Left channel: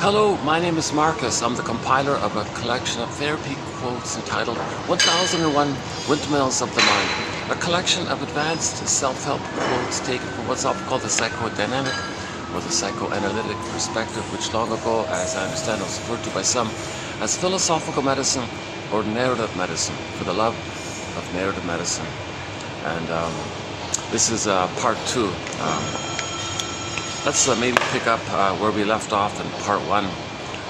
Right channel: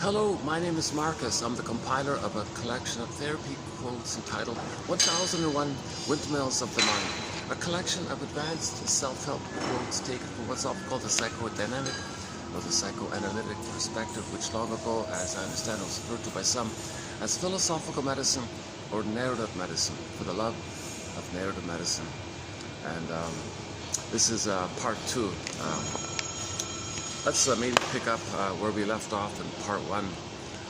Hello, my name is Marcus. I'm the compiler of a collection of therapy quotes entitled 1001 Windmills of the Mind, a collection of advanced self-help quotes taken from what's often called the psychodynamic or the psychoanalytic perspective, which long ago, as I understand, was referred to by some as philosophical medicine or narrative medicine, for the love of narrative medicine. And this is part two. Let's maybe pick up where we left off in part one.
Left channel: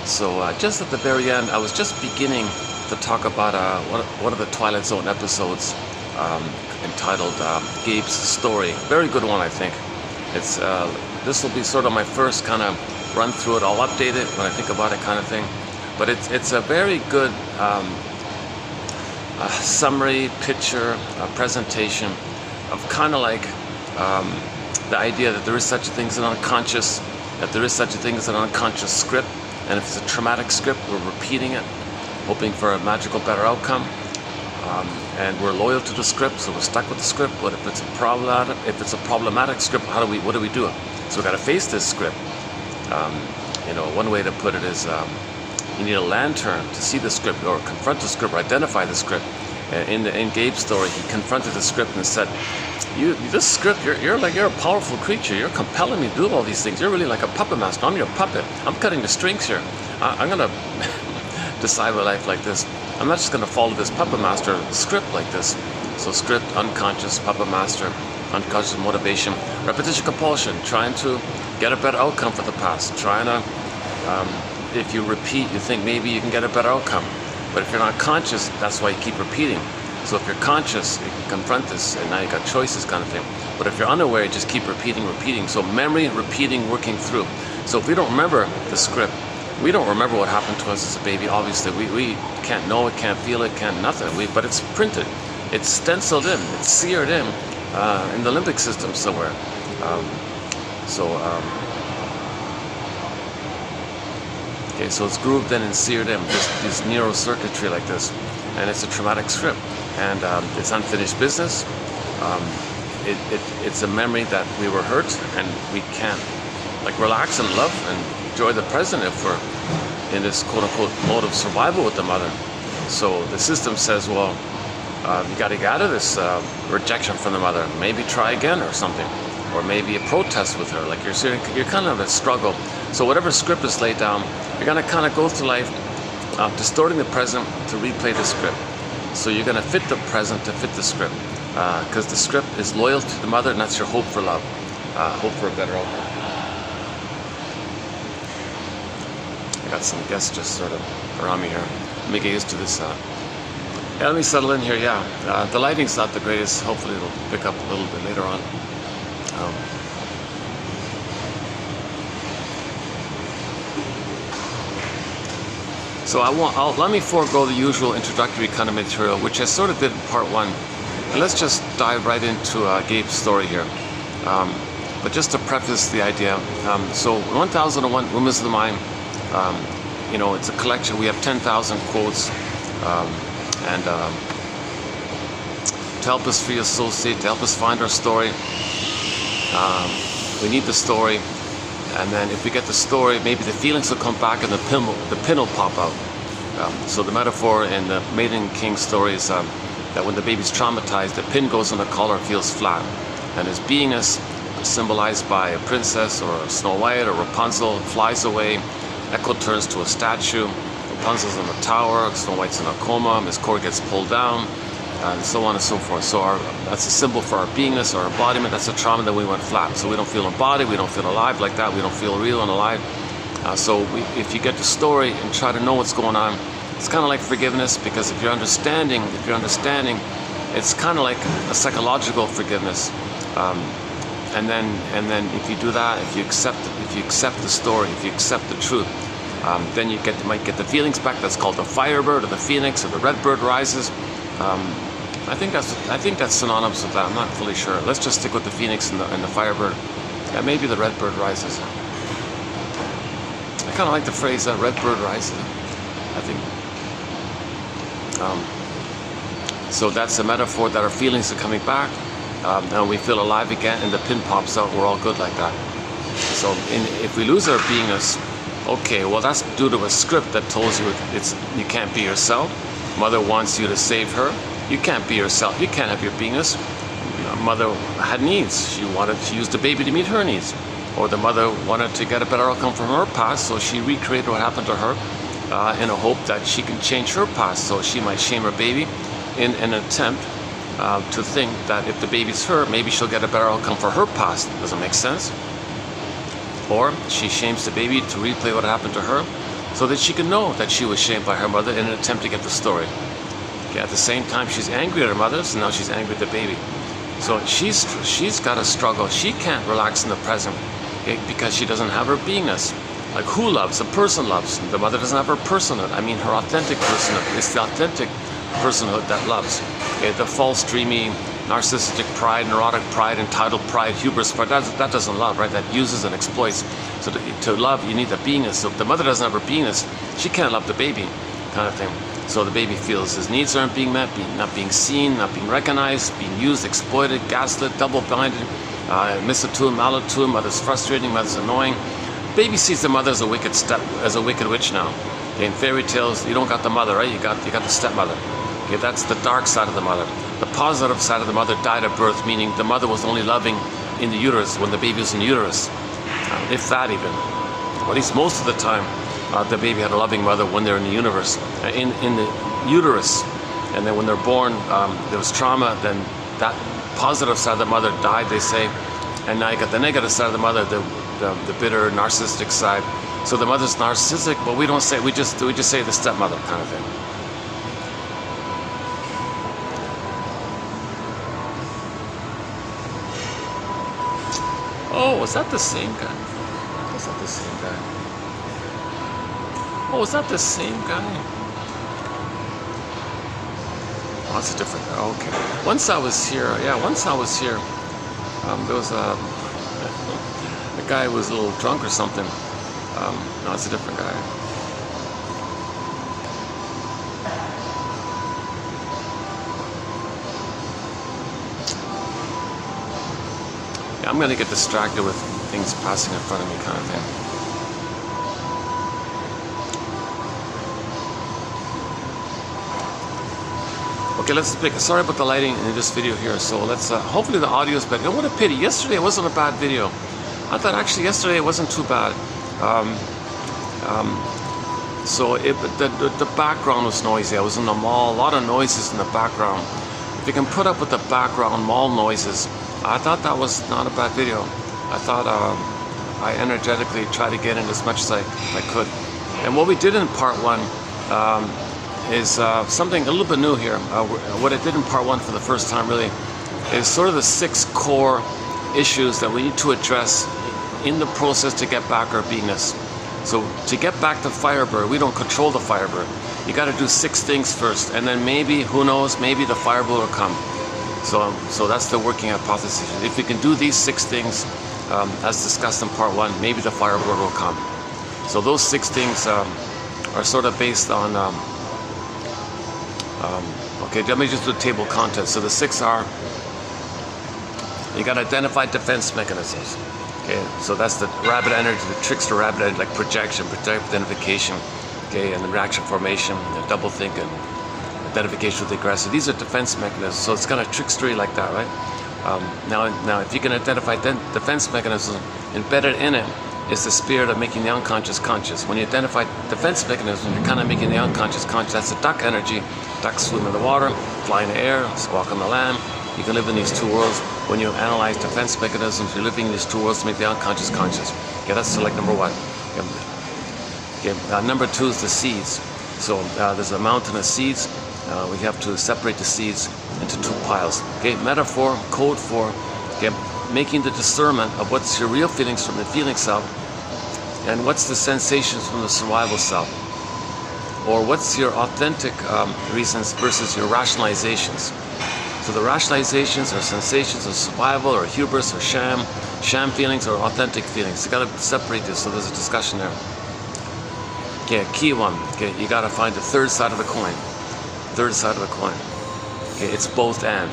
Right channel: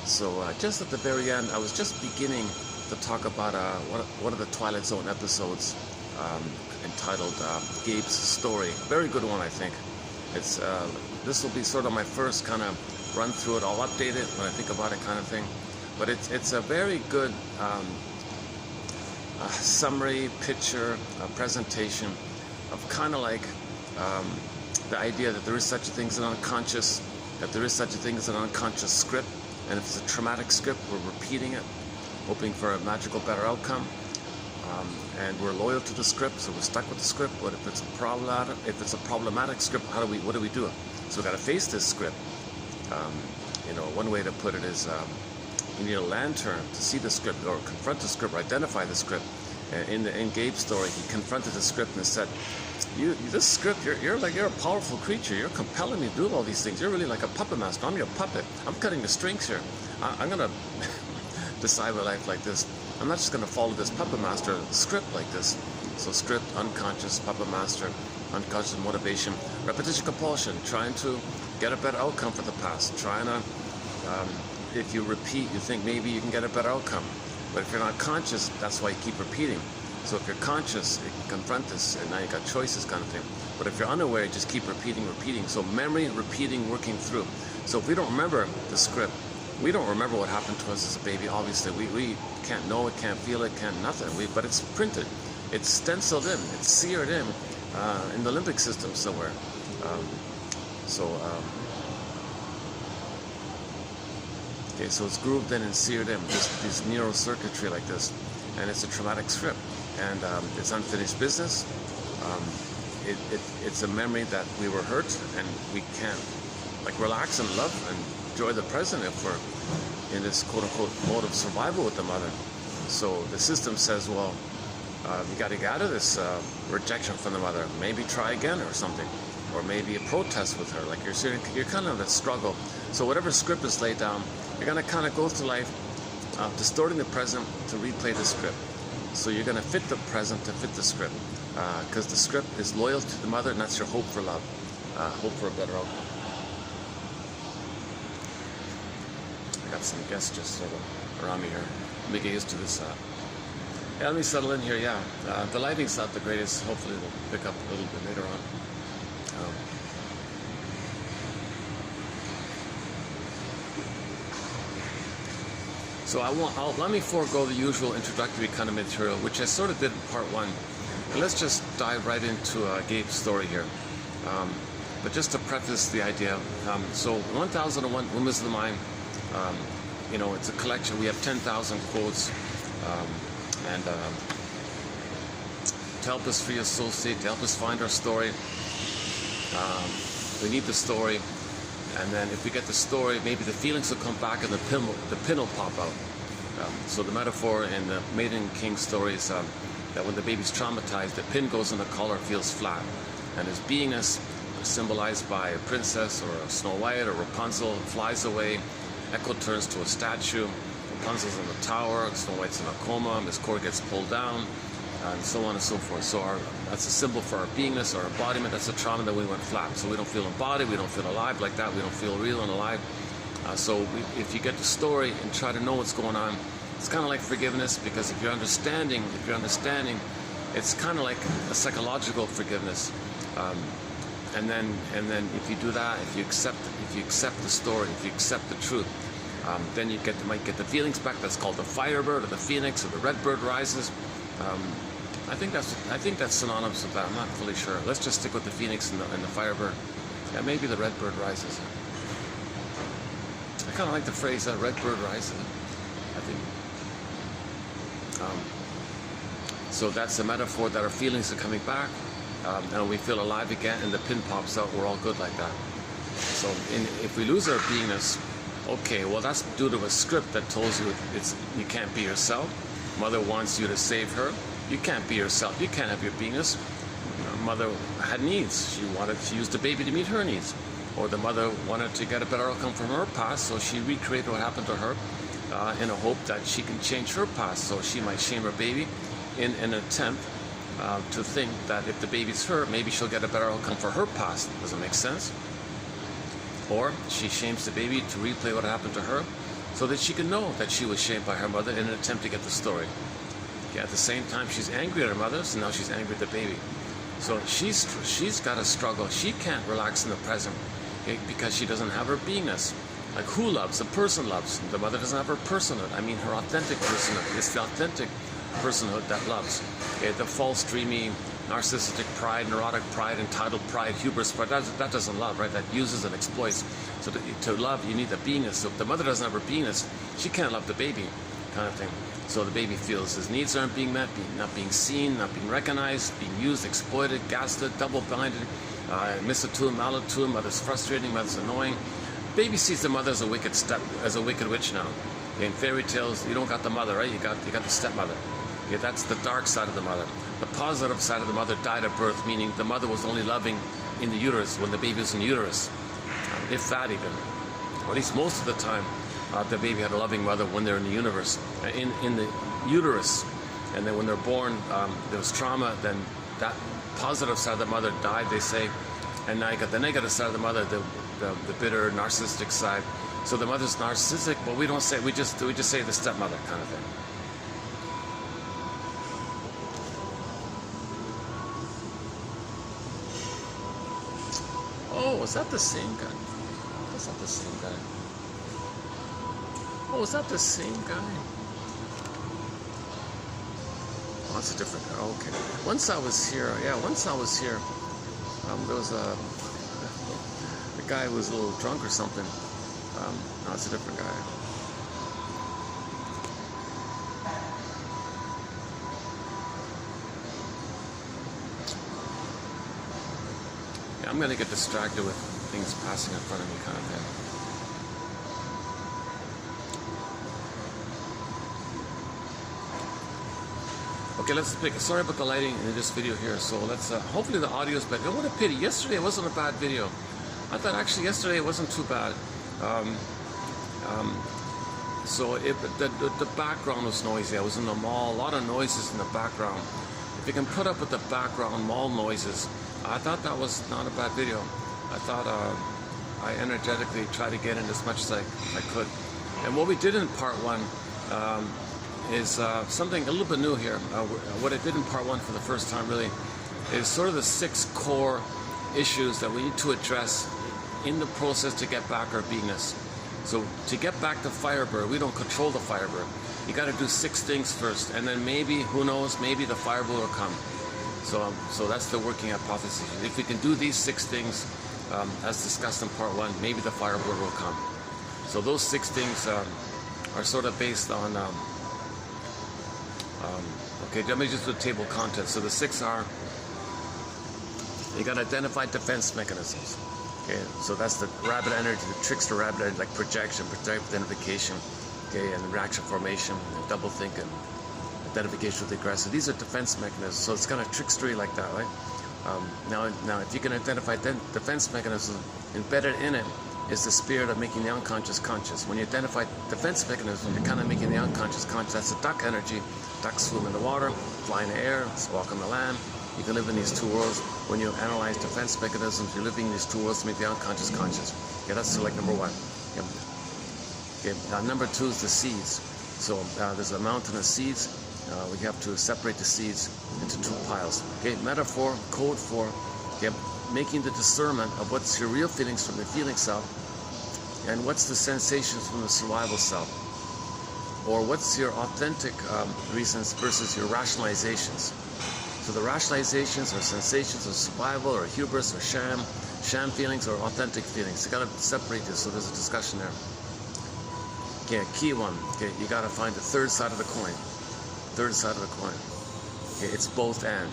So just at the very end, I was just beginning to talk about one of the Twilight Zone episodes entitled Gabe's Story. Very good one, I think. It's this will be sort of my first kind of run through it. I'll update it when I think about it, kind of thing. But it's a very good summary, picture, presentation of kind of like the idea that there is such a thing as an unconscious, that there is such a thing as an unconscious script, and if it's a traumatic script, we're repeating it, hoping for a magical, better outcome, and we're loyal to the script, so we're stuck with the script. But if it's a problematic script, what do we do? So we got to face this script. You know, one way to put it is you need a lantern to see the script, or confront the script, or identify the script. In Gabe's story, he confronted the script and said, this script, you're a powerful creature. You're compelling me to do all these things. You're really like a puppet master. I'm your puppet. I'm cutting the strings here. I'm gonna decide my life like this. I'm not just gonna follow this puppet master script like this. So script, unconscious, puppet master, unconscious motivation, repetition, compulsion, trying to get a better outcome for the past. Trying to, if you repeat, you think maybe you can get a better outcome. But if you're not conscious, that's why you keep repeating. So if you're conscious, you can confront this, and now you got choices, kind of thing. But if you're unaware, you just keep repeating. So memory, repeating, working through. So if we don't remember the script, we don't remember what happened to us as a baby. Obviously, we can't know it, can't feel it, can't nothing. But it's printed, it's stenciled in, it's seared in the limbic system somewhere. Okay, so it's grooved in and seared in, this neurocircuitry like this, and it's a traumatic script. And it's unfinished business. It's a memory that we were hurt, and we can't relax and love and enjoy the present if we're in this quote-unquote mode of survival with the mother. So the system says, well, you got to get out of this rejection from the mother. Maybe try again or something, or maybe a protest with her. Like you're kind of in a struggle. So whatever script is laid down, you're gonna kind of go through life distorting the present to replay the script. So you're going to fit the present to fit the script, because the script is loyal to the mother, and that's your hope for love, hope for a better outcome. I got some guests just sort of around me here. Let me get used to this. Yeah, let me settle in here. Yeah, the lighting's not the greatest. Hopefully it'll pick up a little bit later on. So let me forego the usual introductory kind of material, which I sort of did in part one. And let's just dive right into Gabe's story here. But just to preface the idea, so 1001 Windmills of the Mind, you know, it's a collection. We have 10,000 quotes, and to help us free associate, to help us find our story, we need the story. And then if we get the story, maybe the feelings will come back and the pin will pop out. So the metaphor in the Maiden King story is that when the baby's traumatized, the pin goes on the collar, feels flat. And his beingness, symbolized by a princess or Snow White or Rapunzel, flies away. Echo turns to a statue. Rapunzel's in the tower, Snow White's in a coma, Miss Cord gets pulled down, and so on and so forth. So that's a symbol for our beingness, our embodiment. That's a trauma that we went flat. So we don't feel embodied, we don't feel alive like that, we don't feel real and alive. So if you get the story and try to know what's going on, it's kind of like forgiveness, because if you're understanding, it's kind of like a psychological forgiveness. And then if you do that, if you accept the story, if you accept the truth, then you might get the feelings back. That's called the firebird or the phoenix or the red bird rises. I think that's synonymous with that. I'm not fully sure. Let's just stick with the phoenix and the firebird. Yeah, maybe the red bird rises. I kind of like the phrase that red bird rises. I think. So that's a metaphor that our feelings are coming back, and we feel alive again, and the pin pops out. We're all good like that. So if we lose our beingness, Okay, well that's due to a script that tells you you can't be yourself. Mother wants you to save her. You can't be yourself. You can't have your beingness. Mother had needs. She used the baby to meet her needs. Or the mother wanted to get a better outcome from her past, so she recreated what happened to her in a hope that she can change her past, so she might shame her baby in an attempt to think that if the baby's her, maybe she'll get a better outcome for her past. Does it make sense? Or she shames the baby to replay what happened to her so that she can know that she was shamed by her mother in an attempt to get the story. Okay, at the same time, she's angry at her mother, so now she's angry at the baby. So she's got a struggle. She can't relax in the present, okay, because she doesn't have her beingness. Like who loves? A person loves. The mother doesn't have her personhood. I mean her authentic personhood. It's the authentic personhood that loves. Okay, the false, dreamy, narcissistic pride, neurotic pride, entitled pride, hubris pride, that doesn't love, right? That uses and exploits. So to love, you need the beingness. So if the mother doesn't have her beingness, she can't love the baby, kind of thing. So the baby feels his needs aren't being met, not being seen, not being recognized, being used, exploited, gaslit, double-blinded, misattuned, malattuned, mother's frustrating, mother's annoying. Baby sees the mother as a wicked witch now. Okay, in fairy tales, you don't got the mother, right? You got the stepmother. Okay, that's the dark side of the mother. The positive side of the mother died at birth, meaning the mother was only loving in the uterus when the baby was in uterus, if that even. Or at least most of the time, the baby had a loving mother when they're in the universe, in the uterus. And then when they're born, there was trauma. Then that positive side of the mother died, they say, and now you got the negative side of the mother, the bitter, narcissistic side. So the mother's narcissistic, but we don't say, we just say the stepmother kind of thing. Oh, was that the same guy? Was that the same guy? Oh, was that the same guy? Oh, that's a different guy. Okay. Once I was here, there was a guy who was a little drunk or something. No, it's a different guy. I'm going to get distracted with things passing in front of me, kind of thing. Okay, let's pick. Sorry about the lighting in this video here. So let's, hopefully the audio is better. And what a pity. Yesterday it wasn't a bad video. I thought actually yesterday it wasn't too bad. So the background was noisy. I was in the mall, a lot of noises in the background. If you can put up with the background mall noises, I thought that was not a bad video. I thought I energetically tried to get in as much as I could. And what we did in part one is something a little bit new here. What I did in part one for the first time really is sort of the 6 core issues that we need to address in the process to get back our beingness. So to get back to Firebird, we don't control the Firebird. You got to do 6 things first, and then maybe, who knows, maybe the Firebird will come. So that's the working hypothesis. If we can do these 6 things, as discussed in part one, maybe the Firebird will come. So those 6 things are sort of based on, okay, let me just do table of contents. So the 6 are, you got to identify defense mechanisms. Okay, so that's the rabbit energy, the trickster rabbit energy, like projection, project identification, okay, and the reaction formation, the double think, and identification with the aggressor. These are defense mechanisms, so it's kind of trickstery like that, right? Now, if you can identify defense mechanisms, embedded in it is the spirit of making the unconscious conscious. When you identify defense mechanisms, you're kind of making the unconscious conscious. That's the duck energy. Ducks swim in the water, fly in the air, squawk on the land. You can live in these 2 worlds. When you analyze defense mechanisms, you're living in these 2 worlds to make the unconscious conscious. Okay, that's select number 1. Okay, number 2 is the seeds. So there's a mountain of seeds. We have to separate the seeds into 2 piles. Okay, metaphor, code for, okay, making the discernment of what's your real feelings from the feeling self, and what's the sensations from the survival self, or what's your authentic reasons versus your rationalizations. So the rationalizations are sensations of survival or hubris or sham feelings or authentic feelings. You got to separate this. So there's a discussion there. Okay, key one. Okay, you got to find the 3rd side of the coin. 3rd side of the coin. Okay, it's both and.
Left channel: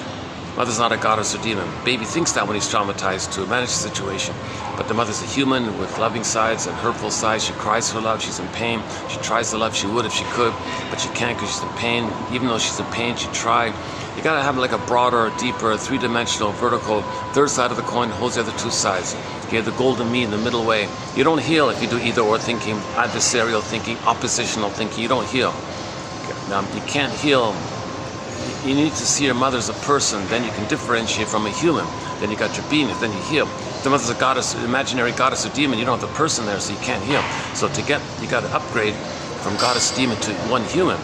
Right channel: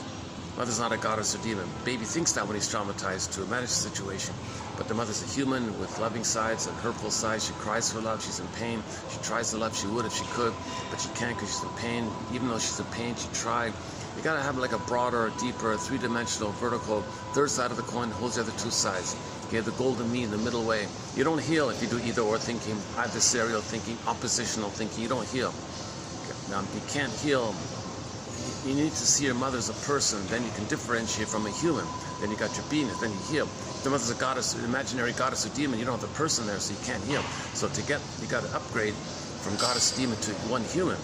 Mother's not a goddess or demon. Baby thinks that when he's traumatized to manage the situation. But the mother's a human with loving sides and hurtful sides. She cries for love, she's in pain. She tries to love, she would if she could, but she can't because she's in pain. Even though she's in pain, she tried. You gotta have like a broader, deeper, three-dimensional, vertical, third side of the coin holds the other two sides. Okay, the golden mean, the middle way. You don't heal if you do either or thinking, adversarial thinking, oppositional thinking. You don't heal. Okay. You can't heal. You need to see your mother as a person, then you can differentiate from a human. Then you got your beingness, then you heal. If the mother's a goddess, imaginary goddess or demon, you don't have the person there, so you can't heal. So you got to upgrade from goddess demon to one human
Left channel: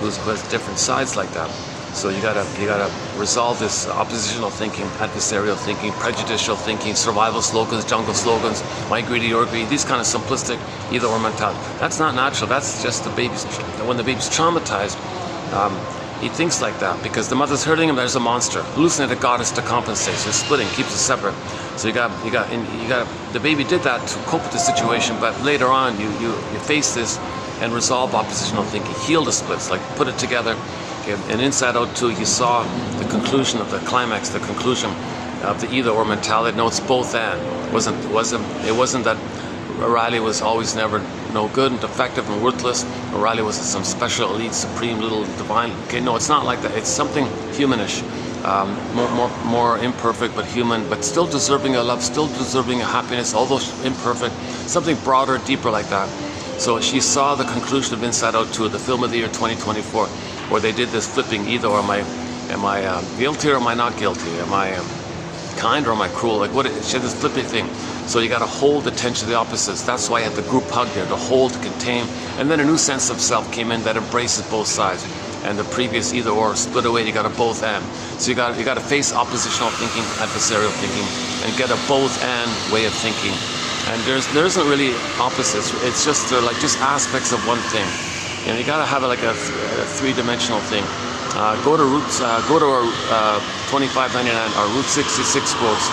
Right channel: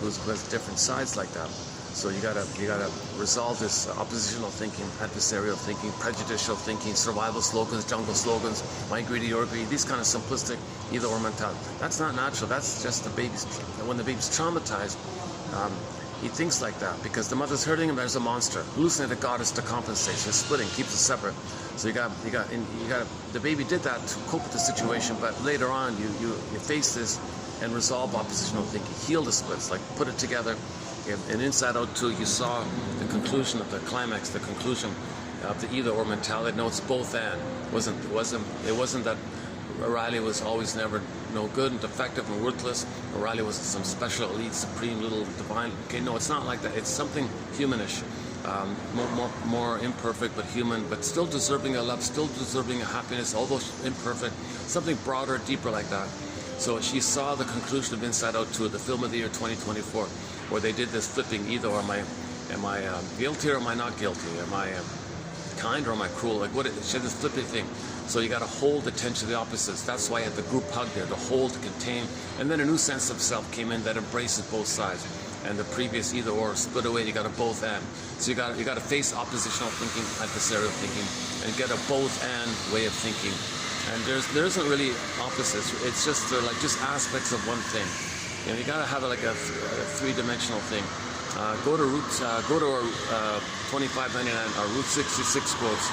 who has different sides like that. So you gotta resolve this oppositional thinking, adversarial thinking, prejudicial thinking, survival slogans, jungle slogans, my greedy, your greedy, these kind of simplistic either or mentality. That's not natural. That's just when the baby's traumatized. He thinks like that because the mother's hurting him. There's a monster, hallucinated goddess to compensate. So splitting keeps it separate. So the baby did that to cope with the situation, but later on you face this and resolve oppositional thinking, heal the splits, like put it together. And Inside Out 2, you saw the conclusion of the climax, the conclusion of the either or mentality. No, it's both and. It wasn't that O'Reilly was always never no good and defective and worthless. O'Reilly was some special elite, supreme little divine. Okay, no, it's not like that. It's something humanish, more imperfect but human, but still deserving of love, still deserving of happiness, although imperfect. Something broader, deeper like that. So she saw the conclusion of Inside Out 2, the film of the year 2024. Where they did this flipping either, or am I guilty or am I not guilty? Am I kind or am I cruel? Like she had this flipping thing. So you got to hold the tension of the opposites. That's why you had the group hug there, to hold, to contain. And then a new sense of self came in that embraces both sides. And the previous either or split away, you got a both and. So you got to face oppositional thinking, adversarial thinking, and get a both and way of thinking. And there isn't really opposites. It's just just aspects of one thing. You know, you gotta have like a three-dimensional thing. Go to our 2599, our Route 66 quotes.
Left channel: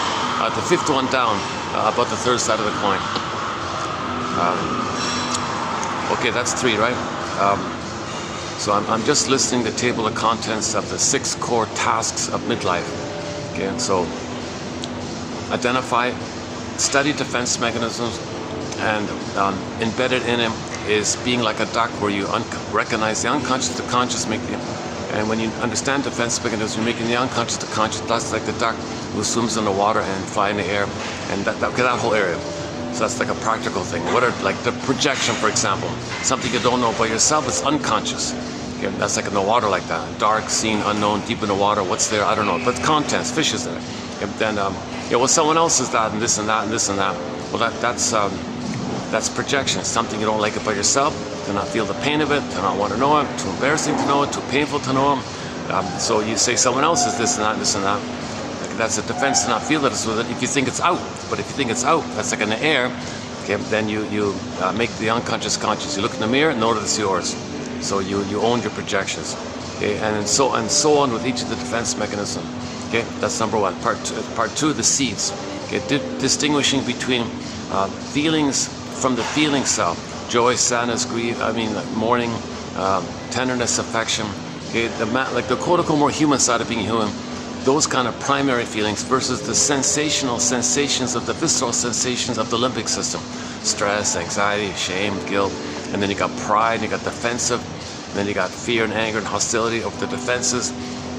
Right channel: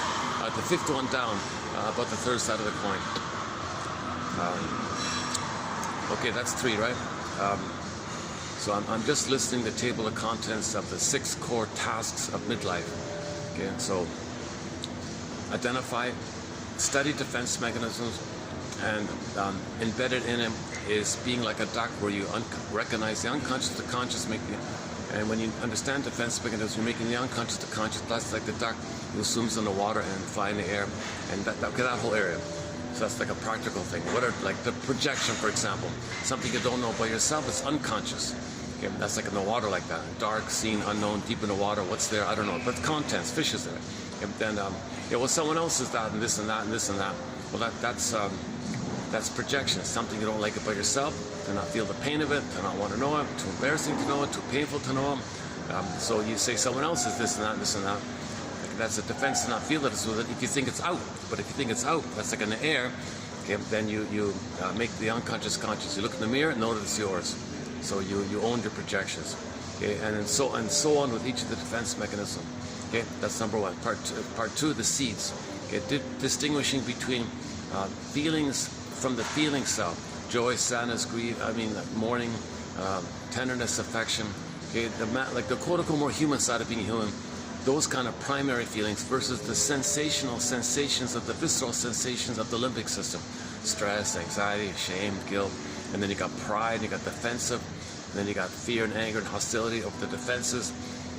The fifth one down, about the third side of the coin. Okay, that's three, right? So I'm just listing the table of contents of the 6 core tasks of midlife. Okay, and so identify, study defense mechanisms, and embedded in them is being like a duck, where you recognize the unconscious, the conscious, and when you understand defense mechanisms, you're making the unconscious the conscious. That's like the duck who swims in the water and fly in the air, and that whole area. So that's like a practical thing. What are like the projection, for example? Something you don't know about yourself is unconscious. Okay, that's like in the water, like that. Dark, seen, unknown, deep in the water. What's there? I don't know. But contents, fish is there. Okay, then well, someone else is that, and this and that, and this and that. Well, that's projection. Something you don't like about yourself, to not feel the pain of it, to not want to know it, too embarrassing to know it, too painful to know it. So you say someone else is this and that, and this and that. That's a defense to not feel that it's with it if you think it's out. But if you think it's out, that's like in the air, okay, then you make the unconscious conscious. You look in the mirror and know that it's yours. So you own your projections. Okay, and so on with each of the defense mechanisms. Okay, that's number one. Part two, the seeds. Okay, distinguishing between feelings from the feeling self. Joy, sadness, grief, mourning, tenderness, affection. Okay, like the quote-unquote more human side of being human. Those kind of primary feelings versus the sensational sensations of the visceral sensations of the limbic system. Stress, anxiety, shame, guilt. And then you got pride, you got defensive. And then you got fear and anger and hostility of the defenses.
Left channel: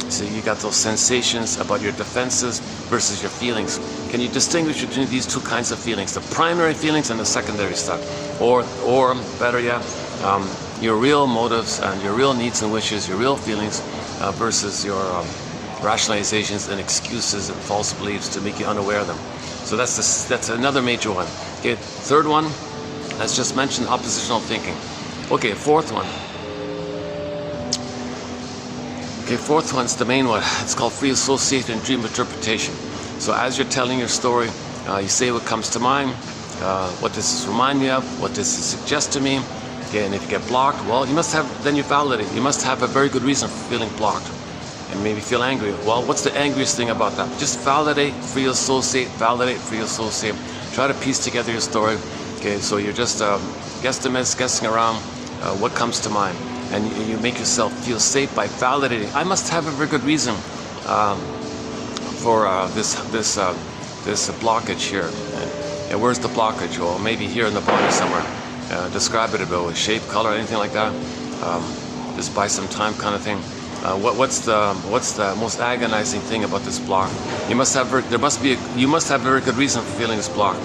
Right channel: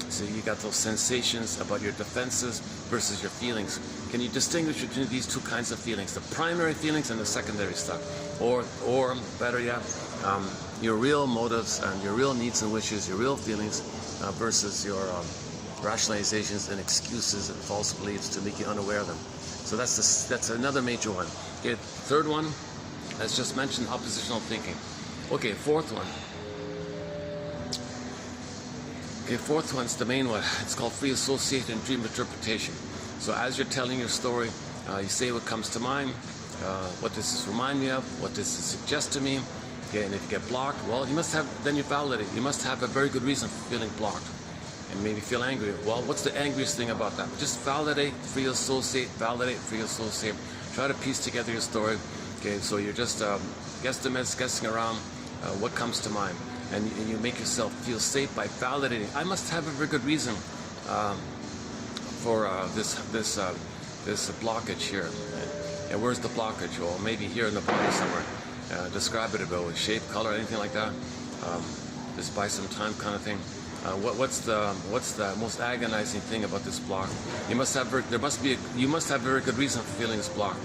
So you got those sensations about your defenses versus your feelings. Can you distinguish between these two kinds of feelings? The primary feelings and the secondary stuff. Or better yet, your real motives and your real needs and wishes, your real feelings versus your rationalizations and excuses and false beliefs to make you unaware of them. So that's another major one. Okay, third one, as just mentioned, oppositional thinking. Okay, fourth one. Okay, fourth one's the main one. It's called free association and dream interpretation. So as you're telling your story, you say what comes to mind, what does this remind me of, what does this suggest to me. Okay, and if you get blocked, well, then you validate. You must have a very good reason for feeling blocked. And maybe feel angry. Well, what's the angriest thing about that? Just validate, free associate, validate, free associate. Try to piece together your story. Okay, so you're just guesstimates, guessing around what comes to mind. And you make yourself feel safe by validating. I must have a very good reason for this blockage here. And where's the blockage? Well, maybe here in the body somewhere. Describe it a bit with shape, color, anything like that. Just buy some time, kind of thing. What's the most agonizing thing about this block? You must have very good reason for feeling this block.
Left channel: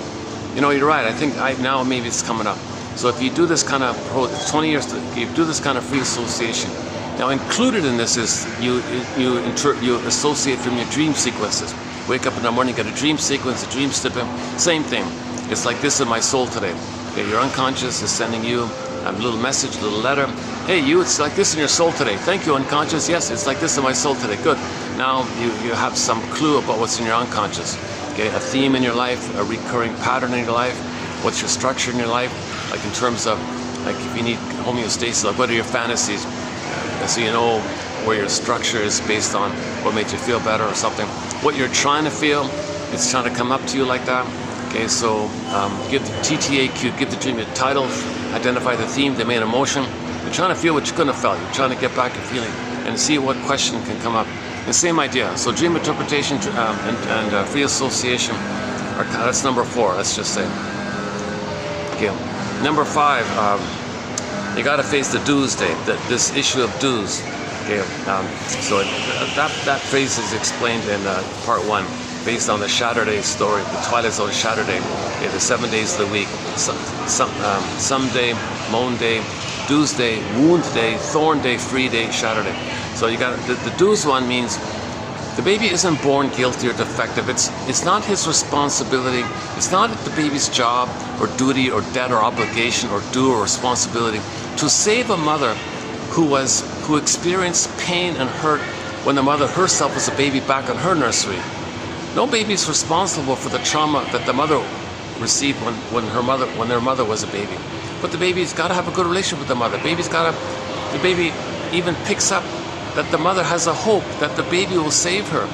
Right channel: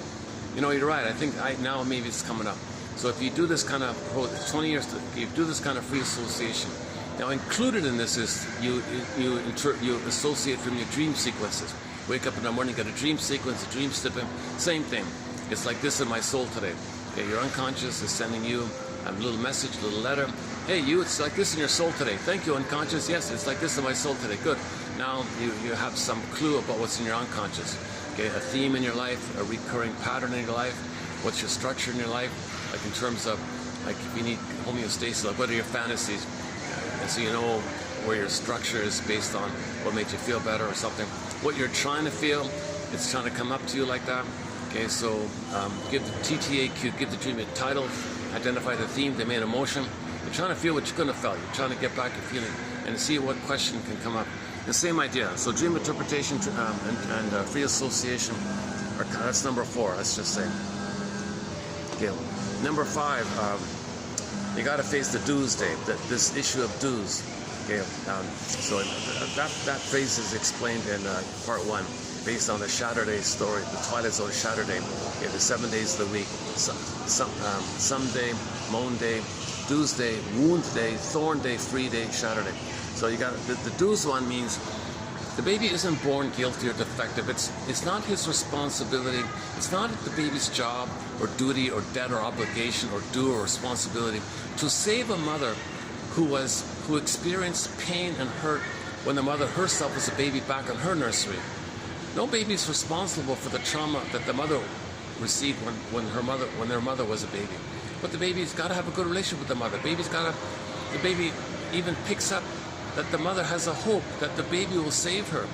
You know, you're right. I think now maybe it's coming up. So if you do this kind of 20 years, if you do this kind of free association. Now included in this is you associate from your dream sequences. Wake up in the morning, get a dream sequence, a dream snippet. Same thing. It's like this in my soul today. Okay, your unconscious is sending you a little message, a little letter. Hey, you, it's like this in your soul today. Thank you, unconscious. Yes, it's like this in my soul today. Good. Now you have some clue about what's in your unconscious. Okay, a theme in your life, a recurring pattern in your life. What's your structure in your life? Like in terms of, like if you need homeostasis, like what are your fantasies? So you know where your structure is based on what made you feel better or something. What you're trying to feel, it's trying to come up to you like that. Okay, so give the TTAQ, give the dream a title, identify the theme, the main emotion. You're trying to feel what you're going to feel. You're trying to get back your feeling and see what question can come up. The same idea. So dream interpretation and free association, that's number 4, let's just say. Okay. Number 5, you got to face the dues day, this issue of dues. Okay. So that phrase is explained in part 1. Based on the Saturday story, the Twilight Zone Saturday, the 7 days of the week, someday, moan day, dues day, wound day, thorn day, free day, Saturday. So you got the dues one means the baby isn't born guilty or defective. It's not his responsibility. It's not the baby's job or duty or debt or obligation or due or responsibility to save a mother who experienced pain and hurt when the mother herself was a baby back in her nursery. No baby is responsible for the trauma that the mother received when their mother was a baby. But the baby's got to have a good relationship with the mother. The baby even picks up that the mother has a hope that the baby will save her.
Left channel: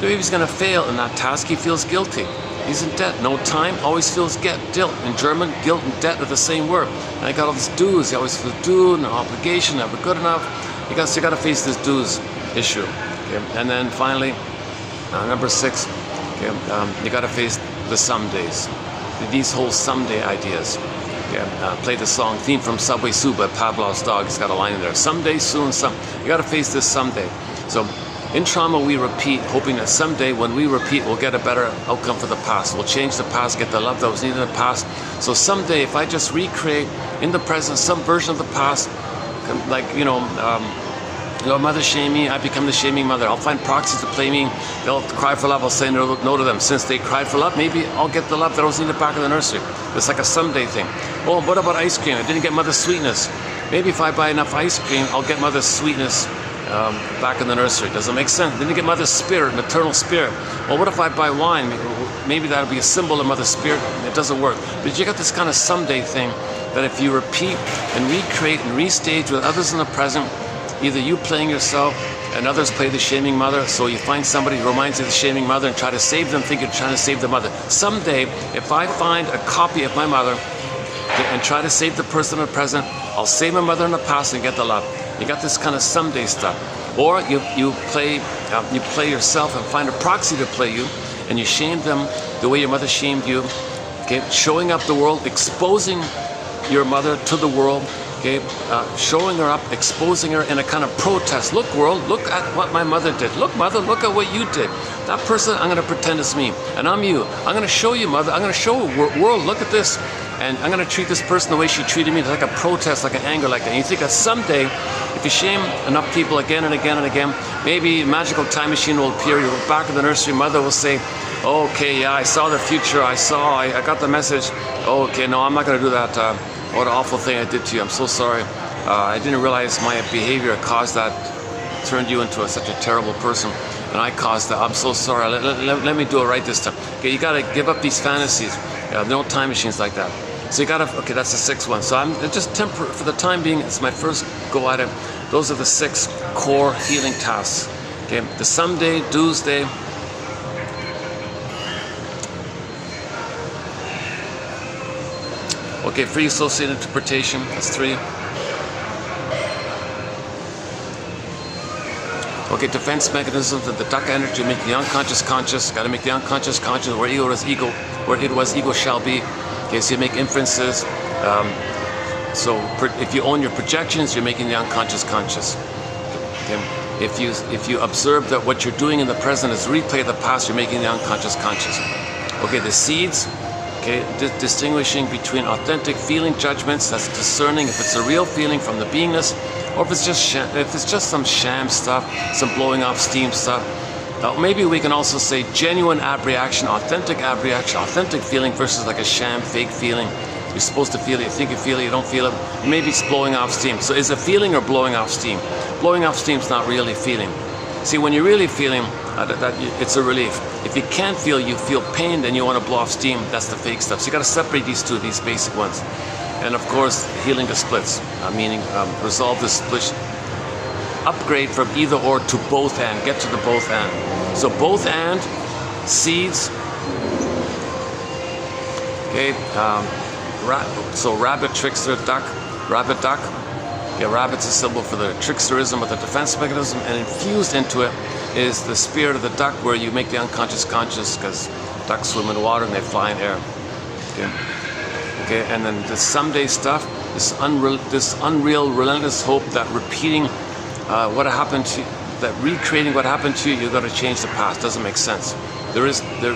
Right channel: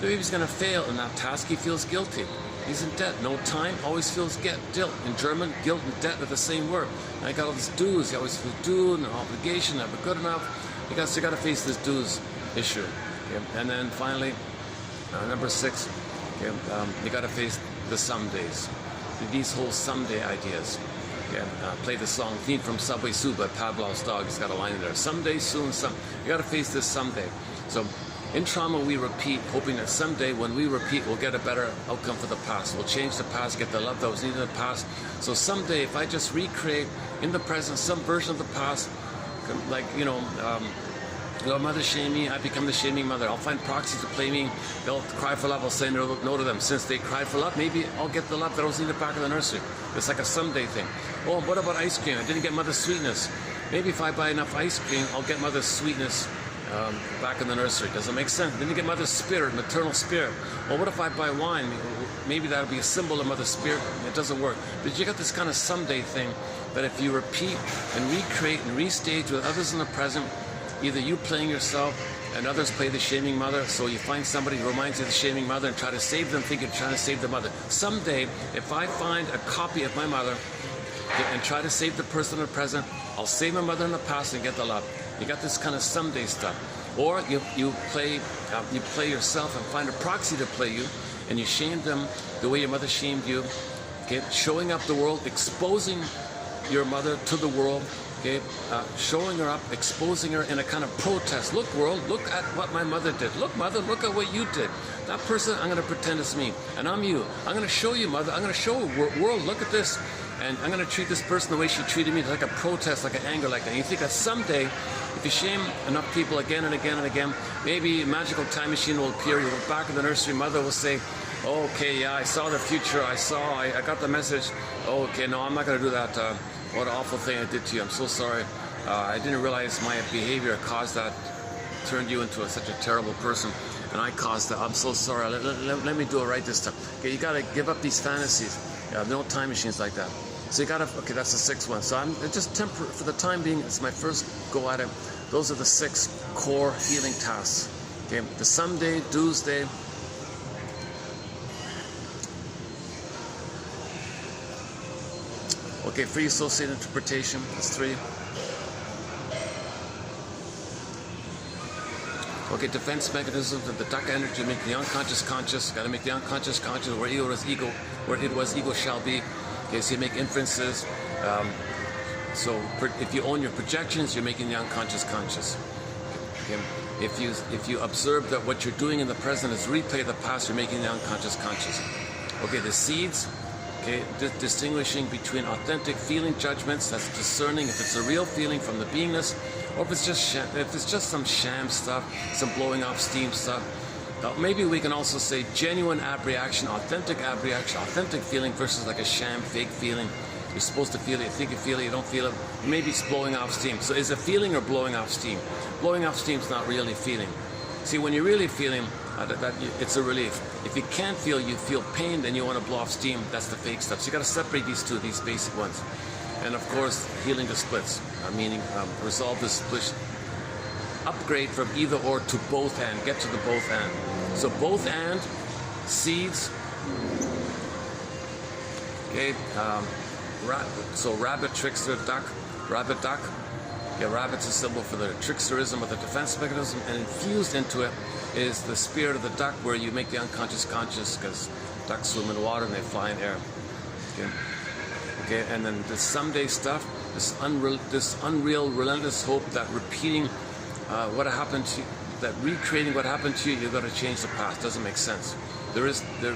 The baby's going to fail in that task. He feels guilty. He's in debt. No time, always feels guilt. In German, guilt and debt are the same word. And I got all this dues. He always feels due and obligation, never good enough. You got to face this dues issue. Okay? And then finally, number 6, okay, you got to face the somedays. These whole someday ideas. Okay, play the song theme from Subway Sue by Pavlov's dog. It's got a line in there. Someday, soon, you got to face this someday. So in trauma, we repeat, hoping that someday when we repeat, we'll get a better outcome for the past. We'll change the past, get the love that was needed in the past. So someday, if I just recreate in the present some version of the past, like, mother shame me, I become the shaming mother. I'll find proxies to play me. They'll cry for love, I'll say no to them. Since they cried for love, maybe I'll get the love that was in the back of the nursery. It's like a someday thing. Oh, what about ice cream? I didn't get mother's sweetness. Maybe if I buy enough ice cream, I'll get mother's sweetness back in the nursery. Does it make sense? Didn't get mother's spirit, maternal spirit. Well, what if I buy wine? Maybe that'll be a symbol of mother's spirit. It doesn't work. But you got this kind of someday thing that if you repeat and recreate and restage with others in the present, either you playing yourself and others play the shaming mother, so you find somebody who reminds you of the shaming mother and try to save them, think you're trying to save the mother. Someday, if I find a copy of my mother and try to save the person in the present, I'll save my mother in the past and get the love. You got this kind of someday stuff. Or you play yourself and find a proxy to play you, and you shame them the way your mother shamed you. Okay, showing up the world, exposing your mother to the world. Okay, showing her up, exposing her in a kind of protest. Look, world, look at what my mother did. Look, mother, look at what you did. That person, I'm going to pretend it's me, and I'm you. I'm going to show you, mother. I'm going to show world, look at this. And I'm going to treat this person the way she treated me. It's like a protest, like an anger, like that. And you think that someday, if you shame enough people again and again and again, maybe a magical time machine will appear. You'll go back in the nursery. Mother will say, okay, yeah, I saw the future. I got the message. Oh, okay, no, I'm not going to do that. What an awful thing I did to you. I'm so sorry. I didn't realize my behavior caused that, turned you into such a terrible person. And I caused that. I'm so sorry. Let me do it right this time. Okay, you got to give up these fantasies. No time machines like that. So you got to, okay, that's the 6th one. So I'm just temporary, for the time being, it's my first go at it. Those are the 6 core healing tasks. Okay, the someday, dues day. Okay, free associated interpretation, that's 3. Okay, defense mechanisms of the duck energy make the unconscious conscious. Got to make the unconscious conscious. Where it was, ego shall be. Okay, so you make inferences. So if you own your projections, you're making the unconscious conscious. Okay. If you observe that what you're doing in the present is replay the past, you're making the unconscious conscious. Okay, the seeds. Okay, distinguishing between authentic feeling judgments, that's discerning if it's a real feeling from the beingness, or if it's just some sham stuff, some blowing off steam stuff. Maybe we can also say genuine abreaction, authentic feeling versus like a sham, fake feeling. You're supposed to feel it, you think you feel it, you don't feel it. Maybe it's blowing off steam. So is it feeling or blowing off steam? Blowing off steam is not really feeling. See, when you're really feeling, it's a relief. If you can't feel, you feel pain, then you want to blow off steam. That's the fake stuff. So you got to separate these two, these basic ones. And of course, healing the splits, meaning resolve the split. Upgrade from either or to both and. Get to the both and. So both and, seeds. Okay. So rabbit, trickster, duck, rabbit, duck. Yeah, rabbit's a symbol for the tricksterism of the defense mechanism, and infused into it is the spirit of the duck, where you make the unconscious conscious, because ducks swim in water and they fly in air. Okay, and then the someday stuff, this unreal, relentless hope that repeating what happened to you, that recreating what happened to you, you got to change the past. Doesn't make sense. The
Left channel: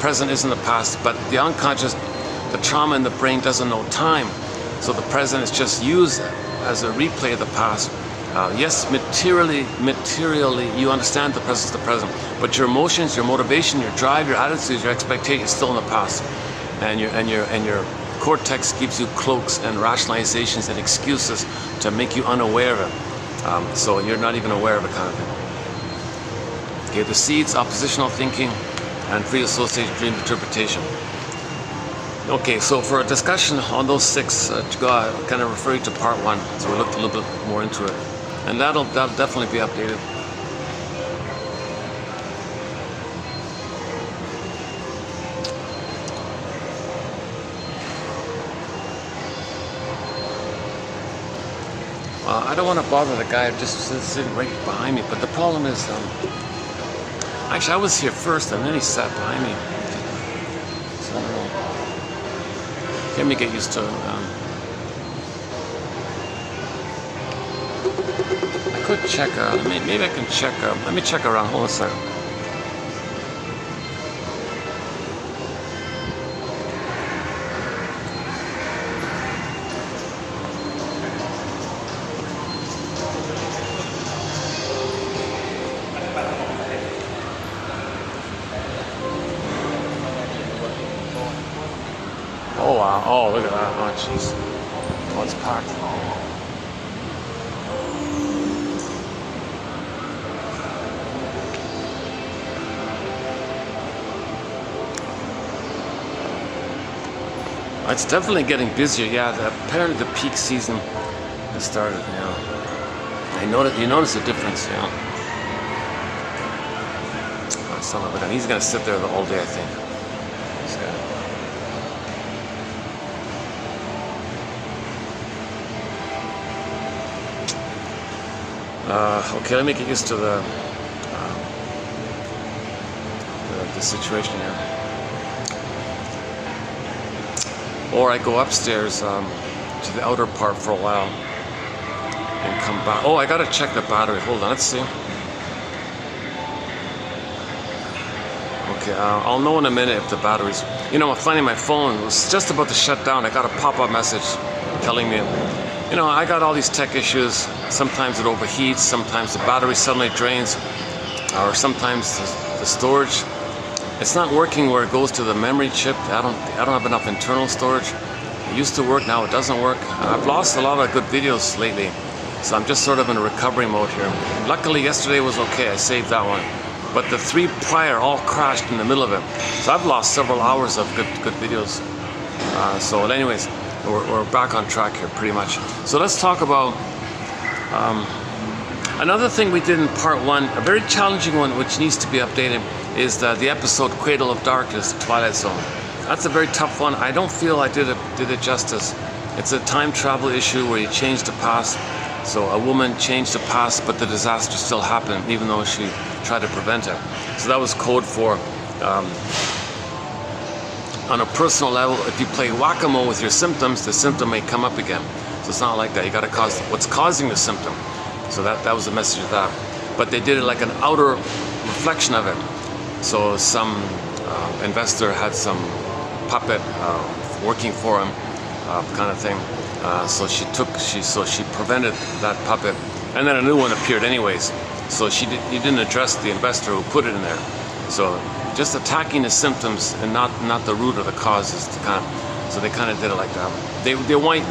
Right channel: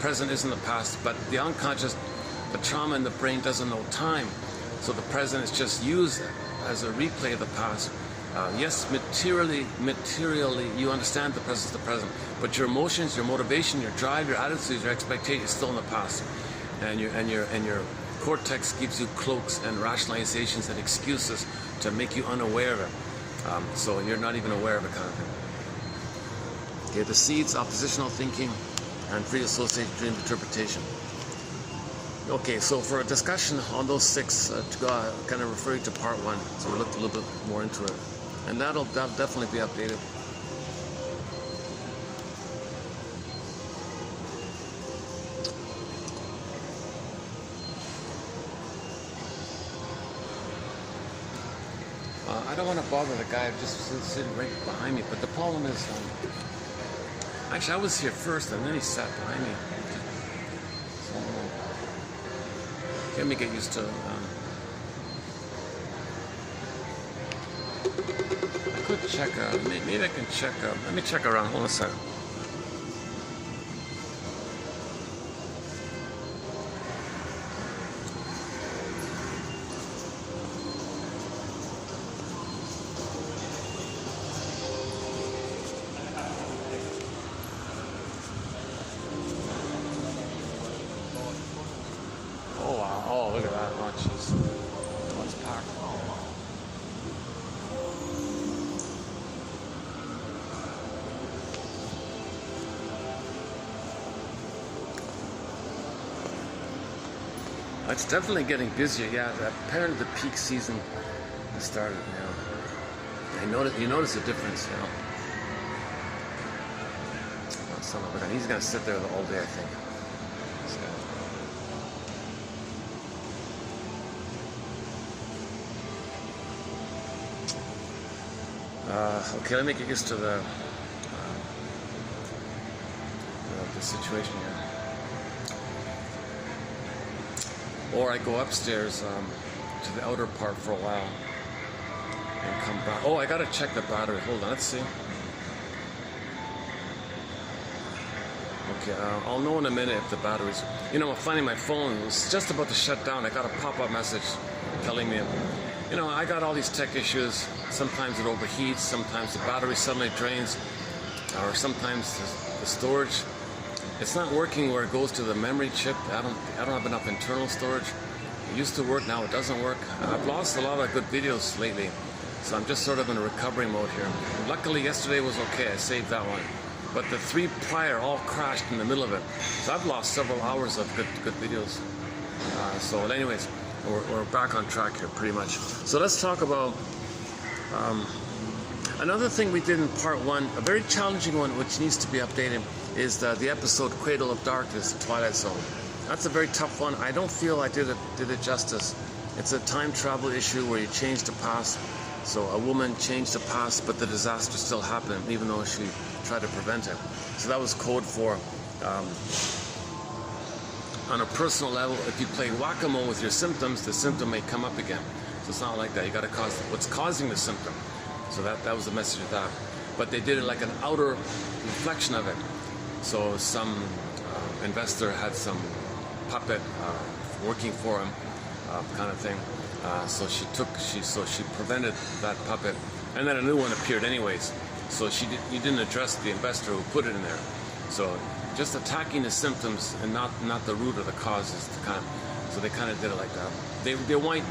present isn't the past, but the unconscious, the trauma in the brain doesn't know time. So the present is just used as a replay of the past. Yes, materially, you understand the present is the present, but your emotions, your motivation, your drive, your attitudes, your expectations is still in the past, and your cortex gives you cloaks and rationalizations and excuses to make you unaware of it. So you're not even aware of it, kind of thing. Okay, the seeds, oppositional thinking, and free associated dream interpretation. Okay, so for a discussion on those 6, I kind of refer you to part 1, so we looked a little bit more into it. And that'll definitely be updated. I don't want to bother the guy just sitting right behind me, but the problem is, actually I was here first and then he sat behind me. So I don't know. Let me get used to it. I could check, maybe I can check, let me check around, hold on a second. Oh wow, oh look at that, oh jeez. Oh, it's packed. It's definitely getting busier, yeah. Apparently the peak season has started, you notice the difference, Oh, son of a gun. He's gonna sit there the whole day, I think. Okay, let me get used to the situation here. Or I go upstairs to the outer part for a while and come back. Oh, I gotta check the battery. Hold on, let's see. Okay, I'll know in a minute if the battery's... I'm finding my phone was just about to shut down. I got a pop-up message telling me, I got all these tech issues. Sometimes it overheats, sometimes the battery suddenly drains, or sometimes the storage, it's not working where it goes to the memory chip. I don't have enough internal storage. It used to work, now it doesn't work. I've lost a lot of good videos lately, so I'm just sort of in a recovery mode here. Luckily yesterday was okay, I saved that one. But the 3 prior all crashed in the middle of it. So I've lost several hours of good videos. So anyways, we're back on track here pretty much. So let's talk about another thing we did in part 1, a very challenging one which needs to be updated, is the episode Cradle of Darkness, Twilight Zone. That's a very tough one. I don't feel I did it justice. It's a time travel issue where you change the past. So a woman changed the past, but the disaster still happened, even though she tried to prevent it. So that was code for, on a personal level, if you play whack-a-mole with your symptoms, the symptom may come up again. So it's not like that. You got to cause what's causing the symptom. So that was the message of that. But they did it like an outer reflection of it. So some investor had some puppet working for him, kind of thing. So she prevented that puppet, and then a new one appeared anyways. So you didn't address the investor who put it in there. So just attacking the symptoms and not the root of the causes. So they kind of did it like that.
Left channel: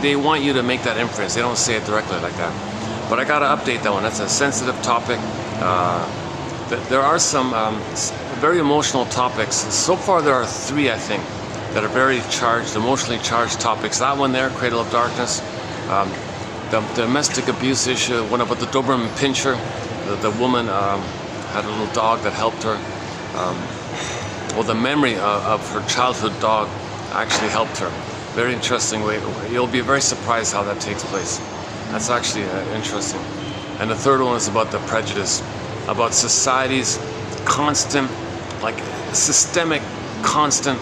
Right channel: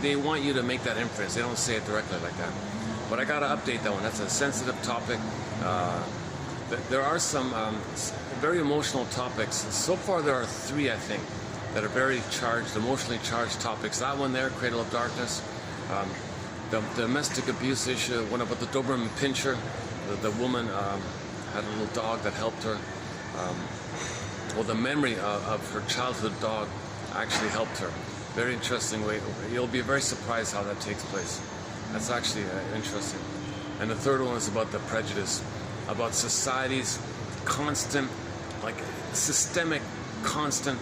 They want you to make that inference. They don't say it directly like that. But I gotta update that one. That's a sensitive topic. There are some very emotional topics. So far there are 3, I think, that are very charged, emotionally charged topics. That one there, Cradle of Darkness. The domestic abuse issue, one about the Doberman Pinscher. The woman had a little dog that helped her. Well, the memory of her childhood dog actually helped her. Very interesting way. You'll be very surprised how that takes place. That's actually interesting. And the third one is about the prejudice, about society's constant, like systemic, constant,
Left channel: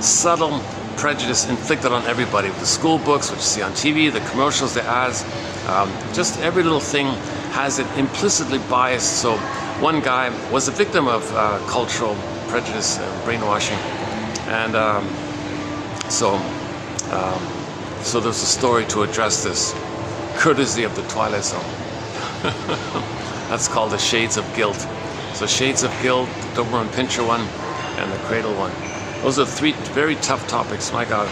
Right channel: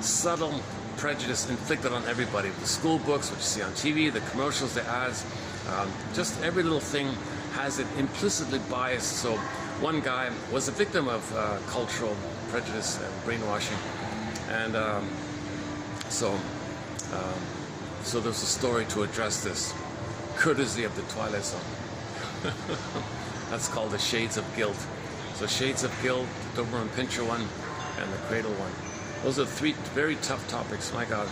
subtle prejudice inflicted on everybody. The school books, which you see on TV, the commercials, the ads, just every little thing has it implicitly biased. So one guy was a victim of cultural prejudice, brainwashing, and so there's a story to address this, courtesy of the Twilight Zone. That's called the Shades of Guilt. So Shades of Guilt, the Doberman Pinscher one, and the Cradle one. Those are 3 very tough topics, my God.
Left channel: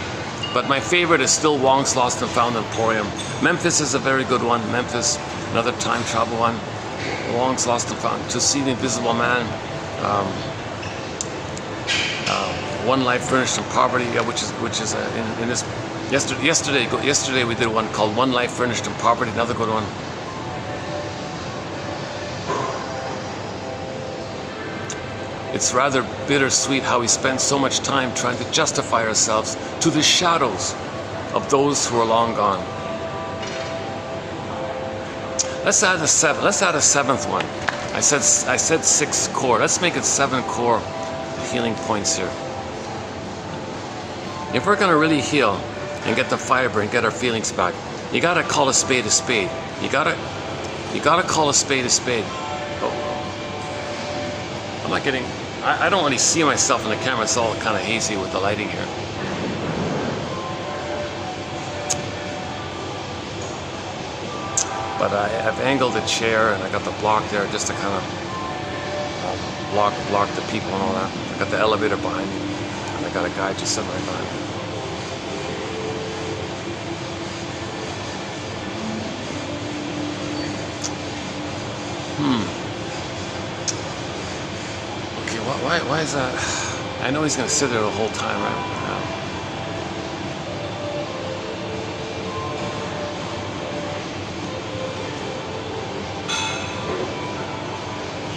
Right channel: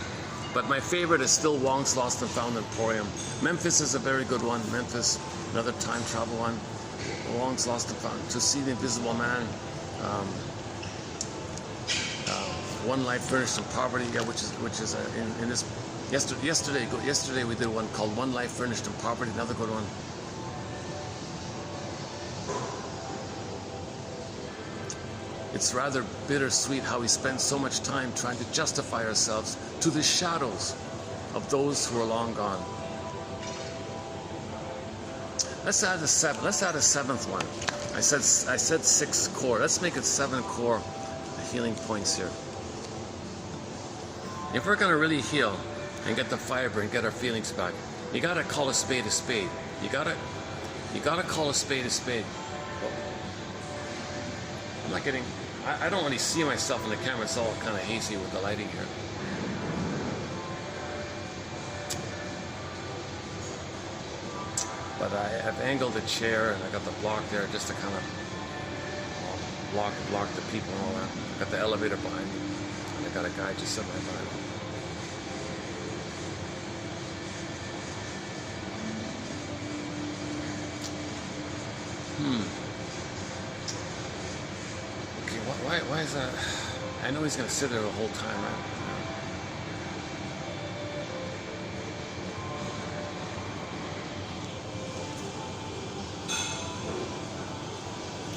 But my favorite is still Wong's Lost and Found Emporium. Memphis is a very good one. Memphis, another time travel one. Wong's Lost and Found. To See the Invisible Man. One Life Furnished in Poverty, which is in this. Yesterday we did one called One Life Furnished in Poverty. Another good one. It's rather bittersweet how we spend so much time trying to justify ourselves to the shadows of those who are long gone. Let's add a 7th one. I said 6 core. Let's make it 7 core healing points here. If we're gonna really heal and get the fiber and get our feelings back, you gotta call a spade a spade. You gotta call a spade a spade. Oh. I'm not getting. I don't really see myself in the camera. It's all kind of hazy with the lighting here. But I've angled the chair and I got the block there just to kind of block the people and all that. I got the elevator behind me and I got a guy just sitting right behind me. Okay, why is that? I know he's gonna sit there the whole time, right?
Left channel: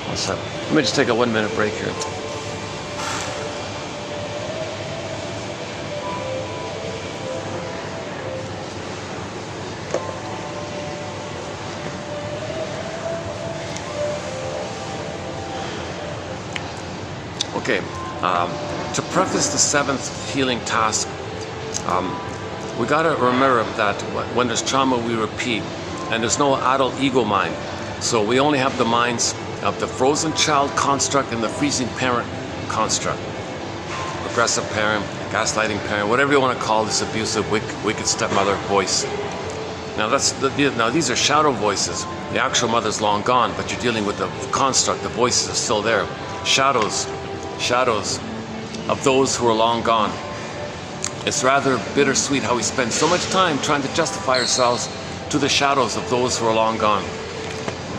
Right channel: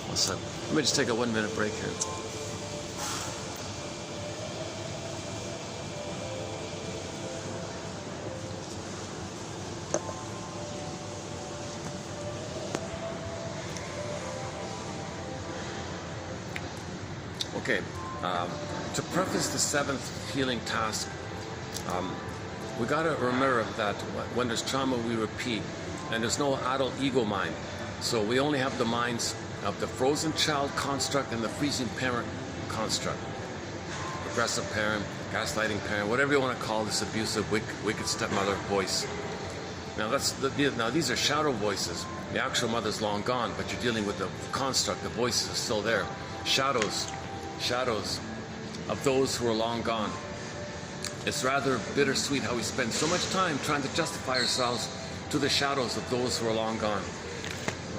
What's up? Let me just take a 1-minute break here. Okay, to preface the 7th healing task, we gotta remember that when there's trauma, we repeat, and there's no adult ego mind. So we only have the minds of the frozen child construct and the freezing parent construct. Aggressive parent, gaslighting parent, whatever you want to call this abusive, wicked stepmother voice. Now these are shadow voices. The actual mother's long gone, but you're dealing with the construct. The voices are still there. Shadows of those who are long gone. It's rather bittersweet how we spend so much time trying to justify ourselves to the shadows of those who are long gone.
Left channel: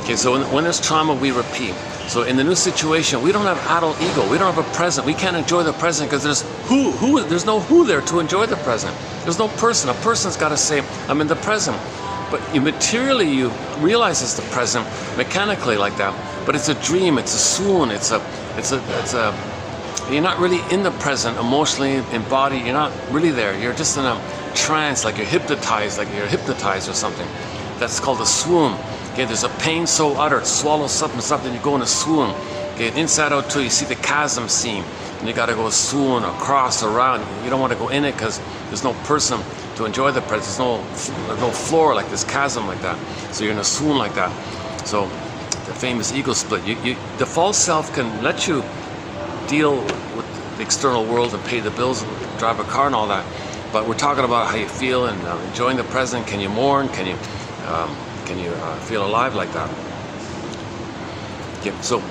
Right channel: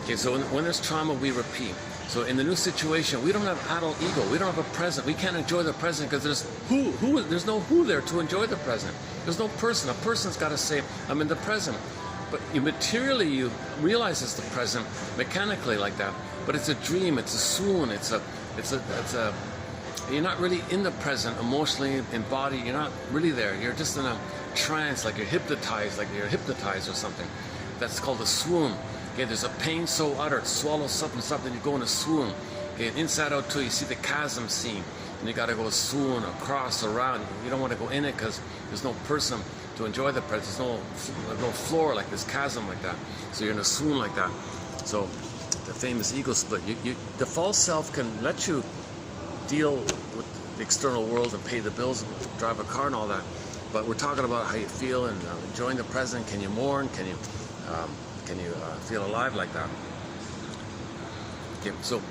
Okay, so when there's trauma, we repeat. So in the new situation, we don't have adult ego. We don't have a present. We can't enjoy the present because there's no who there to enjoy the present. There's no person. A person's got to say, I'm in the present. But materially, you realize it's the present mechanically like that. But it's a dream. It's a swoon. You're not really in the present emotionally, in body. You're not really there. You're just in a trance, like you're hypnotized or something. That's called a swoon. Okay, there's a pain so utter, swallow something, you go in a swoon. Okay, inside out too, you see the chasm seam, and you got to go swoon across, around. You don't want to go in it because there's no person to enjoy the presence. There's no floor like this chasm like that. So you're in a swoon like that. So the famous ego split. The false self can let you deal with the external world and pay the bills and drive a car and all that. But we're talking about how you feel and enjoying the present. Can you mourn? Can you feel alive like that? Okay, so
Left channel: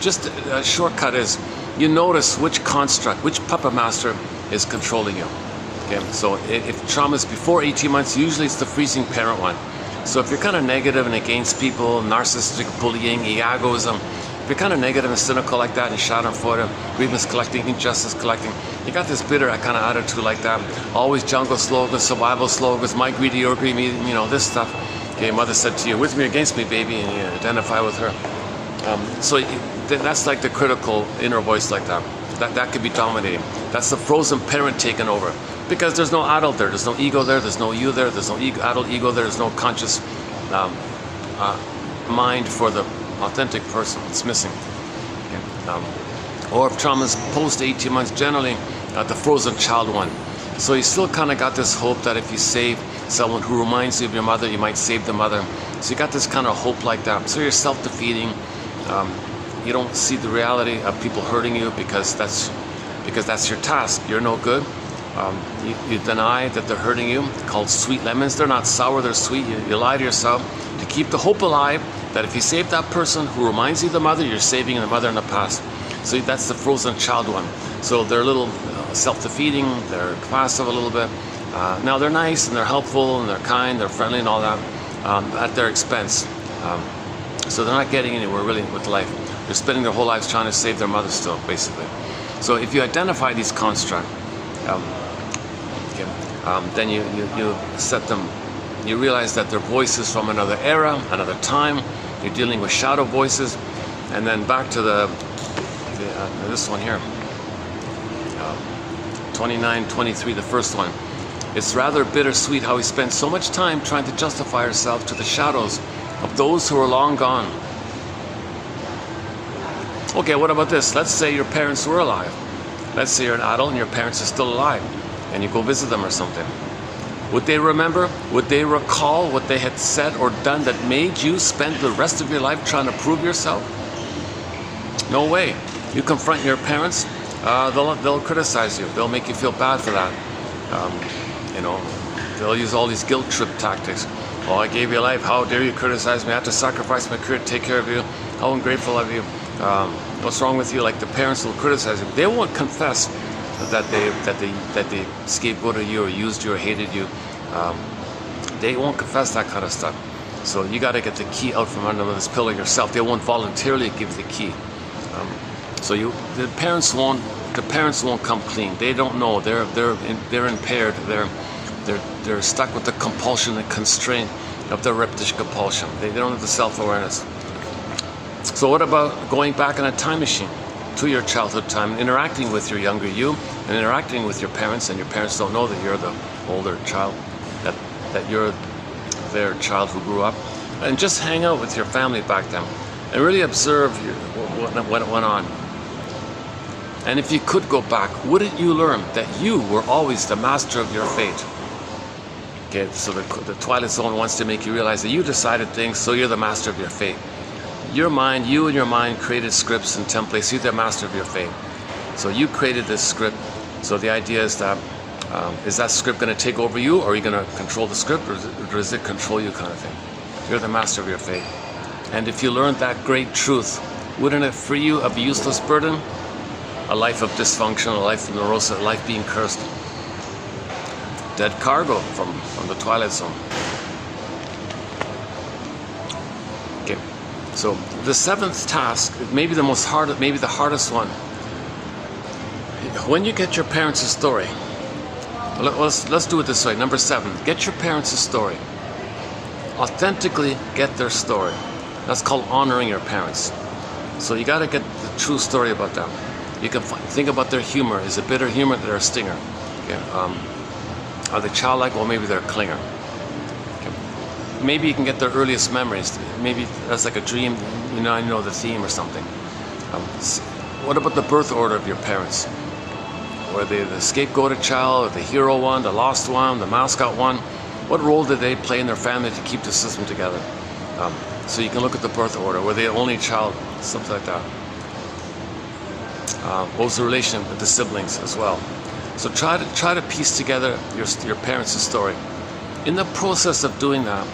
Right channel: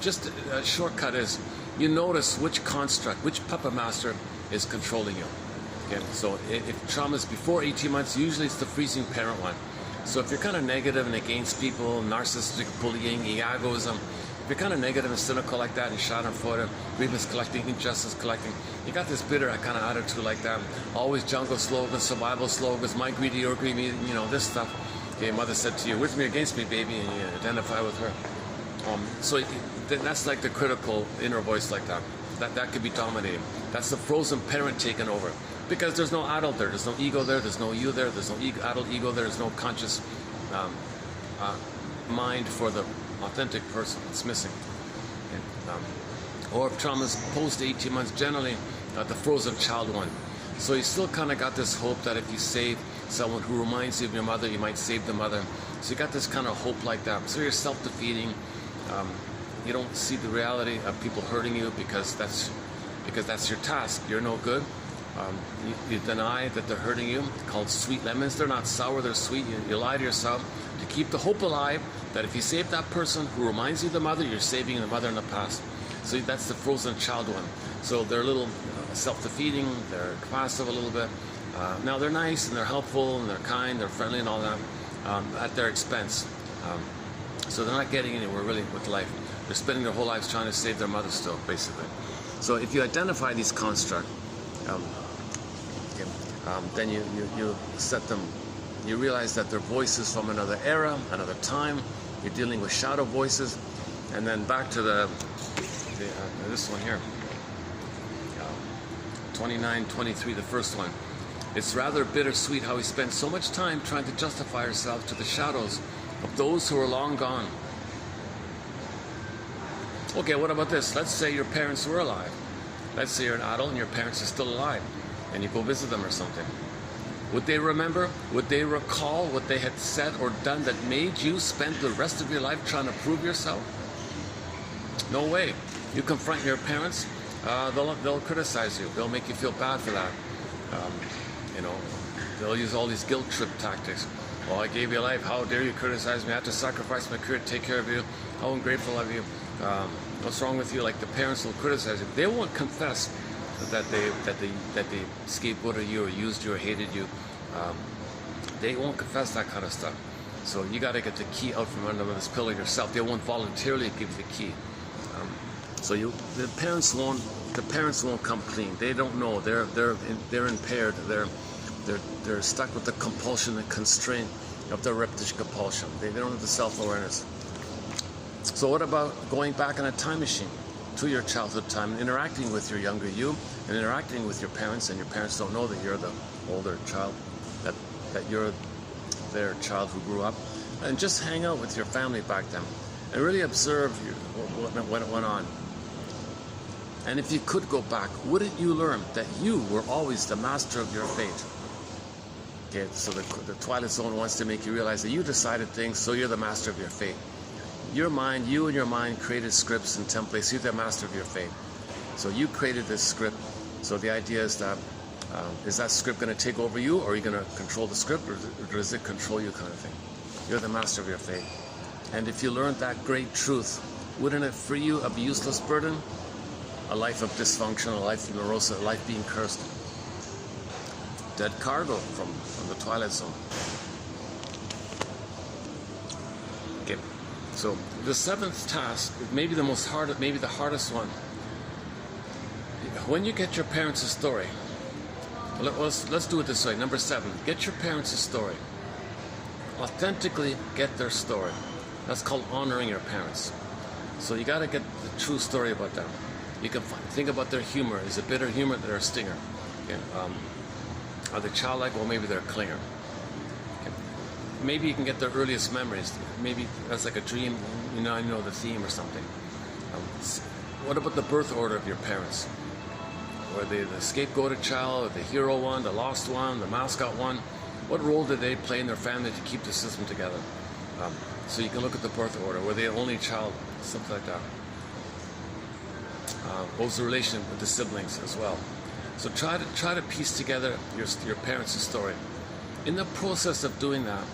just a shortcut is you notice which construct, which puppet master is controlling you. Okay, so if trauma is before 18 months, usually it's the freezing parent one. So if you're kind of negative and against people, narcissistic, bullying, egoism, if you're kind of negative and cynical like that, and schadenfreude, grievance collecting, injustice collecting, you got this bitter kind of attitude like that. Always jungle slogans, survival slogans, my greedy, your greedy, you know, this stuff. Okay, mother said to you, with me or against me, baby, and you identify with her. So that's like the critical inner voice like that. That could be dominating. That's the frozen parent taking over. Because there's no adult there, there's no ego there, there's no you there, there's no adult ego there, there's no conscious mind for the authentic person. It's missing. Okay. Or if trauma is post 18 months, generally the frozen child one. So you still kind of got this hope that if you save someone who reminds you of your mother, you might save the mother. So you got this kind of hope like that. So you're self-defeating. You don't see the reality of people hurting you because that's your task. You're no good. You deny that they're hurting you. They're called sweet lemons. They're not sour, they're sweet. You lie to yourself to keep the hope alive that if you save that person who reminds you of the mother, you're saving the mother in the past. So that's the frozen child one. So they're a little self-defeating, they're passive a little bit. Now they're nice and they're helpful and they're kind, they're friendly and all that at their expense. So they're not getting anywhere really with life. They're spending their whole lives trying to save their mother still, basically. So if you identify these constructs, then you set them, you realize that they're voices from another era, another time. You're dealing with shadow voices. And then back to this one here, 29-23, the first one. It's rather bittersweet how we spend so much time trying to justify ourselves to the shadows of those who are long gone. Okay, what about this? Let's say your parents were alive. Let's say you're an adult and your parents are still alive and you go visit them or something. Would they remember? Would they recall what they had said or done that made you spend the rest of your life trying to prove yourself? No way. You confront your parents, they'll criticize you. They'll make you feel bad for that. You know, they'll use all these guilt trip tactics. Oh, I gave you life. How dare you criticize me? I have to sacrifice my career to take care of you. How ungrateful of you. What's wrong with you? Like the parents will criticize you. They won't confess that they scapegoated you or used you or hated you. They won't confess that kind of stuff. So you got to get the key out from under this pillow yourself. They won't voluntarily give you the key. So the parents won't come clean. They don't know. They're impaired. They're stuck with the compulsion and constraint of their reptish compulsion. They don't have the self-awareness. So what about going back in a time machine to your childhood time, interacting with your younger you, and interacting with your parents, and your parents don't know that you're the older child, that you're their child who grew up, and just hang out with your family back then, and really observe what went on. And if you could go back, wouldn't you learn that you were always the master of your fate? Okay, so the Twilight Zone wants to make you realize that you decided things, so you're the master of your fate. You and your mind created scripts and templates. You're the master of your fate. So you created this script. So the idea is that script going to take over you, or are you going to control the script, or does it control you, kind of thing? You're the master of your fate. And if you learned that great truth, wouldn't it free you of a useless burden? A life of dysfunction, a life of neurosis, a life being cursed. Dead cargo from the Twilight Zone. Okay. So the seventh task, maybe the hardest one. When you get your parents a story, let's do it this way. Number 7, get your parents a story. Authentically get their story. That's called honoring your parents. So you got to get the true story about them. You can think about their humor. Is it bitter humor or a stinger? Okay. Are they childlike? Well, maybe they're a clinger. Okay. maybe you can get their earliest memories. Maybe that's like a dream, I know the theme or something. What about the birth order of your parents? Were they the scapegoated child, or the hero one, the lost one, the mascot one? What role did they play in their family to keep the system together? So you can look at the birth order. Were they the only child? Something like that. What was the relation with the siblings as well? So try to piece together your parents' story. In the process of doing that,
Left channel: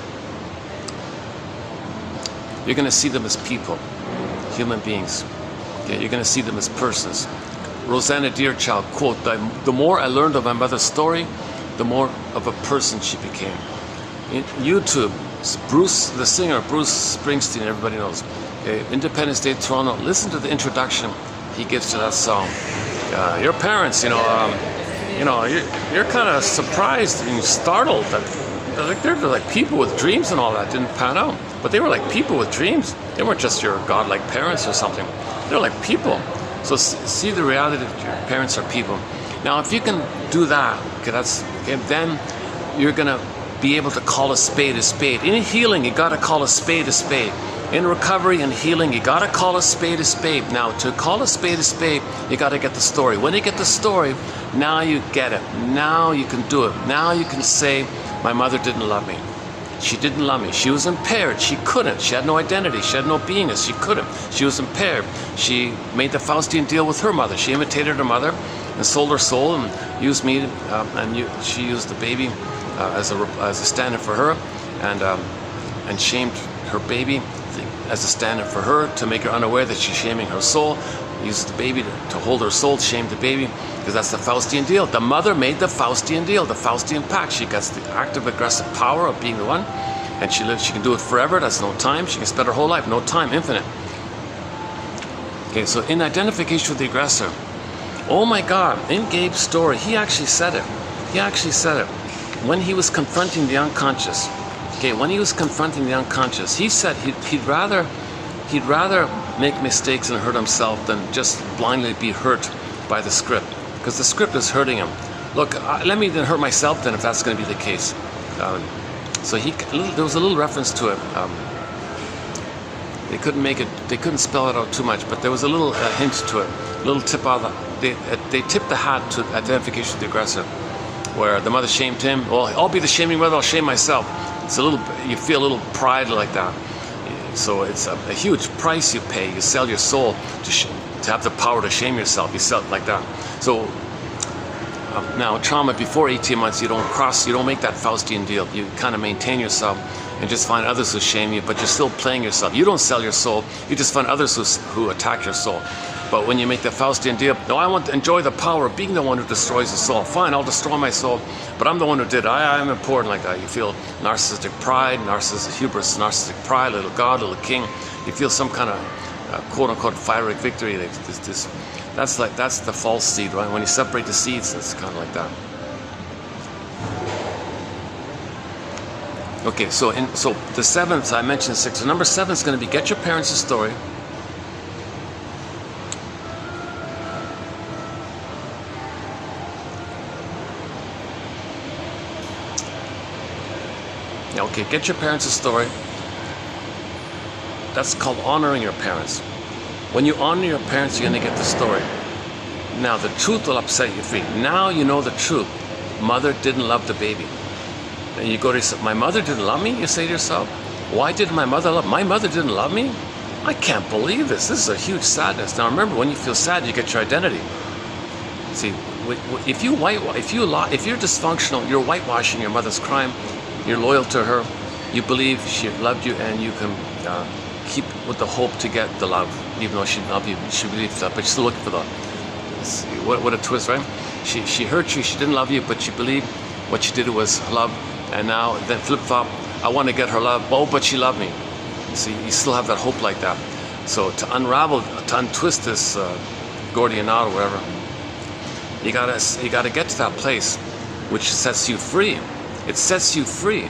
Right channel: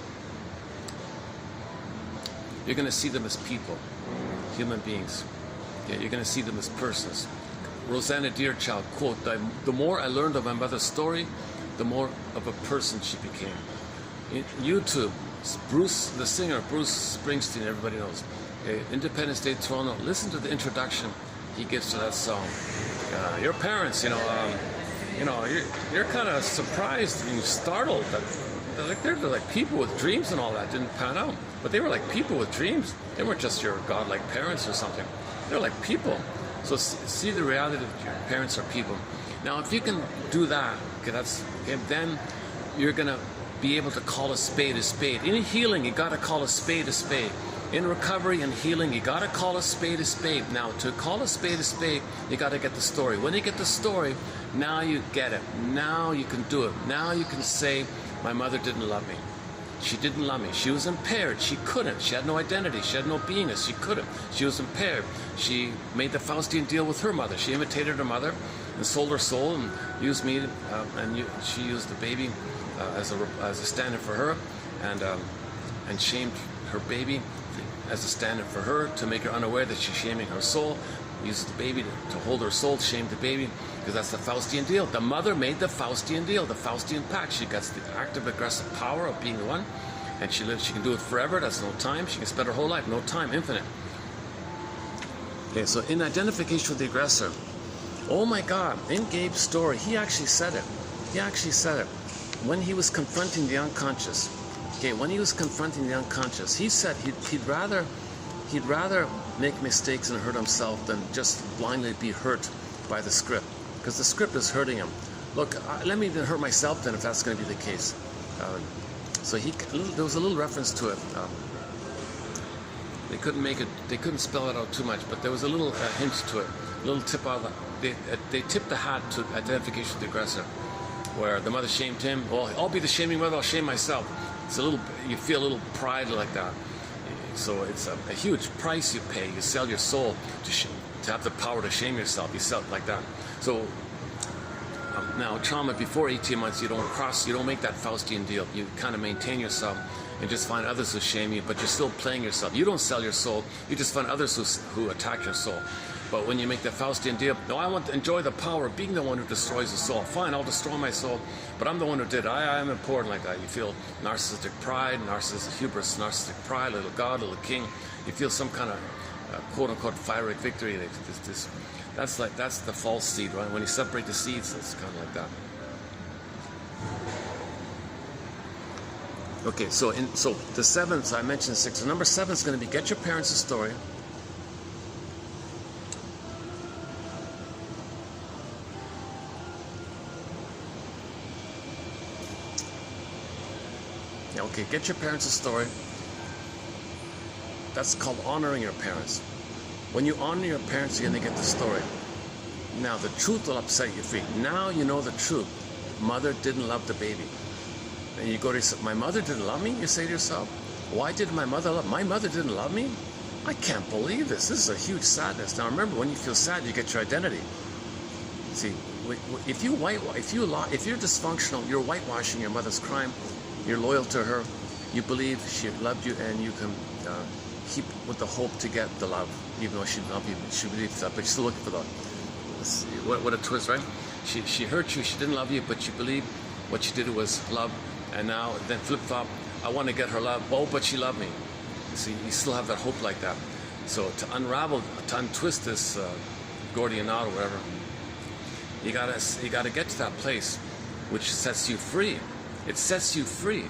you're going to see them as people, human beings. Okay? You're going to see them as persons. Rosanna Deerchild, quote, the more I learned of my mother's story, the more of a person she became. In YouTube, Bruce, the singer, Bruce Springsteen, everybody knows. Okay? Independence Day, Toronto, listen to the introduction he gives to that song. Your parents, you're kind of surprised and startled that they're like people with dreams and all that. Didn't pan out, but they were like people with dreams. They weren't just your godlike parents or something. They're like people. So see the reality that your parents are people. Now, if you can do that, then you're gonna be able to call a spade a spade. In healing, you gotta call a spade a spade. In recovery and healing, you gotta call a spade a spade. Now, to call a spade, you gotta get the story. When you get the story, now you get it. Now you can do it. Now you can say, my mother didn't love me. She didn't love me. She was impaired. She couldn't. She had no identity. She had no beingness. She couldn't. She was impaired. She made the Faustian deal with her mother. She imitated her mother and sold her soul and used me, she used the baby as a stand-in for her, and shamed her baby as a stand-in for her to make her unaware that she's shaming her soul. Used the baby to hold her soul, shamed the baby, because that's the Faustian deal. The mother made the Faustian deal, the Faustian pact. She gets the active, aggressive power of being the one, and she can do it forever. That's no time. She can spend her whole life, no time, infinite. Okay, so in identification with the aggressor, oh my God, in Gabe's story, he actually said it. He actually said it. When he was confronting the unconscious, okay, when he was confronting the unconscious, he said he'd rather make mistakes and hurt himself than just blindly be hurt by the script, because the script is hurting him. Look, let me then hurt myself then if that's going to be the case. So there was a little reference to it. They couldn't spell it out too much, but there was a little hint to it, a little tip out. They tipped the hat to identification with the aggressor, where the mother shamed him. Well, I'll be the shaming mother, I'll shame myself. It's you feel a little pride like that. So it's a huge price you pay. You sell your soul to have the power to shame yourself. You sell it like that. So now trauma before 18 months, you don't make that Faustian deal. You kind of maintain yourself and just find others who shame you, but you're still playing yourself. You don't sell your soul. You just find others who attack your soul. But when you make the Faustian deal, no, I want to enjoy the power of being the one who destroys the soul. Fine, I'll destroy my soul, but I'm the one who did it. I'm important like that. You feel narcissistic pride, narcissistic hubris, narcissistic pride, little God, little king. You feel some kind of quote-unquote pyrrhic victory. That's the false seed, right? When you separate the seeds, it's kind of like that. Okay, so the seventh, I mentioned 6. So number 7 is going to be get your parents' story. Okay, get your parents' story. That's called honoring your parents. When you honor your parents, you're going to get the story. Now, the truth will upset you free. Now you know the truth. Mother didn't love the baby. And you go to yourself, my mother didn't love me? You say to yourself, why didn't my mother love me? My mother didn't love me? I can't believe this. This is a huge sadness. Now remember, when you feel sad, you get your identity. See, if you're dysfunctional, you're whitewashing your mother's crime. You're loyal to her. You believe she loved you, and you can keep with the hope to get the love, even though she didn't love you. She believes that, but you're still looking for the. What a twist, right? She hurt you. She didn't love you, but she believed what she did was love. And now, then flip-flop, I want to get her love. Oh, but she loved me. See, you still have that hope like that. So to untwist this Gordian knot or whatever, you gotta get to that place, which sets you free. It sets you free.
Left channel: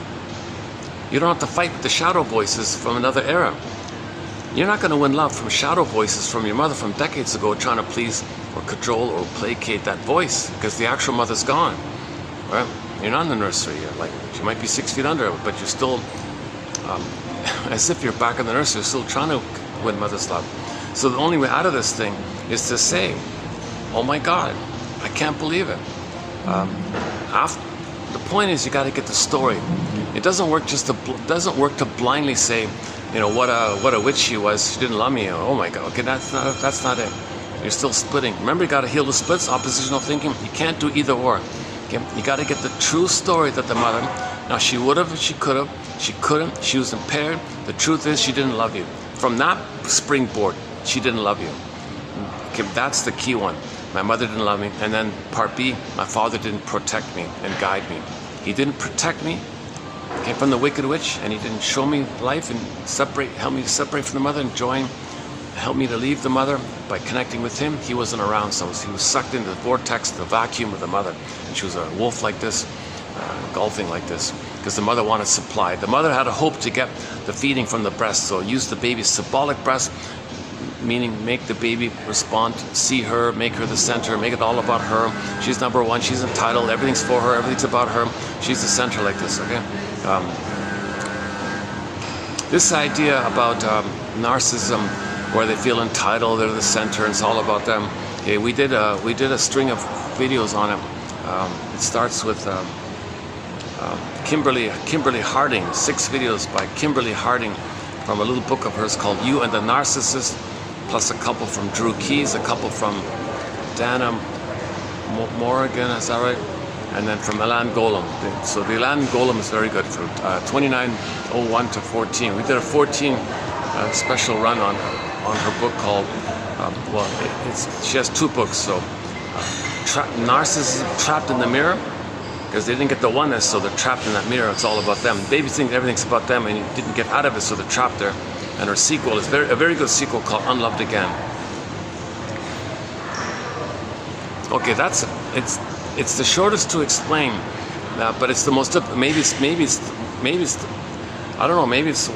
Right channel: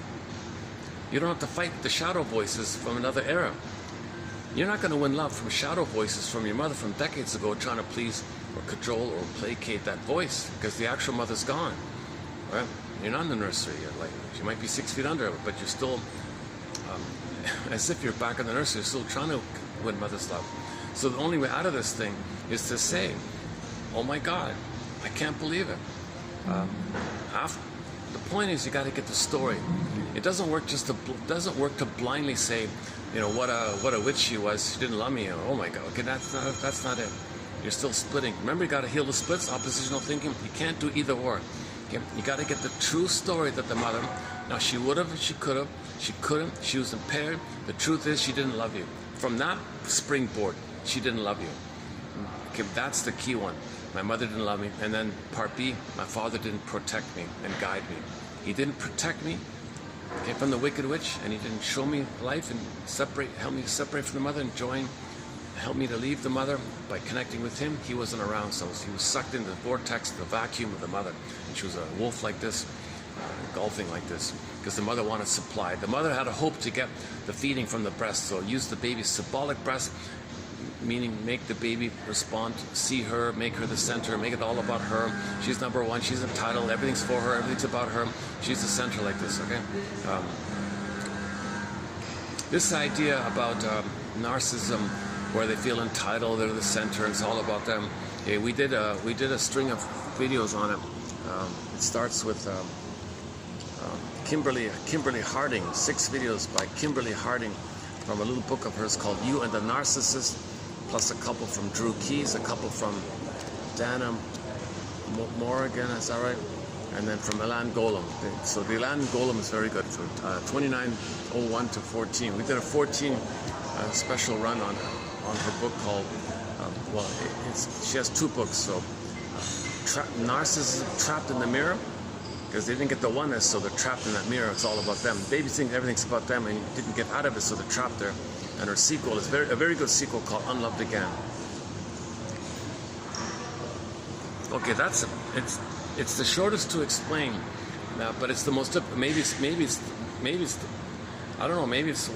You don't have to fight with the shadow voices from another era. You're not going to win love from shadow voices from your mother from decades ago, trying to please or control or placate that voice, because the actual mother's gone. Right? You're not in the nursery. She might be 6 feet under, but you're still as if you're back in the nursery, still trying to win mother's love. So the only way out of this thing is to say, oh my God, I can't believe it. The point is, you got to get the story. It doesn't work to blindly say, you know, what a witch she was. She didn't love me. Oh my God. Okay, that's not it. You're still splitting. Remember, you got to heal the splits. Oppositional thinking. You can't do either or. Okay, you got to get the true story that the mother. Now she would have, she could have, she couldn't. She was impaired. The truth is, she didn't love you. From that springboard, she didn't love you. Okay, that's the key one. My mother didn't love me. And then part B, my father didn't protect me and guide me. He didn't protect me, okay, from the wicked witch, and he didn't show me life and help me to separate from the mother and help me to leave the mother by connecting with him. He wasn't around, so he was sucked into the vortex, the vacuum of the mother. And she was a wolf like this, golfing like this, because the mother wanted supply. The mother had a hope to get the feeding from the breast, so use the baby's symbolic breast, meaning make the baby respond, see her, make her the center, make it all about her. She's number one, she's entitled, everything's for her, everything's about her. She's the center like this, okay? This idea about narcissism, where they feel entitled, they're the center, and it's all about them. Okay, we did a string of videos on it. It starts with Kimberly Harding, 6 videos by Kimberly Harding from a little book of hers called You and the Narcissist, plus a couple from Drew Keys, a couple from Dana Morgan, is that right? And then from Ilan Golem. So the Ilan Golem is very good, from 2901 to 14. We did a 14 special run on her book called, she has 2 books, so Narcissism Trapped in the Mirror, because they didn't get the oneness, so they're trapped in that mirror. It's all about them. Babies think everything's about them, and you didn't get out of it, so they're trapped there. And her sequel is a very good sequel called Unloved Again. Okay, it's the shortest to explain, but it's the most. Maybe it's I don't know. Maybe it's.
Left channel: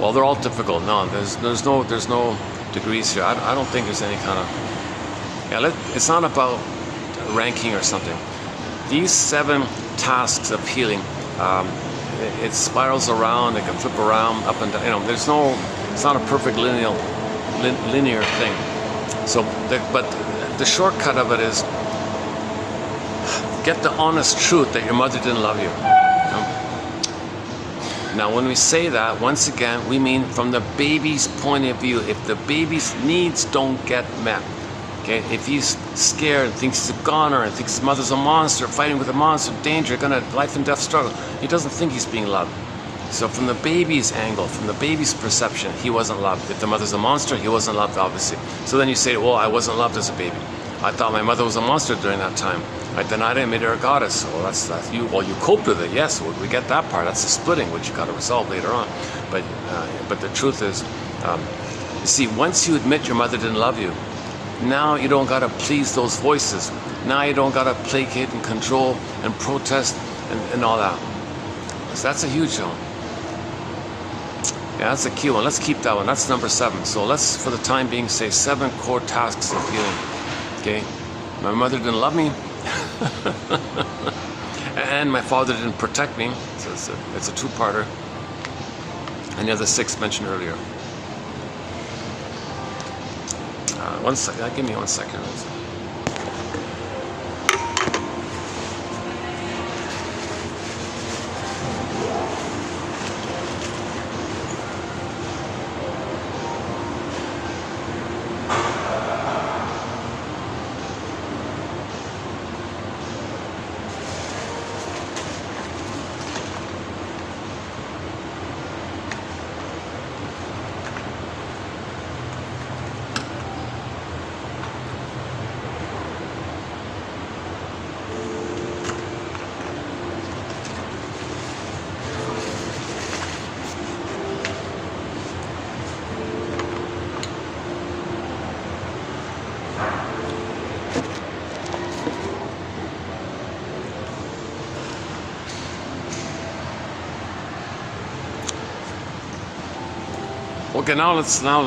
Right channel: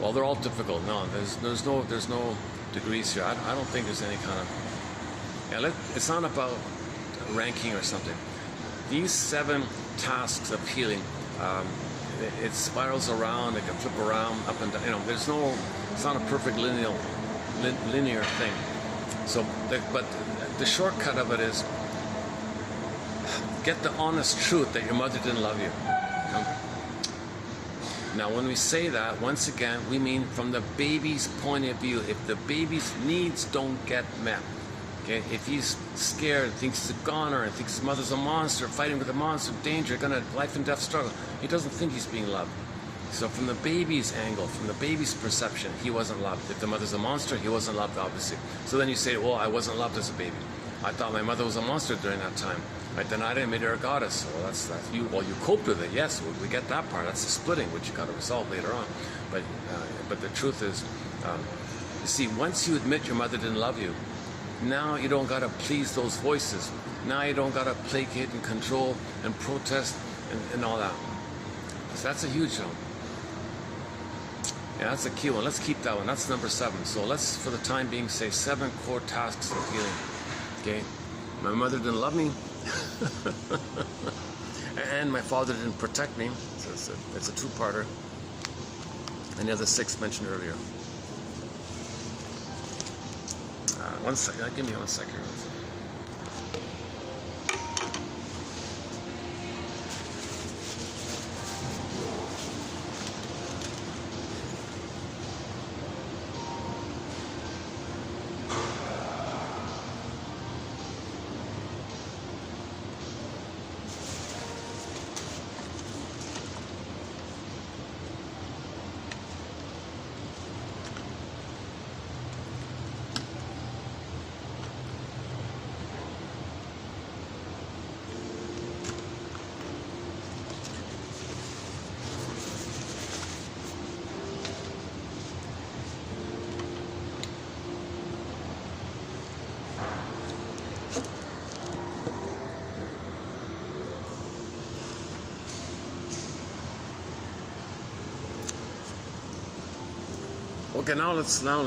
Well, they're all difficult. No, there's no degrees here. I don't think there's any kind of. Yeah, it's not about ranking or something. These 7 tasks of healing. It spirals around, it can flip around, up and down. You know, it's not a perfect linear thing. So, but the shortcut of it is get the honest truth that your mother didn't love you. Now, when we say that, once again, we mean from the baby's point of view. If the baby's needs don't get met, okay, if he's scared and thinks he's a goner and thinks his mother's a monster, fighting with a monster, danger, gonna life and death struggle, he doesn't think he's being loved. So from the baby's angle, from the baby's perception, he wasn't loved. If the mother's a monster, he wasn't loved, obviously. So then you say, well, I wasn't loved as a baby. I thought my mother was a monster during that time. I denied it, made her a goddess. Well, that's you. Well, you coped with it. Yes, well, we get that part. That's the splitting, which you got to resolve later on. But the truth is, you see, once you admit your mother didn't love you, now you don't gotta please those voices. Now you don't gotta placate and control and protest and all that. So that's a huge one. Yeah, that's a key one. Let's keep that one. That's number 7. So let's, for the time being, say 7 core tasks of healing. Okay, my mother didn't love me, and my father didn't protect me. So it's a 2-parter. And the other 6 mentioned earlier. One second. Give me 1 second. Okay, now let's go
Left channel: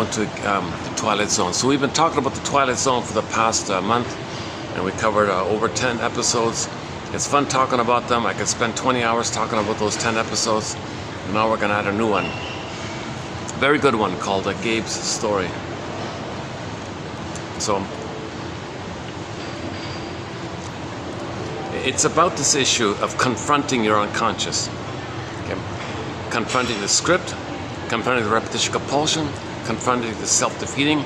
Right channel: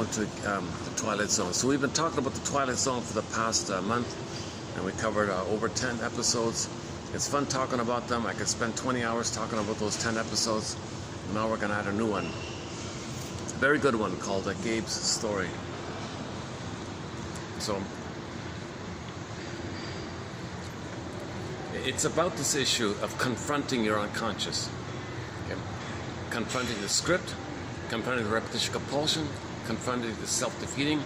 into the Twilight Zone. So we've been talking about the Twilight Zone for the past month, and we covered over 10 episodes. It's fun talking about them. I could spend 20 hours talking about those 10 episodes. And now we're going to add a new one. Very good one called Gabe's Story. So it's about this issue of confronting your unconscious. Okay? Confronting the script, confronting the repetition compulsion, confronting the self-defeating,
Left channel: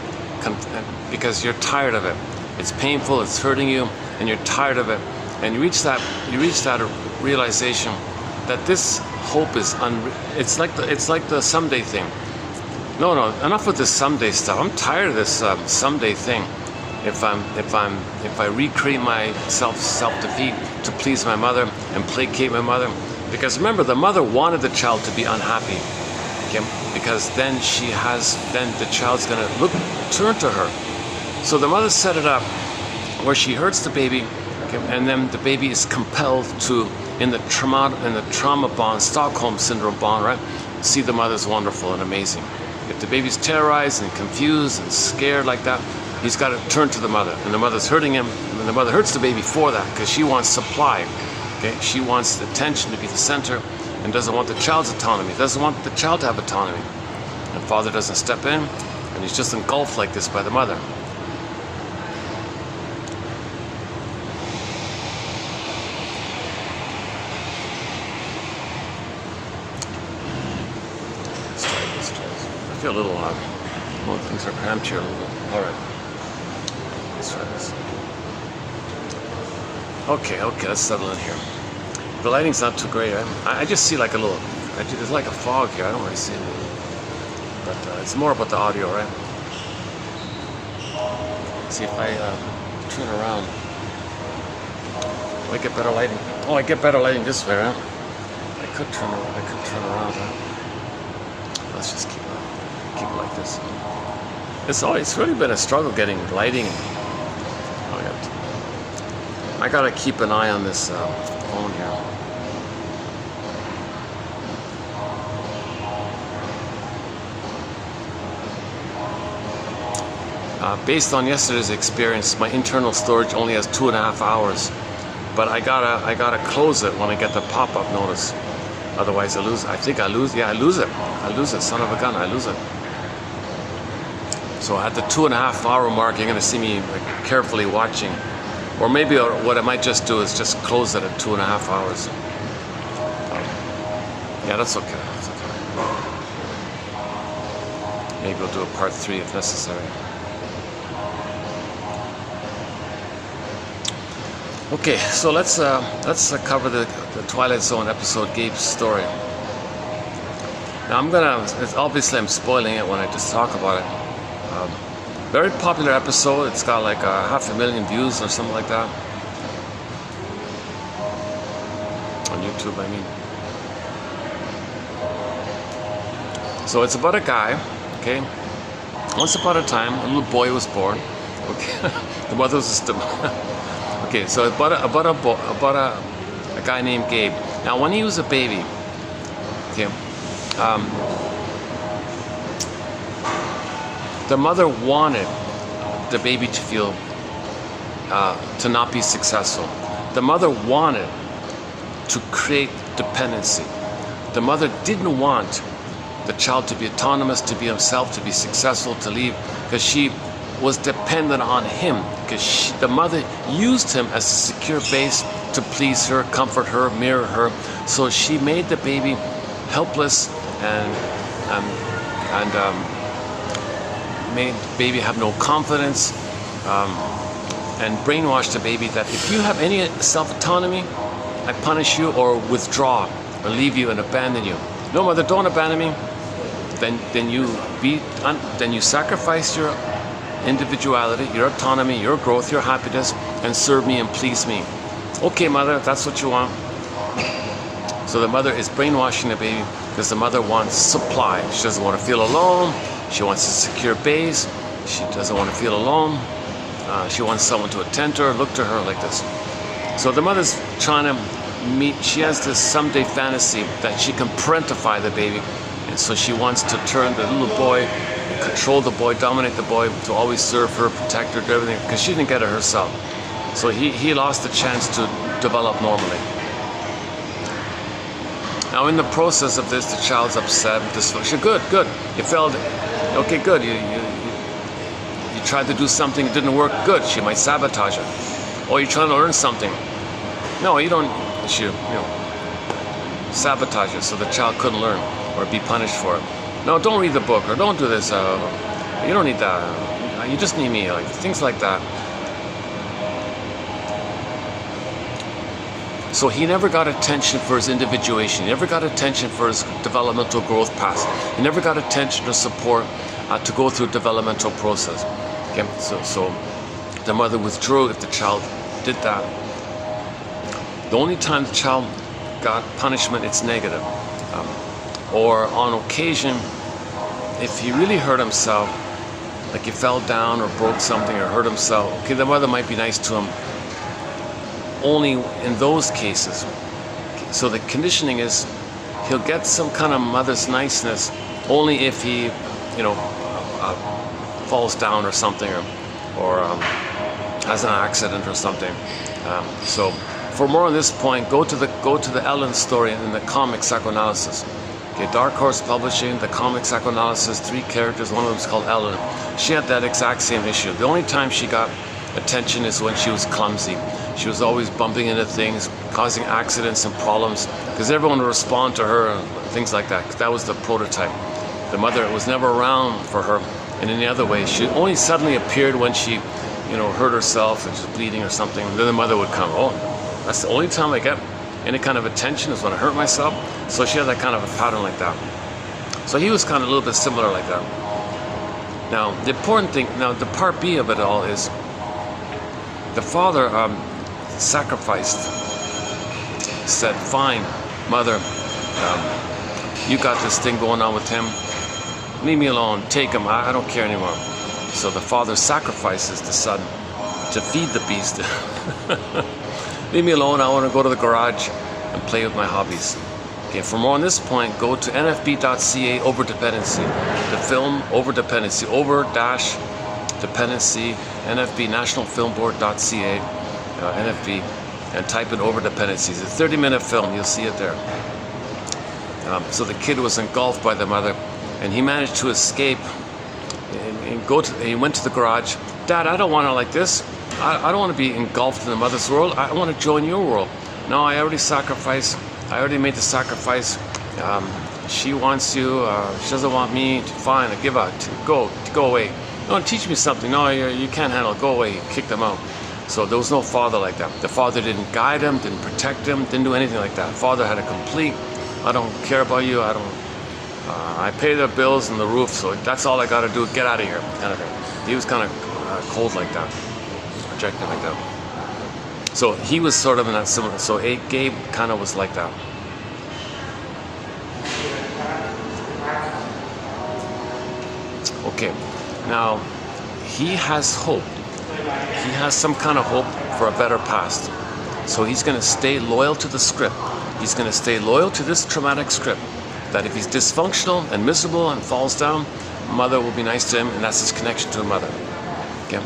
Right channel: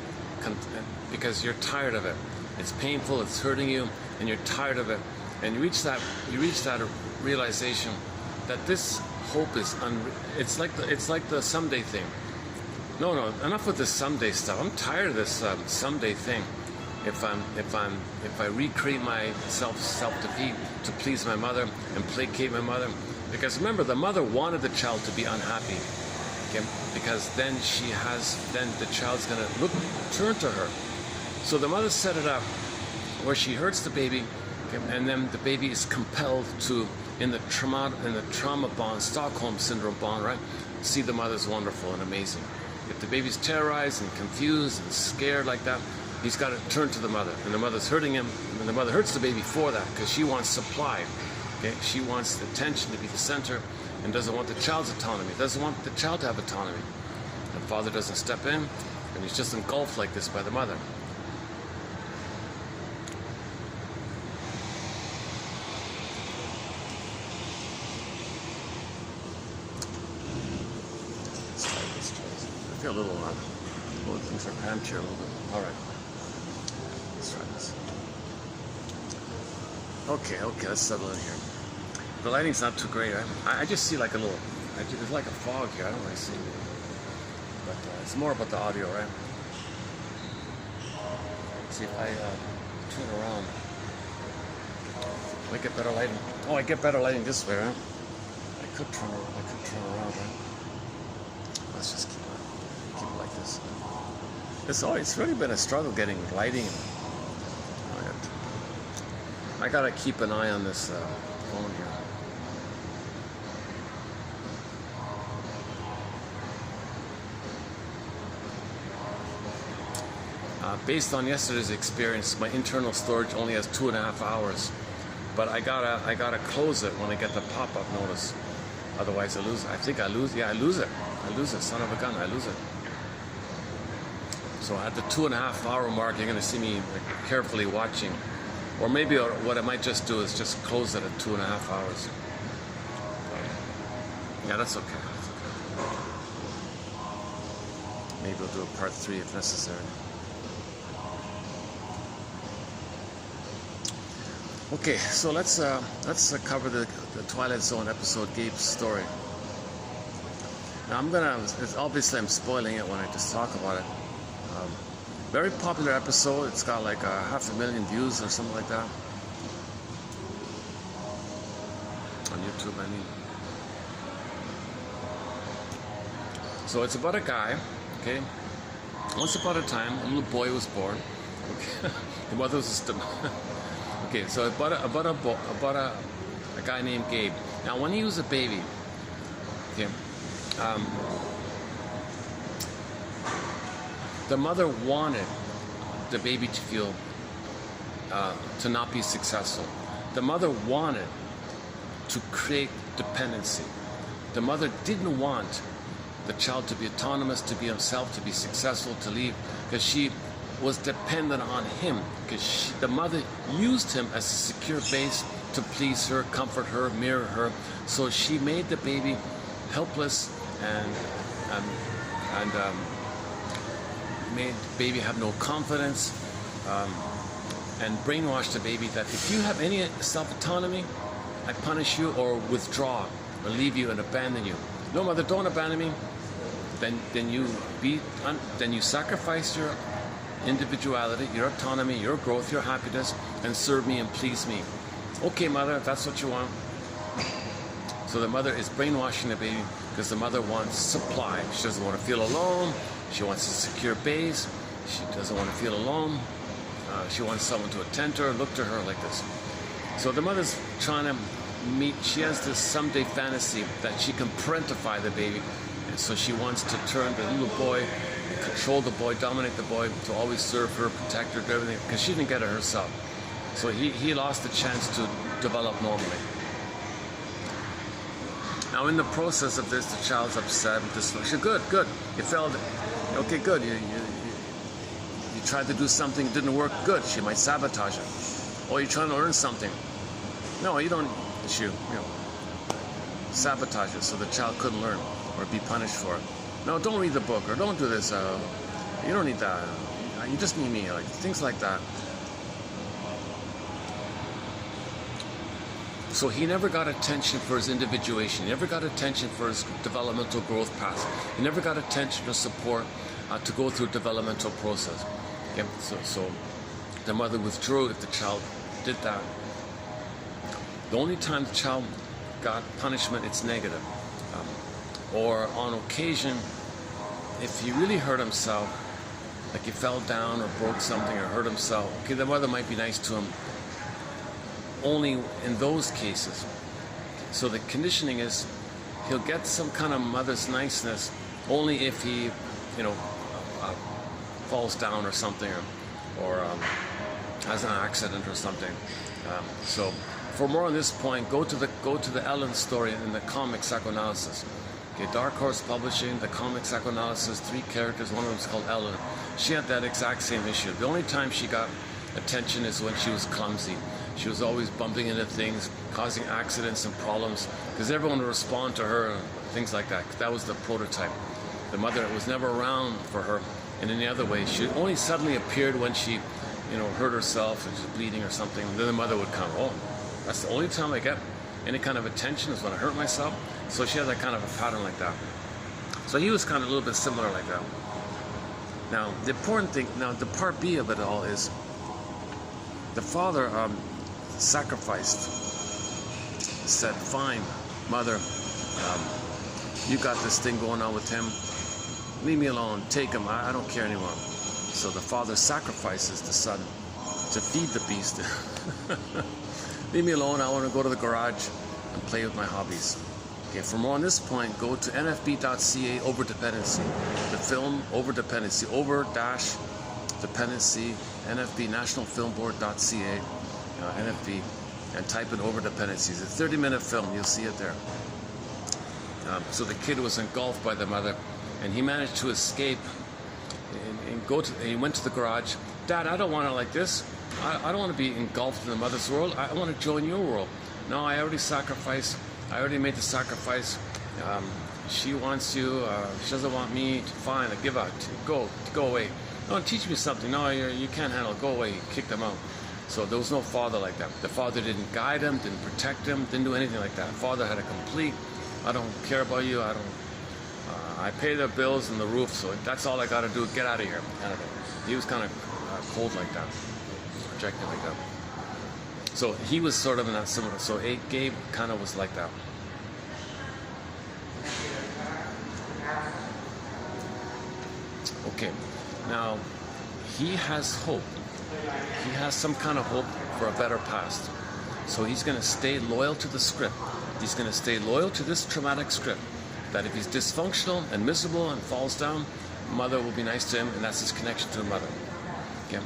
because you're tired of it. It's painful, it's hurting you, and you're tired of it. And you reach that realization that this hope is it's like the someday thing. No, enough with this someday stuff. I'm tired of this someday thing. If I recreate my self-defeat to please my mother and placate my mother, because remember, the mother wanted the child to be unhappy, okay? Because then the child's gonna turn to her. So the mother set it up where she hurts the baby, okay? And then the baby is compelled to, in the trauma bond, Stockholm syndrome bond, right? See the mother's wonderful and amazing. If the baby's terrorized and confused and scared like that, he's got to turn to the mother, and the mother's hurting him, and the mother hurts the baby for that, because she wants supply. Okay? She wants the attention to be the center, and doesn't want the child's autonomy, doesn't want the child to have autonomy. And father doesn't step in, and he's just engulfed like this by the mother. I feel a little oh, things are cramped here a little. All right. Let's try this. Okay, let's settle in here. The lighting's not too great. I just see like a little, there's like a fog here. I don't really see it. But it's more about the audio, right? See if I turn around. I get better lighting. Oh, I get better lighting this way, right? I could turn around, right? Let's just keep it like this. It's really been a struggle getting lighting. I gotta keep an eye on this phone here. Based on yesterday's experience, my internal storage only has 2.5 hours, but I gotta close it when I get the pop-up notice. Otherwise, I lose. I think I lose. Yeah, I lose it. Son of a gun, I lose it. So at the 2.5 hour mark, you're gonna see me like, carefully watching. Or maybe what I might just do is just close it at 2.5 hours. Yeah, that's okay. That's okay. Maybe we'll do a part 3 if necessary. Okay, so let's cover the Twilight Zone episode, Gabe's Story. Now obviously I'm spoiling it when I just talk about it. Very popular episode. It's got like 500,000 views or something like that. On YouTube, I mean. So it's about a guy, okay? Once upon a time, a little boy was born. Okay, the mother was just okay. So about a guy named Gabe. Now, when he was a baby, okay, the mother wanted the baby to feel to not be successful. The mother wanted to create dependency. The mother didn't want the child to be autonomous, to be himself, to be successful, to leave, because she was dependent on him, because the mother used him as a secure base to please her, comfort her, mirror her. So she made the baby helpless and made the baby have no confidence, and brainwashed the baby that if you have any self-autonomy, I punish you or withdraw or leave you and abandon you. No, mother, don't abandon me. Then you sacrifice your individuality, your autonomy, your growth, your happiness, and serve me and please me. Okay, mother, if that's what you want. So the mother is brainwashing the baby because the mother wants supply. She doesn't want to feel alone. She wants a secure base. She doesn't want to feel alone. She wants someone to attend to her, look to her like this. So the mother's trying to meet, she has this someday fantasy that she can parentify the baby. And so she wants to turn the little boy, control the boy, dominate the boy, to always serve her, protect her, do everything, because she didn't get it herself. So he lost the chance to develop normally. Now in the process of this, the child's upset, dysfunction. Good. You failed. Okay, good. You tried to do something, it didn't work. Good. She might sabotage it. Or you're trying to learn something. No, you don't. She, sabotage it so the child couldn't learn or be punished for it. No, don't read the book or don't do this. You don't need that. You just need me. Like things like that. So he never got attention for his individuation. He never got attention for his developmental growth path. He never got attention or support to go through a developmental process. Okay? So the mother withdrew if the child did that. The only time the child got punishment, it's negative. Or on occasion, if he really hurt himself, like he fell down or broke something or hurt himself, okay, the mother might be nice to him only in those cases. So the conditioning is he'll get some kind of mother's niceness only if he, falls down or something or has an accident or something. So for more on this point, go to the Ellen story in the comic psychoanalysis. Okay, Dark Horse Publishing, the comic psychoanalysis, 3 characters, one of them is called Ellen. She had that exact same issue. The only time she got attention is when she was clumsy. She was always bumping into things, causing accidents and problems, because everyone would respond to her and things like that. That was the prototype. The mother was never around for her in any other way. She only suddenly appeared when she, hurt herself and she was bleeding or something. And then the mother would come. Oh, that's the only time I get any kind of attention is when I hurt myself. So she had that kind of a pattern like that. So he was kind of a little bit similar like that. Now, the important thing, the part B of it all is the father sacrificed, said, fine, mother, you got this thing going on with him, leave me alone, take him, I don't care anymore. So the father sacrifices the son to feed the beast. Leave me alone, I want to go to the garage and play with my hobbies. Okay, for more on this point, go to nfb.ca over-dependency, the film over-dependency, over-dependency, NFB, nationalfilmboard.ca, NFB, and type in over-dependencies. It's a 30-minute film, you'll see it there. So the kid was engulfed by the mother, and he managed to escape and he went to the garage. Dad, I don't want to like this. I don't want to be engulfed in the mother's world. I want to join your world. No, I already sacrificed. I already made the sacrifice. She wants you. She doesn't want me. Fine, I give up. Go away. No, teach me something. No, you can't handle it. Go away. He kicked them out. So there was no father like that. The father didn't guide him, didn't protect him, didn't do anything like that. Father had a complete, I don't care about you. I pay the bills and the roof, so that's all I got to do. Get out of here, kind of thing. He was kind of cold like that, rejected like that. So he was sort of in that similar. So Gabe kind of was like that. Okay, now he has hope. He has some kind of hope for a better past. So he's going to stay loyal to the script. He's going to stay loyal to this traumatic script. That if he's dysfunctional and miserable and falls down, mother will be nice to him, and that's his connection to a mother. Okay?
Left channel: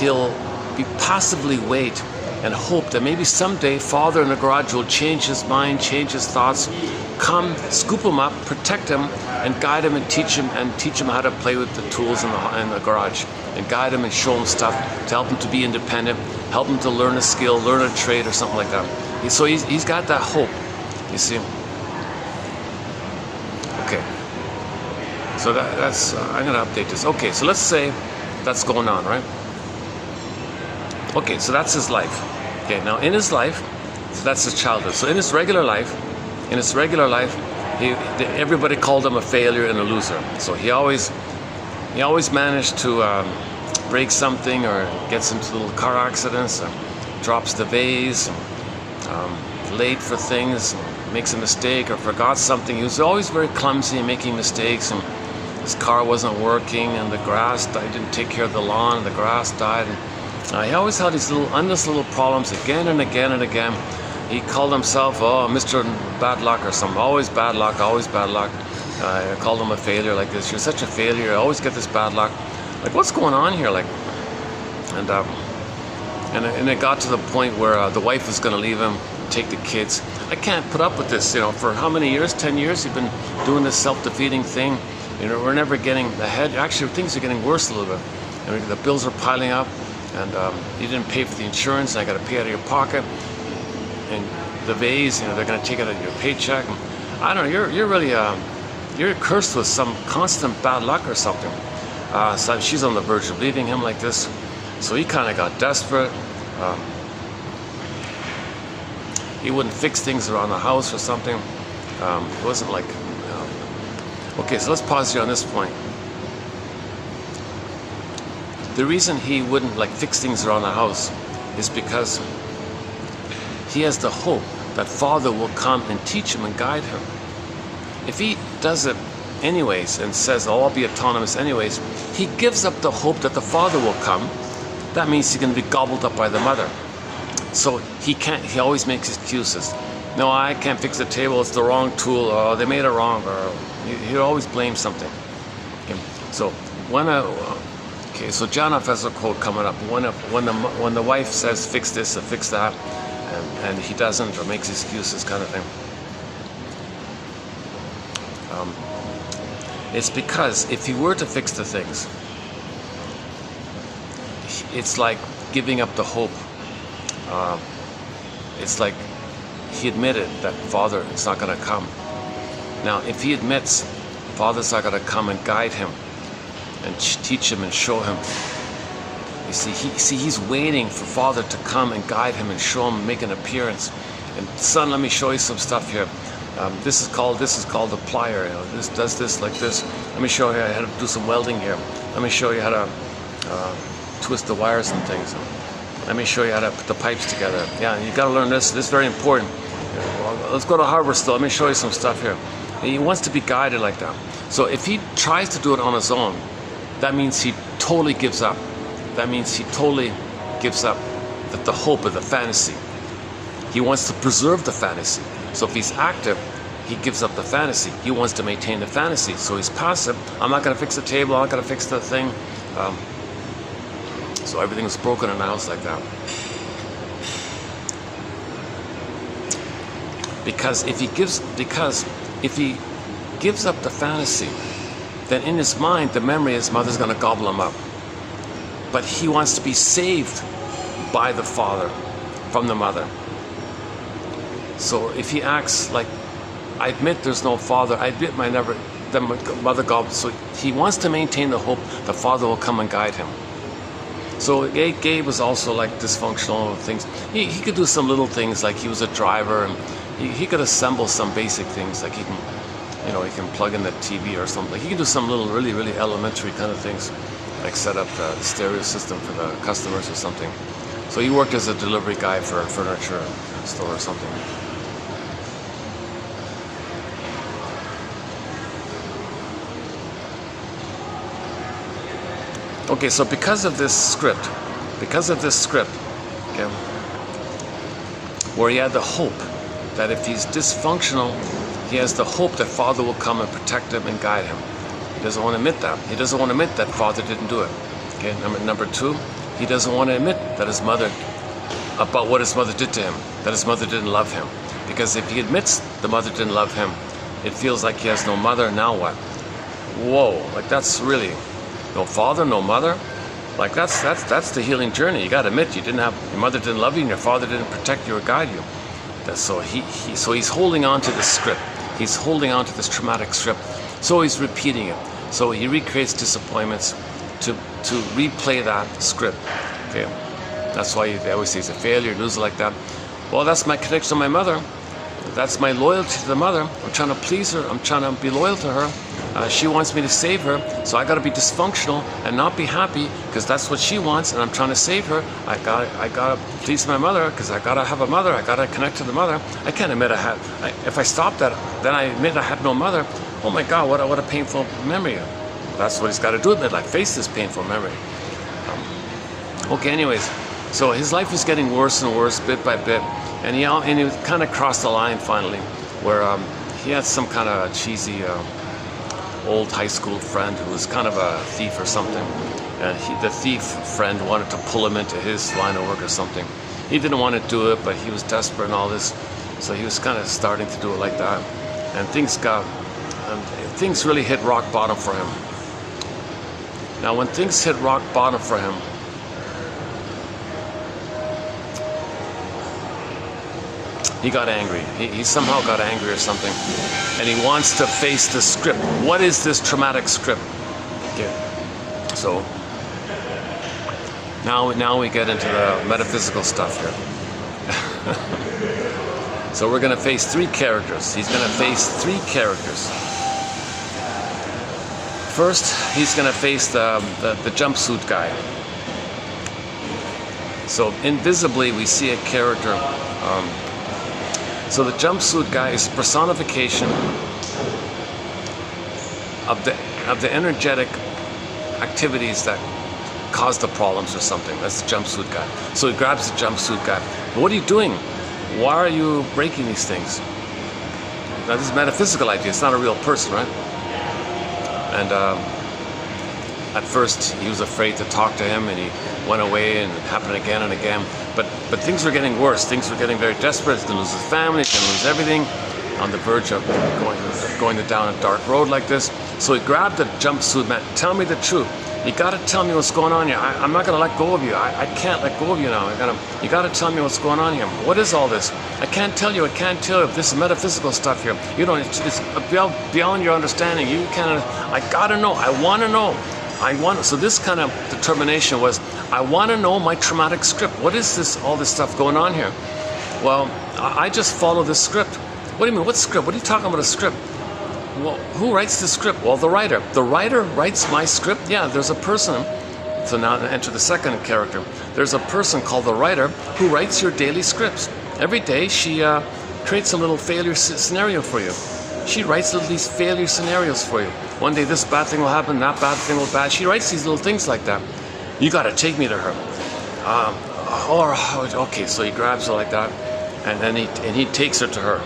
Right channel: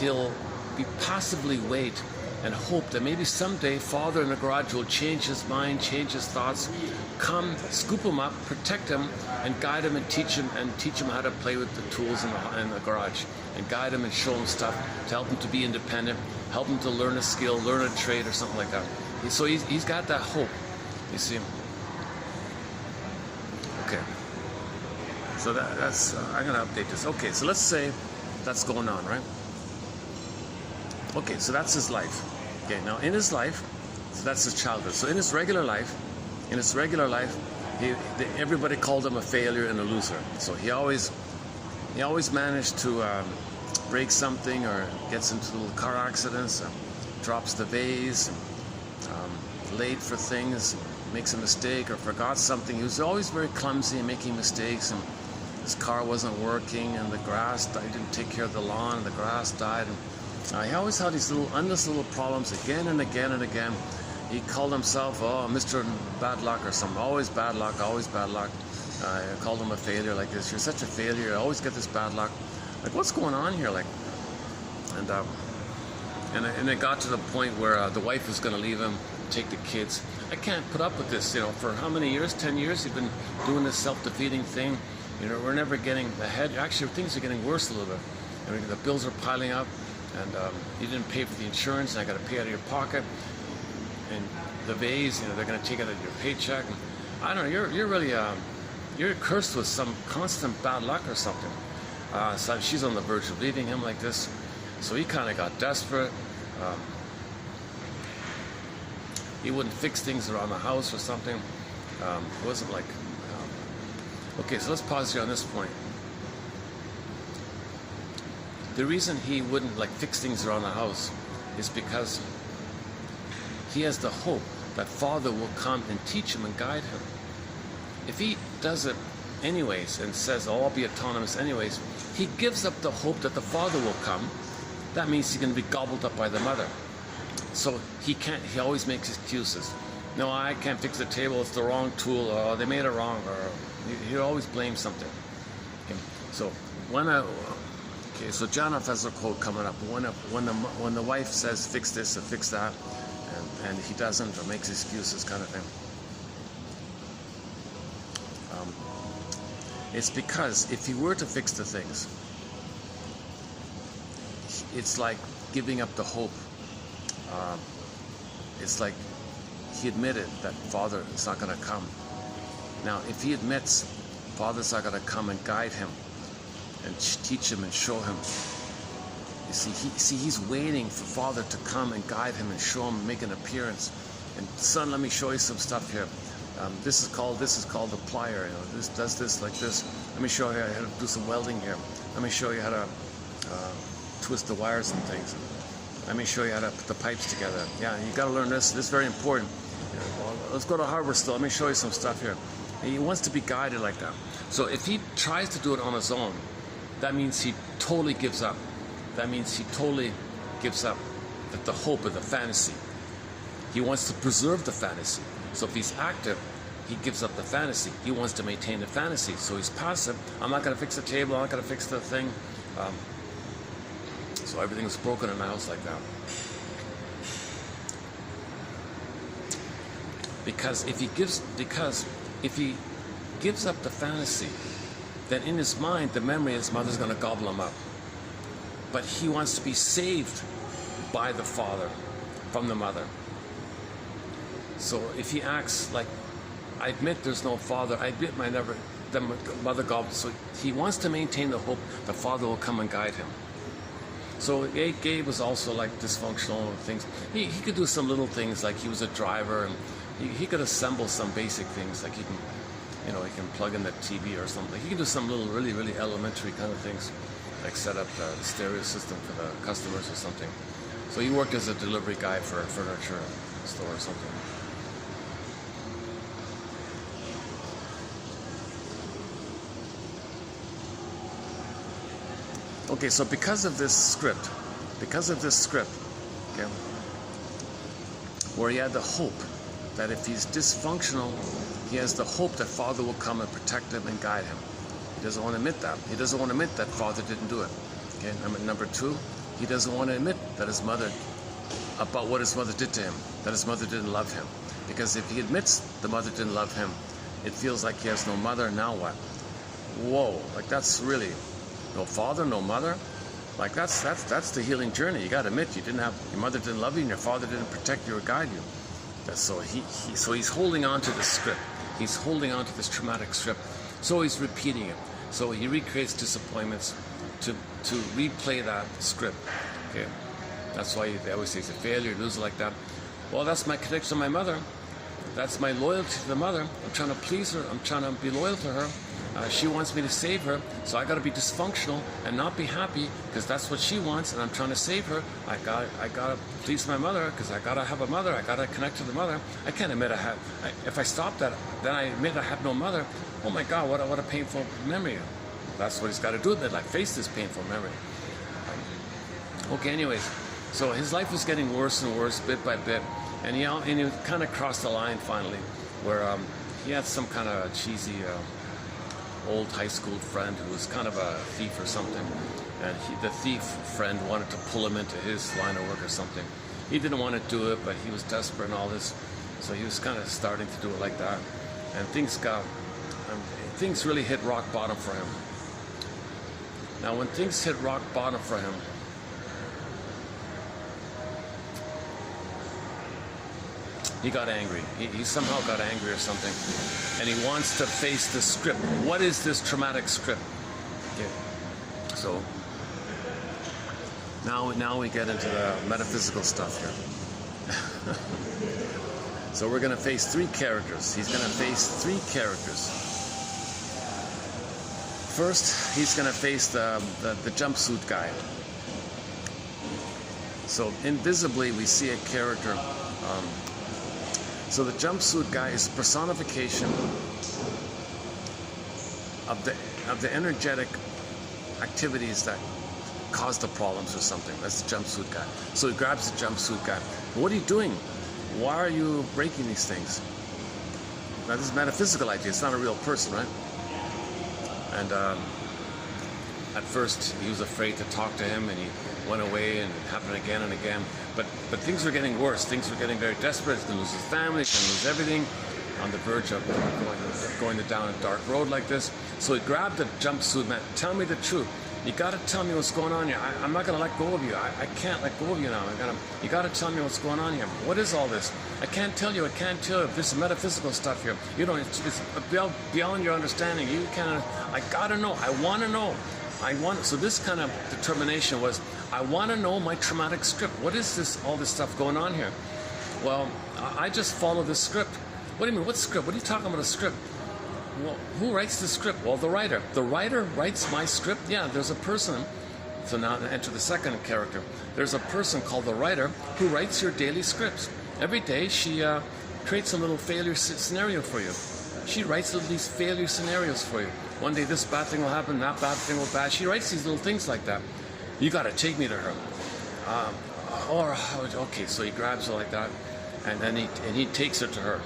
He'll be passively wait and hope that maybe someday father in the garage will change his mind, change his thoughts, come, scoop him up, protect him, and guide him and teach him how to play with the tools in the garage, and guide him and show him stuff to help him to be independent, help him to learn a skill, learn a trade or something like that. So he's got that hope, you see. Okay, so that's, I'm going to update this. Okay, so let's say that's going on, right? Okay, so that's his life. Okay, now in his life, so that's his childhood. So in his regular life, everybody called him a failure and a loser. So he always managed to break something or gets into little car accidents, drops the vase, late for things, makes a mistake or forgot something. He was always very clumsy and making mistakes, and his car wasn't working, and the grass died. He didn't take care of the lawn, and the grass died. And he always had these endless little problems again and again and again. He called himself, Mr. Bad Luck or something. Always bad luck, always bad luck. I called him a failure like this. You're such a failure. I always get this bad luck. Like, what's going on here? Like, And it got to the point where the wife was going to leave him, take the kids. I can't put up with this, you know, for how many years? 10 years you've been doing this self-defeating thing. You know, we're never getting ahead. Actually, things are getting worse a little bit. I mean, the bills are piling up, and you didn't pay for the insurance, and I got to pay out of your pocket. And the vase, you know, they're going to take it out of your paycheck. I don't know, you're really, you're cursed with some constant bad luck or something. So she's on the verge of leaving him like this. So he kind of got desperate. He wouldn't fix things around the house or something. It wasn't like, okay, so let's pause here on this point. The reason he wouldn't like fix things around the house is because he has the hope that Father will come and teach him and guide him. If he does it anyways and says, oh, I'll be autonomous anyways, he gives up the hope that the Father will come. That means he's going to be gobbled up by the mother. So he always makes excuses. No, I can't fix the table, it's the wrong tool, or they made it wrong, or he always blames something. Okay. So so John F. has a quote coming up. When the wife says fix this or fix that, and he doesn't or makes excuses, kind of thing. It's because if he were to fix the things, it's like giving up the hope. It's like he admitted that Father is not going to come. Now, if he admits Father's not going to come and guide him and teach him and show him, you see, he's waiting for Father to come and guide him and show him, make an appearance. And son, let me show you some stuff here. This is called the plier. You know, this does this like this. Let me show you how to do some welding here. Let me show you how to twist the wires and things. Let me show you how to put the pipes together. Yeah, you got to learn this. This is very important. Let's go to hardware store. Let me show you some stuff here. And he wants to be guided like that. So if he tries to do it on his own, that means he totally gives up. That means he totally gives up the hope of the fantasy. He wants to preserve the fantasy. So if he's active, he gives up the fantasy. He wants to maintain the fantasy. So he's passive. I'm not going to fix the table. I'm not going to fix the thing. So everything's broken in the house like that. Because if he gives up the fantasy, then in his mind, the memory his mother's going to gobble him up. But he wants to be saved by the Father from the mother. So if he acts like, I admit there's no Father, I admit the mother gobbled, so he wants to maintain the hope the Father will come and guide him. So Gabe was also like dysfunctional things. He could do some little things, like he was a driver, and he could assemble some basic things, like he can plug in the TV or something. Like he can do some little really elementary kind of things, like set up the stereo system for the customers or something. So he worked as a delivery guy for a furniture store or something. Okay, so because of this script, okay, where he had the hope that if he's dysfunctional, he has the hope that Father will come and protect him and guide him. He doesn't want to admit that. He doesn't want to admit that Father didn't do it. Okay, number two, he doesn't want to admit that about what his mother did to him, that his mother didn't love him. Because if he admits the mother didn't love him, it feels like he has no mother. Now what? Whoa, like that's really... No father, no mother. Like that's the healing journey. You got to admit your mother didn't love you, and your father didn't protect you or guide you. So he's holding on to this script. He's holding on to this traumatic script. So he's repeating it. So he recreates disappointments to replay that script. Okay, that's why they always say he's a failure, loser like that. Well, that's my connection to my mother. That's my loyalty to the mother. I'm trying to please her. I'm trying to be loyal to her. She wants me to save her, so I got to be dysfunctional and not be happy because that's what she wants, and I'm trying to save her. I gotta please my mother because I gotta have a mother. I gotta connect to the mother. I can't admit if I stop that, then I admit I had no mother. Oh my God, what a painful memory. That's what he's got to do. Admit, like face this painful memory. Okay, anyways, so his life is getting worse and worse bit by bit, and he kind of crossed the line finally, where he had some kind of cheesy old high school friend who was kind of a thief or something, and the thief friend wanted to pull him into his line of work or something. He didn't want to do it, but he was desperate and all this, so he was kind of starting to do it like that, and things really hit rock bottom for him. Now, when things hit rock bottom for him, he got angry. He somehow got angry or something, and he wants to face the script. What is this traumatic script? Okay. So now we get into the metaphysical stuff here. So we're going to face three characters. He's going to face three characters. First, he's going to face the jumpsuit guy. So invisibly, we see a character. So the jumpsuit guy is personification of the energetic activities that cause the problems or something. That's the jumpsuit guy. So he grabs the jumpsuit guy. What are you doing? Why are you breaking these things? Now, this is a metaphysical idea. It's not a real person, right? And at first, he was afraid to talk to him, and he went away, and it happened again and again. But things were getting worse. Things were getting very desperate. He's going to lose his family. He's going to lose everything. On the verge of going down a dark road like this. So he grabbed the jumpsuit man. Tell me the truth. You got to tell me what's going on here. I'm not going to let go of you. I can't let go of you now. You got to tell me what's going on here. What is all this? I can't tell you. I can't tell you. This is metaphysical stuff here. You know, it's beyond your understanding. You can't. I got to know. I want to know. So this kind of determination was, I want to know my traumatic script. What is this? All this stuff going on here? Well, I just follow this script. What do you mean? What script? What are you talking about? A script? Well, who writes the script? Well, the writer. The writer writes my script? Yeah, there's a person. So now enter the second character. There's a person called the writer who writes your daily scripts. Every day she creates a little failure scenario for you. She writes these failure scenarios for you. One day this bad thing will happen, that bad thing will happen. She writes these little things like that. You got to take me to her. Okay, so he grabs her like that, and he takes her to her.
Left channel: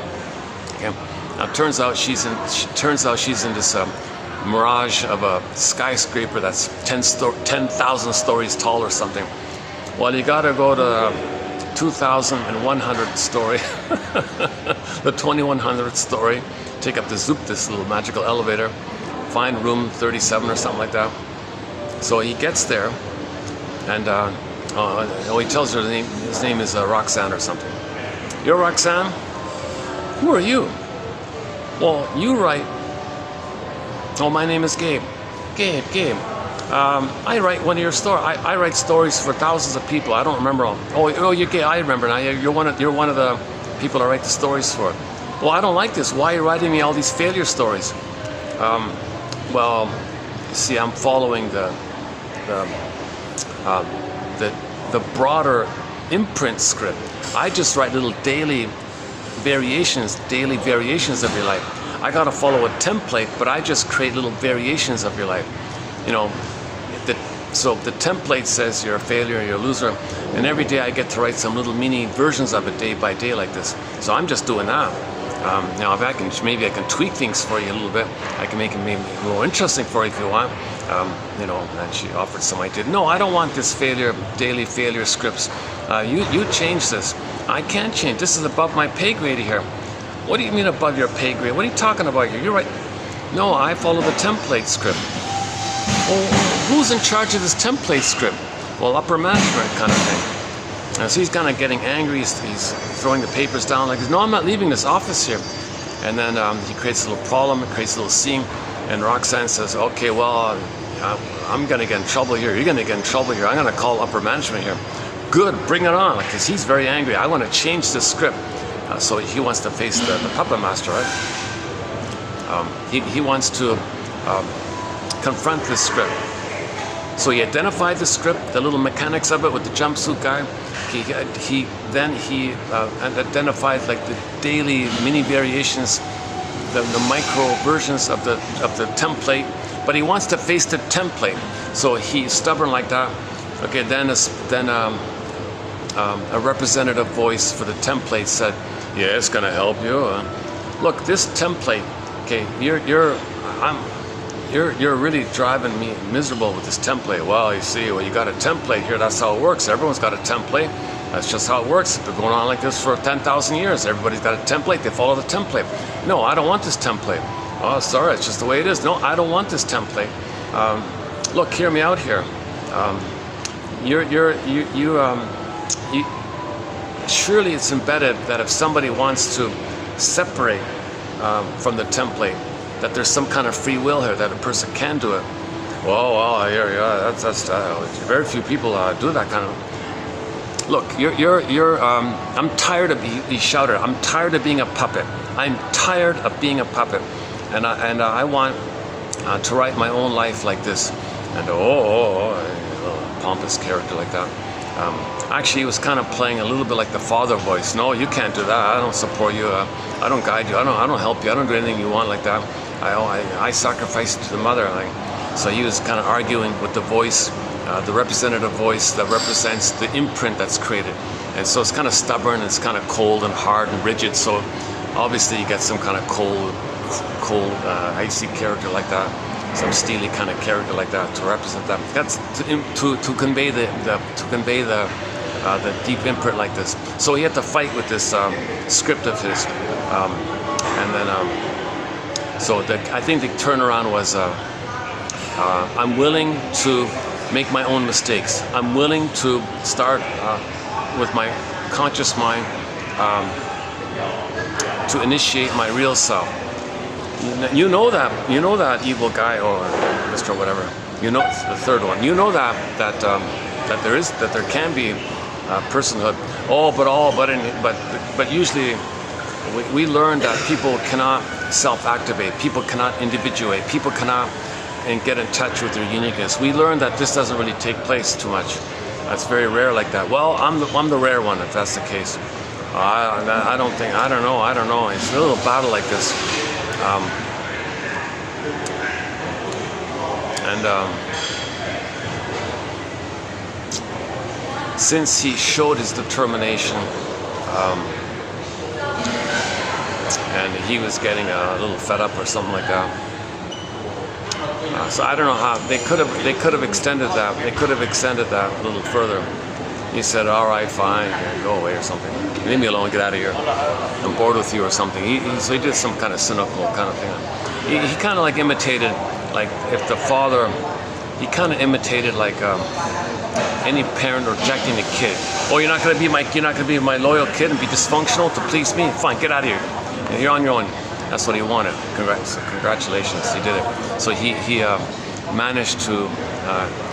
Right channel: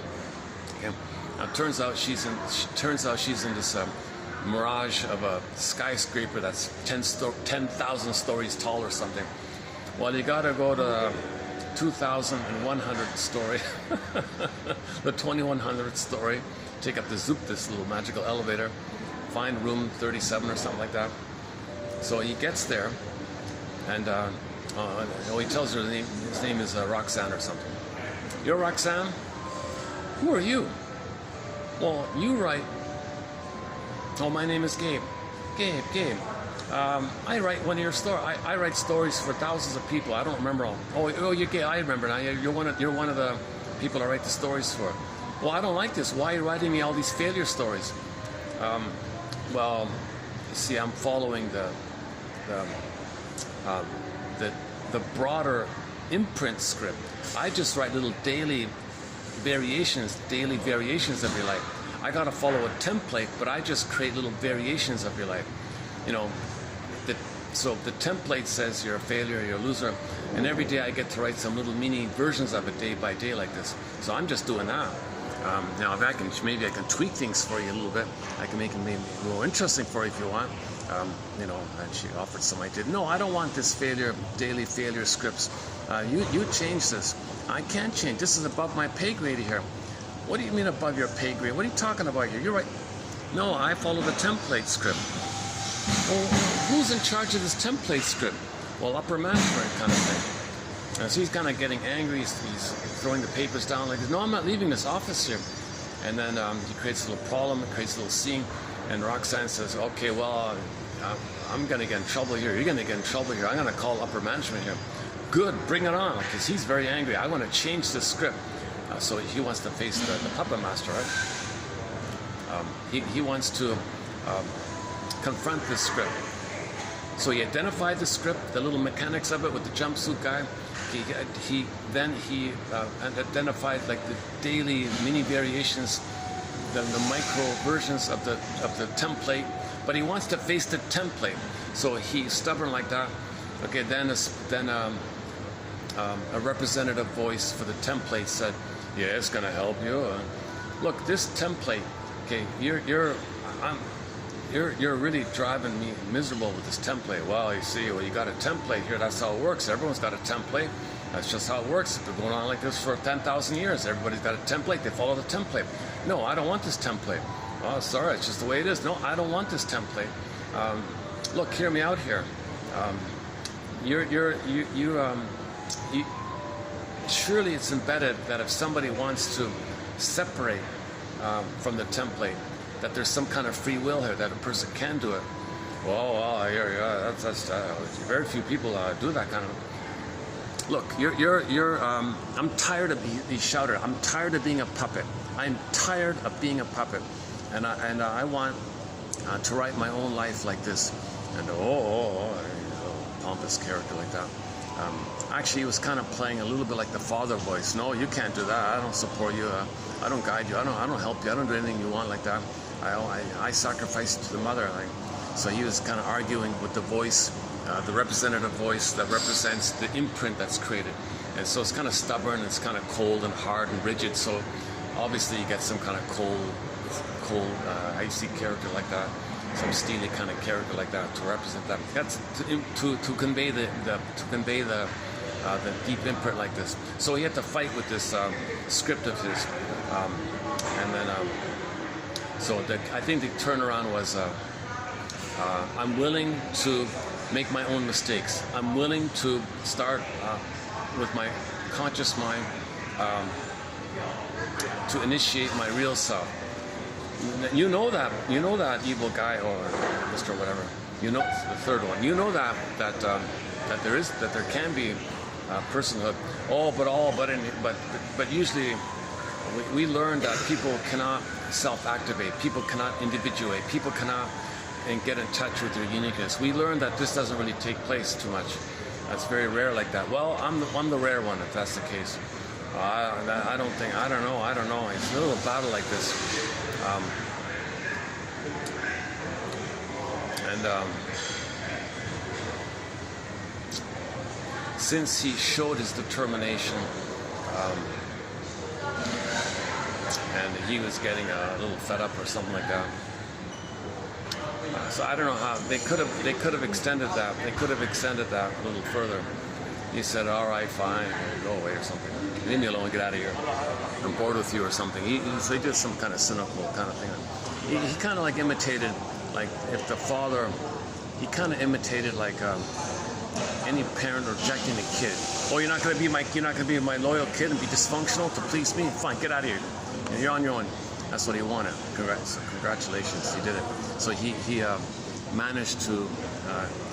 Okay. Now it turns out she's in this mirage of a skyscraper that's 10,000 stories tall or something. Well, you got to go to 2,100th story, the 2,100th story. Take up this little magical elevator, find room 37 or something like that. So he gets there, and he tells her his name is Roxanne or something. You're Roxanne? Who are you? Well, you write. Oh, my name is Gabe. Gabe. I write one of your stories. I write stories for thousands of people. I don't remember all. Oh, you're Gabe. I remember now. You're one of the people I write the stories for. Well, I don't like this. Why are you writing me all these failure stories? Well, you see, I'm following the broader imprint script. I just write little daily variations of your life. I gotta follow a template, but I just create little variations of your life. You know, so the template says you're a failure, you're a loser, and every day I get to write some little mini versions of it day by day like this. So I'm just doing that. Now, if maybe I can tweak things for you a little bit. I can make it maybe more interesting for you if you want. And she offered some idea. No, I don't want this daily failure scripts. You change this. I can't change. This is above my pay grade here. What do you mean above your pay grade? What are you talking about here? You're right. No, I follow the template script. Well, who's in charge of this template script? Well, upper management kind of thing. So he's kind of getting angry. He's throwing the papers down like this. No, I'm not leaving this office here. And then he creates a little problem, creates a little scene. And Roxanne says, okay, well, I'm going to get in trouble here. You're going to get in trouble here. I'm going to call upper management here. Good, bring it on, because he's very angry. I want to change the script. So he wants to face the puppet master, right? He wants to confront this script. So he identified the script, the little mechanics of it with the jumpsuit guy. He identified like the daily mini variations, the micro versions of the template. But he wants to face the template. So he's stubborn like that. Okay, then a representative voice for the template said, yeah, it's gonna help you. Look, this template, okay, you're really driving me miserable with this template. Well, you see, well, you got a template here. That's how it works. Everyone's got a template. That's just how it works. It's been going on like this for 10,000 years. Everybody's got a template. They follow the template. No, I don't want this template. Oh, sorry, it's just the way it is. No, I don't want this template. Look, hear me out here. Surely it's embedded that if somebody wants to separate from the template, that there's some kind of free will here, that a person can do it. Well, yeah, that's very few people do that kind of. Look, I'm tired of, he shouted, I'm tired of being a puppet. I'm tired of being a puppet, and I want to write my own life like this. And pompous character like that. Actually, he was kind of playing a little bit like the father voice. No, you can't do that. I don't support you. I don't guide you. I don't help you. I don't do anything you want like that. I sacrifice to the mother. So he was kind of arguing with the voice, the representative voice that represents the imprint that's created. And so it's kind of stubborn. It's kind of cold and hard and rigid. So obviously you get some kind of cold, icy character like that. Some steely kind of character like that to represent that. That's to convey the deep imprint like this. So he had to fight with this script of his, and then I think the turnaround was I'm willing to make my own mistakes. I'm willing to start with my conscious mind to initiate my real self. You know that evil guy or Mr. whatever. You know the third one. You know that there can be personhood. But usually we learn that people cannot self-activate. People cannot individuate. People cannot and get in touch with their uniqueness. We learn that this doesn't really take place too much. That's very rare like that. Well, I'm the rare one if that's the case. I don't know. It's a little battle like this. Since he showed his determination, and he was getting a little fed up or something like that. So I don't know how they could have extended that. They could have extended that a little further. He said, "All right, fine, go away or something. Leave me alone. Get out of here. I'm bored with you or something." So he did some kind of cynical kind of thing. He kind of like imitated, like if the father, he kind of imitated like any parent rejecting a kid. Oh, you're not gonna be my loyal kid and be dysfunctional to please me? Fine, get out of here. And you're on your own. That's what he wanted. Congratulations, he did it. So he managed to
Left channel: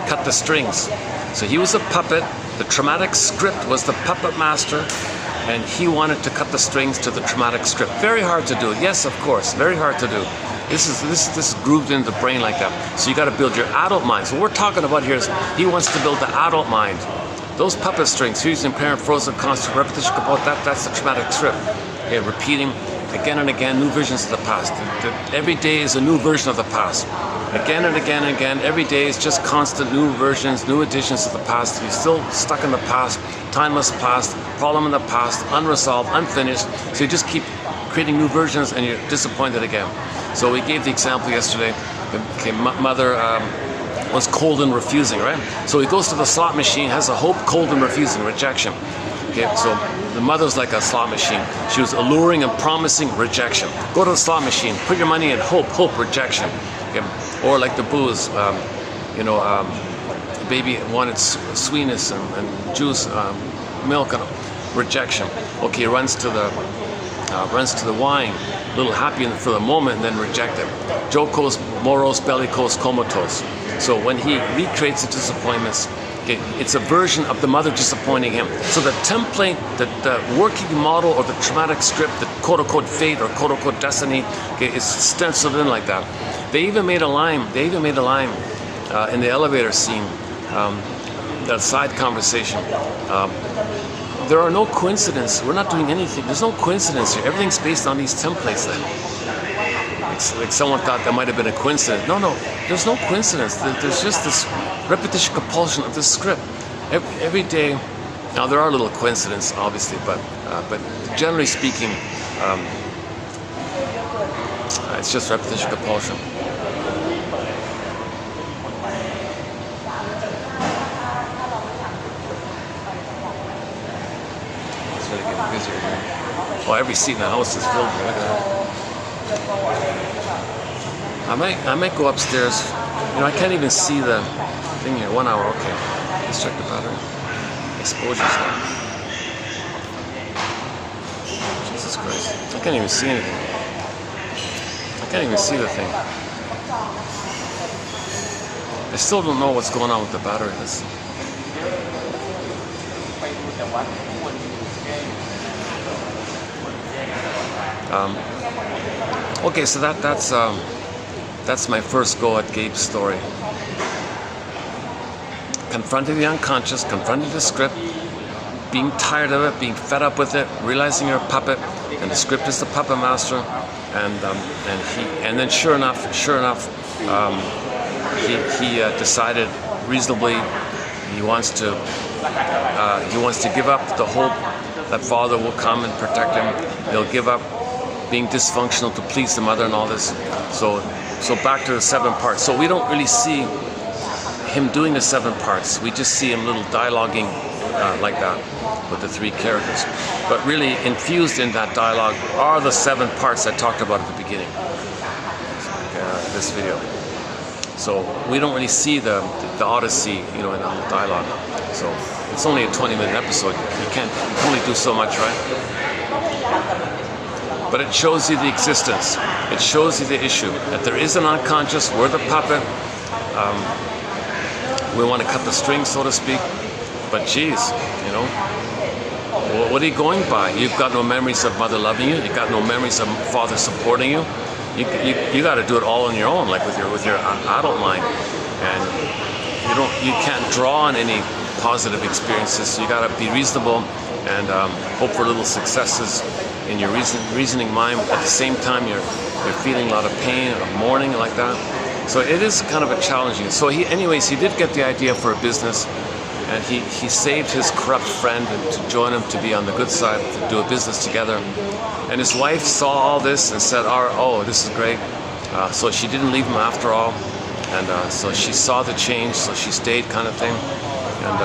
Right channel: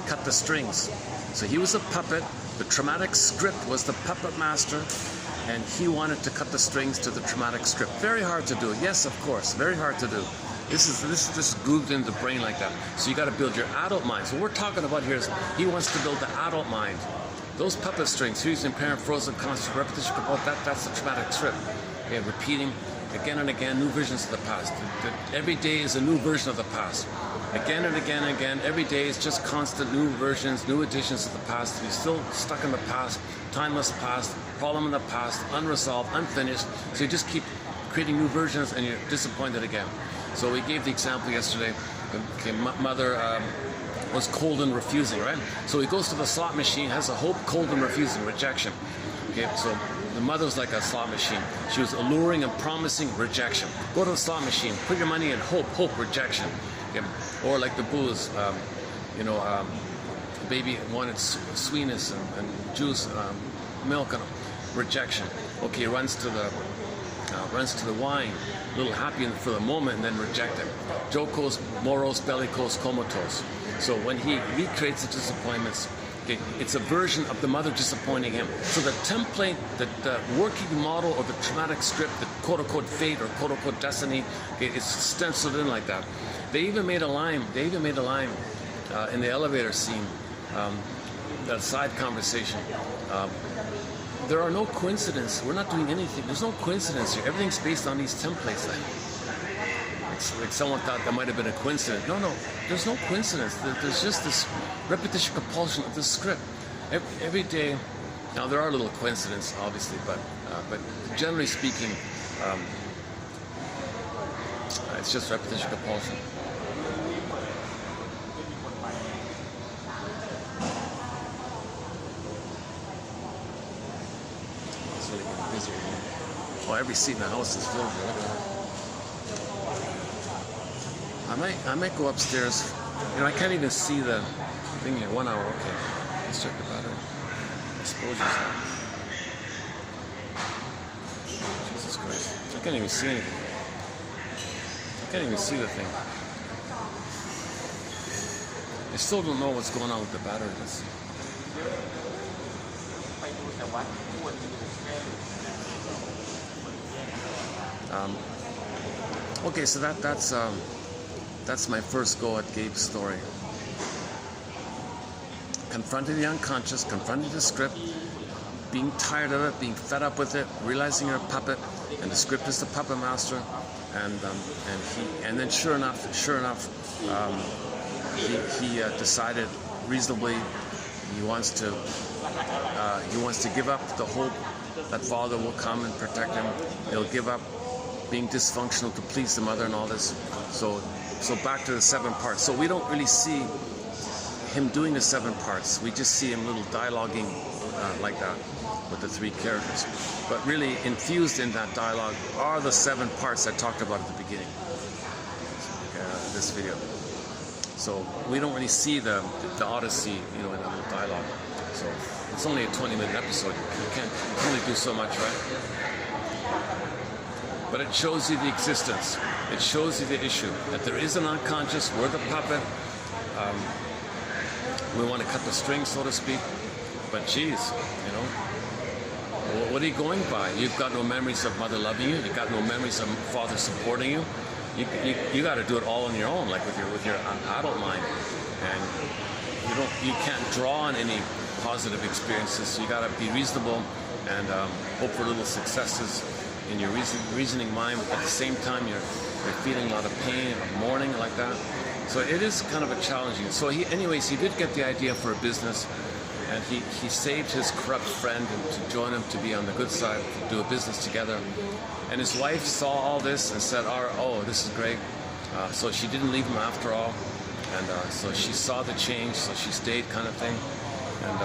cut the strings. So he was a puppet. The traumatic script was the puppet master, and he wanted to cut the strings to the traumatic script. Very hard to do. Yes, of course, very hard to do. This is grooved into the brain like that. So you got to build your adult mind. So what we're talking about here is he wants to build the adult mind. Those puppet strings, fusing, parent, frozen, constant, repetition, that's the traumatic script. Okay, repeating again and again, new visions of the past. Every day is a new version of the past. Again and again and again, every day is just constant new versions, new additions to the past. You're still stuck in the past, timeless past, problem in the past, unresolved, unfinished. So you just keep creating new versions and you're disappointed again. So we gave the example yesterday. Okay, mother was cold and refusing, right? So he goes to the slot machine, has a hope, cold and refusing, rejection. Okay, so the mother's like a slot machine. She was alluring and promising, rejection. Go to the slot machine, put your money in, hope, rejection. Okay. Or like the booze, the baby wanted sweetness and juice, milk, and rejection. Okay, runs to the wine, a little happy for the moment, and then rejected. Jocose, morose, bellicose, comatose. So when he recreates the disappointments, okay, it's a version of the mother disappointing him. So the template, the working model or the traumatic script, the quote-unquote fate or quote-unquote destiny, okay, is stenciled in like that. They even made a line in the elevator scene, that side conversation. There are no coincidences. We're not doing anything. There's no coincidence here. Everything's based on these templates then. It's like someone thought that might have been a coincidence. No, there's no coincidence. There's just this repetition compulsion of this script. Every day, now there are little coincidences, obviously, but generally speaking, it's just repetition compulsion. Well, every seat in the house is filled. Look at that. I might go upstairs. You know, I can't even see the thing here. 1 hour, okay. Let's check the battery. Exposure's low. Jesus Christ. I can't even see anything. I can't even see the thing. I still don't know what's going on with the battery. Okay, so that's my first go at Gabe's story. Confronting the unconscious, confronting the script, being tired of it, being fed up with it, realizing you're a puppet, and the script is the puppet master, and then sure enough, he decided reasonably he wants to give up the hope that father will come and protect him. He'll give up being dysfunctional to please the mother and all this. So back to the 7 parts. So we don't really see him doing the 7 parts. We just see him little dialoguing like that with the 3 characters. But really infused in that dialogue are the 7 parts I talked about at the beginning. This video. So we don't really see the Odyssey, you know, in the whole dialogue. So it's only a 20-minute episode. You can only do so much, right? But it shows you the existence. It shows you the issue. That there is an unconscious, we're the puppet. We want to cut the string, so to speak. But geez, you know, what are you going by? You've got no memories of mother loving you. You've got no memories of father supporting you. You got to do it all on your own, like with your adult mind. And you can't draw on any positive experiences. So you got to be reasonable and hope for little successes in your reasoning mind. At the same time, you're feeling a lot of pain or mourning like that. So it is kind of a challenging. So he did get the idea for a business, and he saved his corrupt friend to join him to be on the good side, to do a business together. And his wife saw all this and said, "Oh, this is great." So she didn't leave him after all, and so she saw the change, so she stayed, kind of thing. And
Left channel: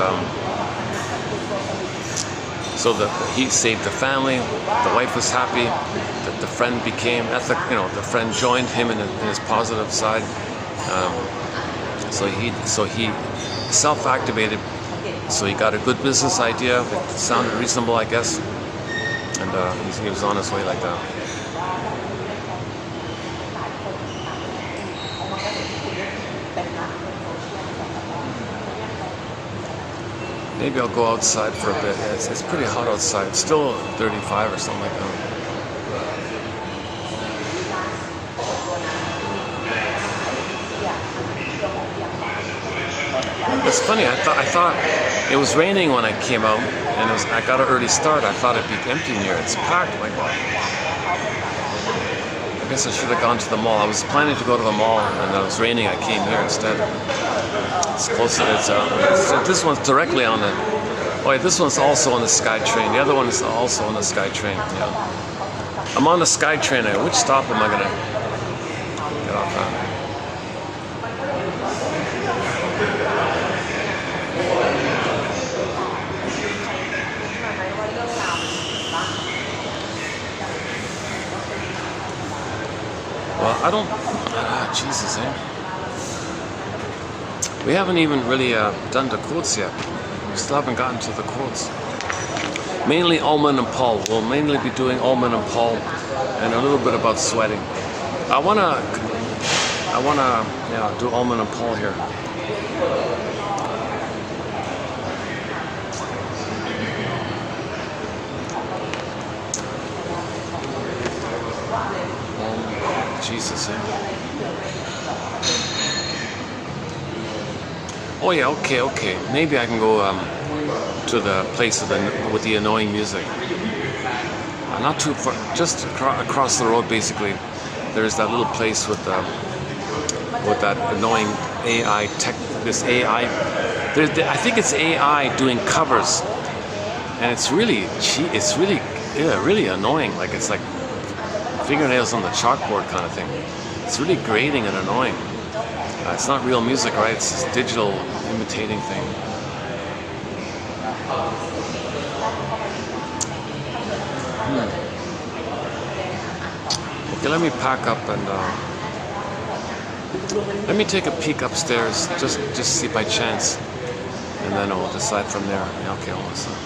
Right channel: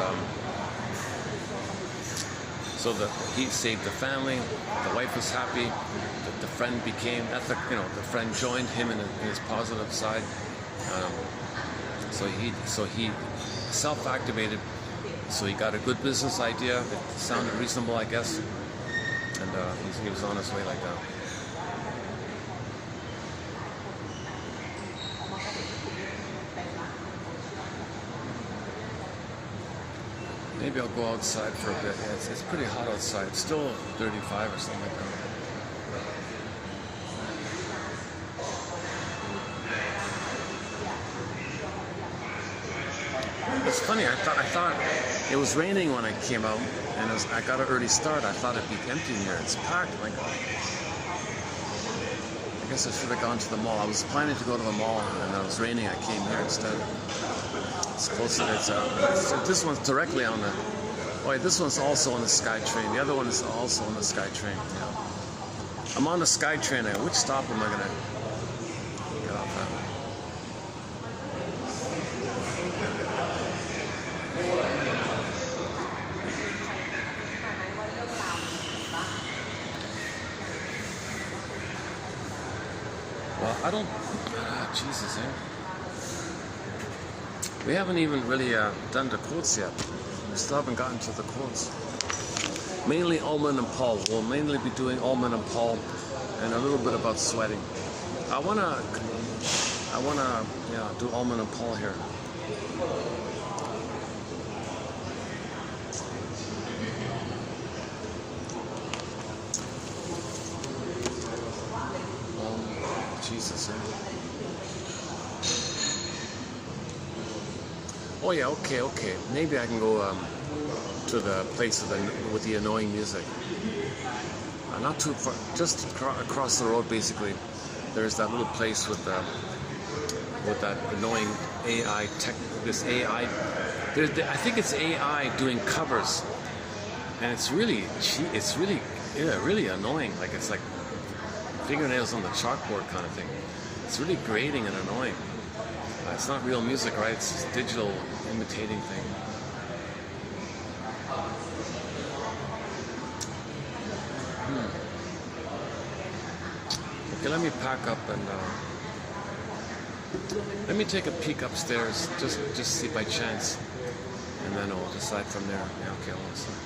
so he saved the family. The wife was happy. The friend became ethical. You know, the friend joined him in his positive side. So he self-activated. So he got a good business idea. It sounded reasonable, I guess. And he was on his way like that. Maybe I'll go outside for a bit. It's pretty hot outside. It's still 35 or something like that. It's funny. I thought it was raining when I came out, and I got an early start. I thought it'd be empty in here. It's packed. Like, I guess I should have gone to the mall. I was planning to go to the mall, and it was raining. I came here instead. It's closer. This one's directly on the. Oh, wait, this one's also on the SkyTrain. The other one is also on the SkyTrain. Yeah. I'm on the SkyTrain. Which stop am I gonna get off at? Well, I don't. Jesus, eh? We haven't even really done the quotes yet. We still haven't gotten to the quotes. Mainly Ullman and Paul. We'll mainly be doing Ullman and Paul, and a little bit about sweating. I wanna do Ullman and Paul here. Jesus, eh? Oh yeah, okay. Maybe I can go to the place with the annoying music. Not too far, just across the road. Basically, there's that little place with that annoying AI tech. This AI, I think it's AI doing covers, and it's really really annoying. Like it's like fingernails on the chalkboard kind of thing. It's really grating and annoying. It's not real music, right? It's this digital imitating thing. Yeah, let me pack up and let me take a peek upstairs, just see by chance, and then I'll decide from there. Yeah, okay, hold on a second.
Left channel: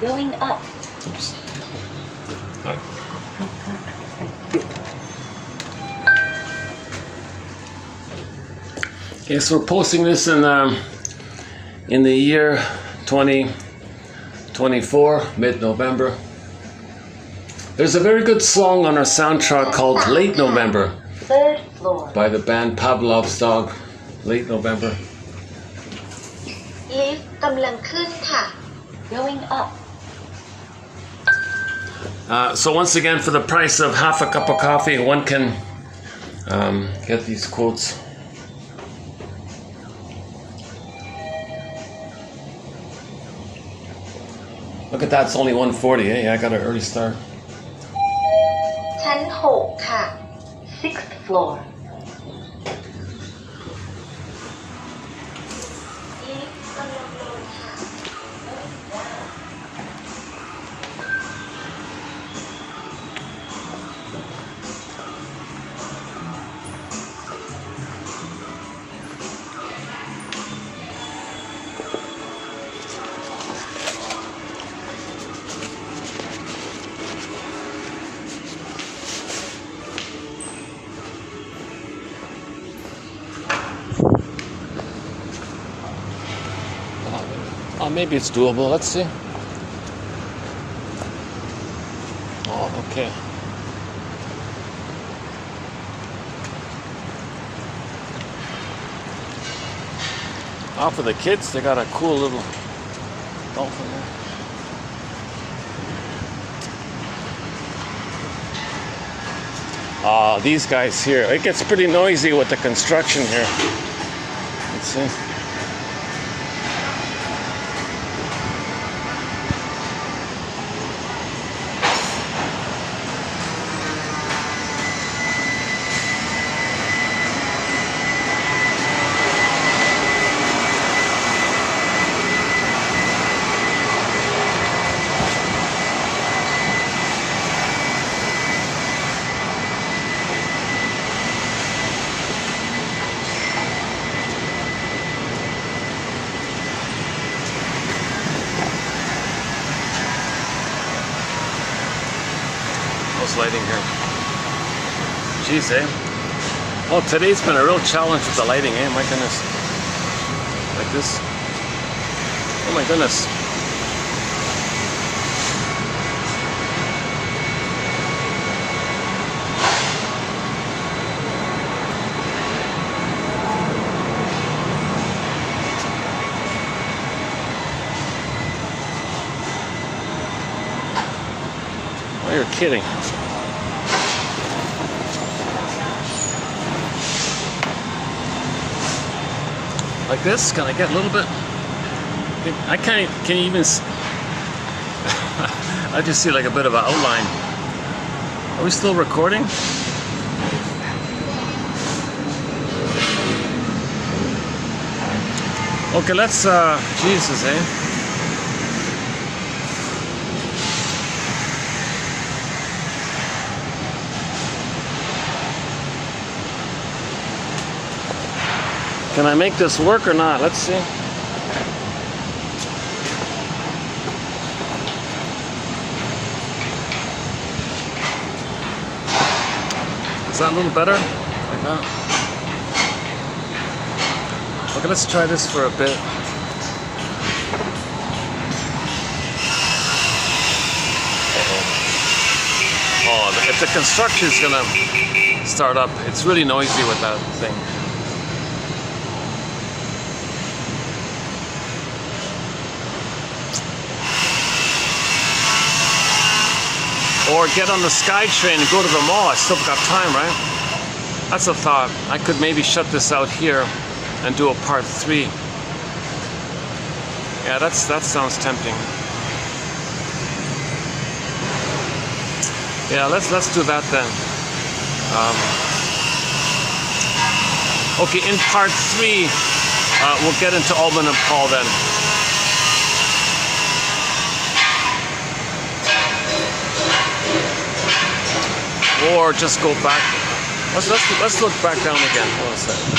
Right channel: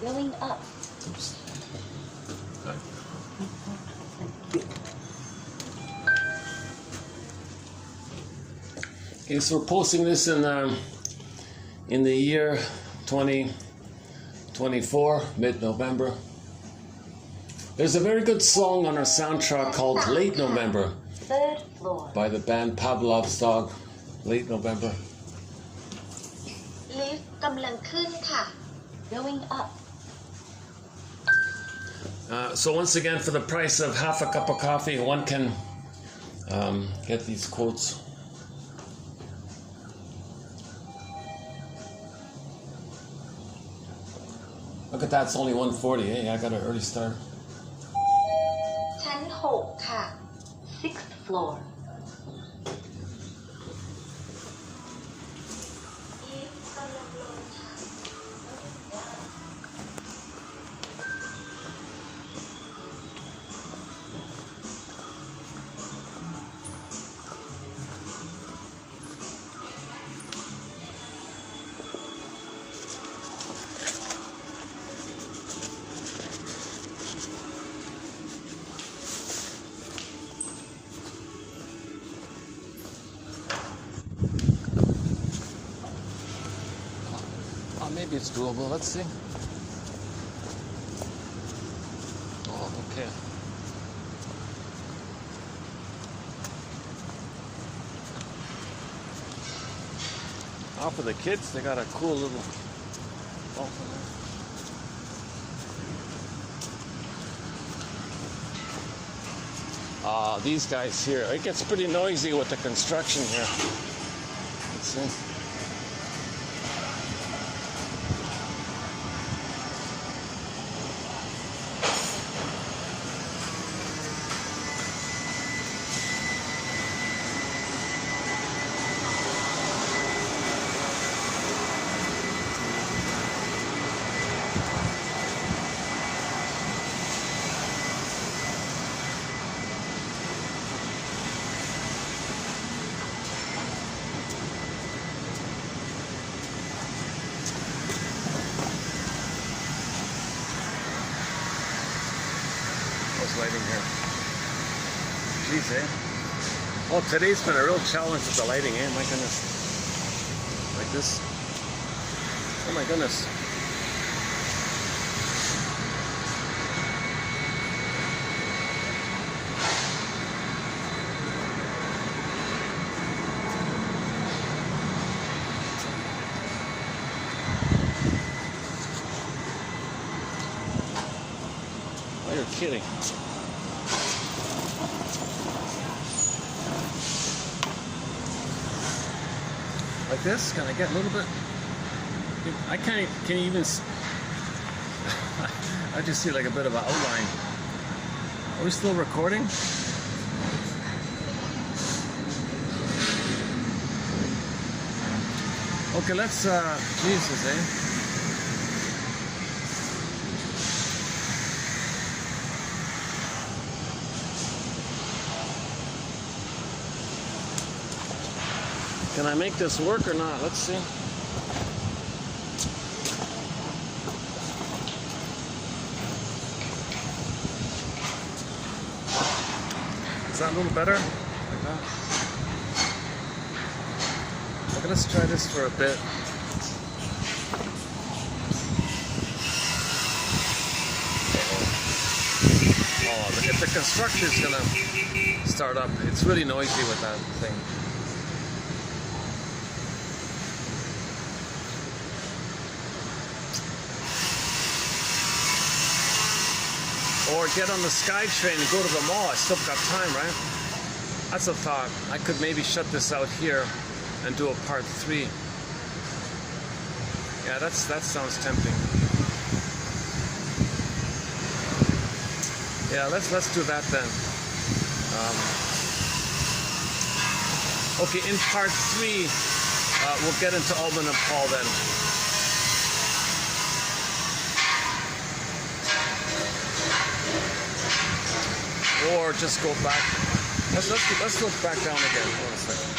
Going up. Oops. Okay, so we're posting this in the year 2024, mid-November. There's a very good song on our soundtrack called Late November 3rd floor. by the band Pavlov's Dog. Late November. Lift กำลังขึ้นค่ะ Going up. So once again, for the price of half a cup of coffee, one can get these quotes. Look at that, it's only 1:40. Hey, I got an early start. ชั้น6ค่ะ 6th floor. Maybe it's doable. Let's see. Oh, okay. For the kids, they got a cool little dolphin there. These guys here. It gets pretty noisy with the construction here. Let's see. How's lighting here? Jeez, eh? Well, today's been a real challenge with the lighting, eh? My goodness. Like this. Oh my goodness. Oh, you're kidding. Like this? Can I get a little bit? I can't. Can you even? I just see like a bit of an outline. Are we still recording? Okay, let's. Jesus, eh? Can I make this work or not? Let's see. Is that a little better? Like that? Okay, let's try this for a bit. Oh, if the construction is gonna start up, it's really noisy with that thing. Or get on the SkyTrain and go to the mall. I still got time, right? That's a thought. I could maybe shut this out here and do a part 3. Yeah, that sounds tempting. Yeah, let's do that then. Okay, in part 3, we'll get into Ullman and Paul then. Or just go back. Let's look back down again. Hold on a second.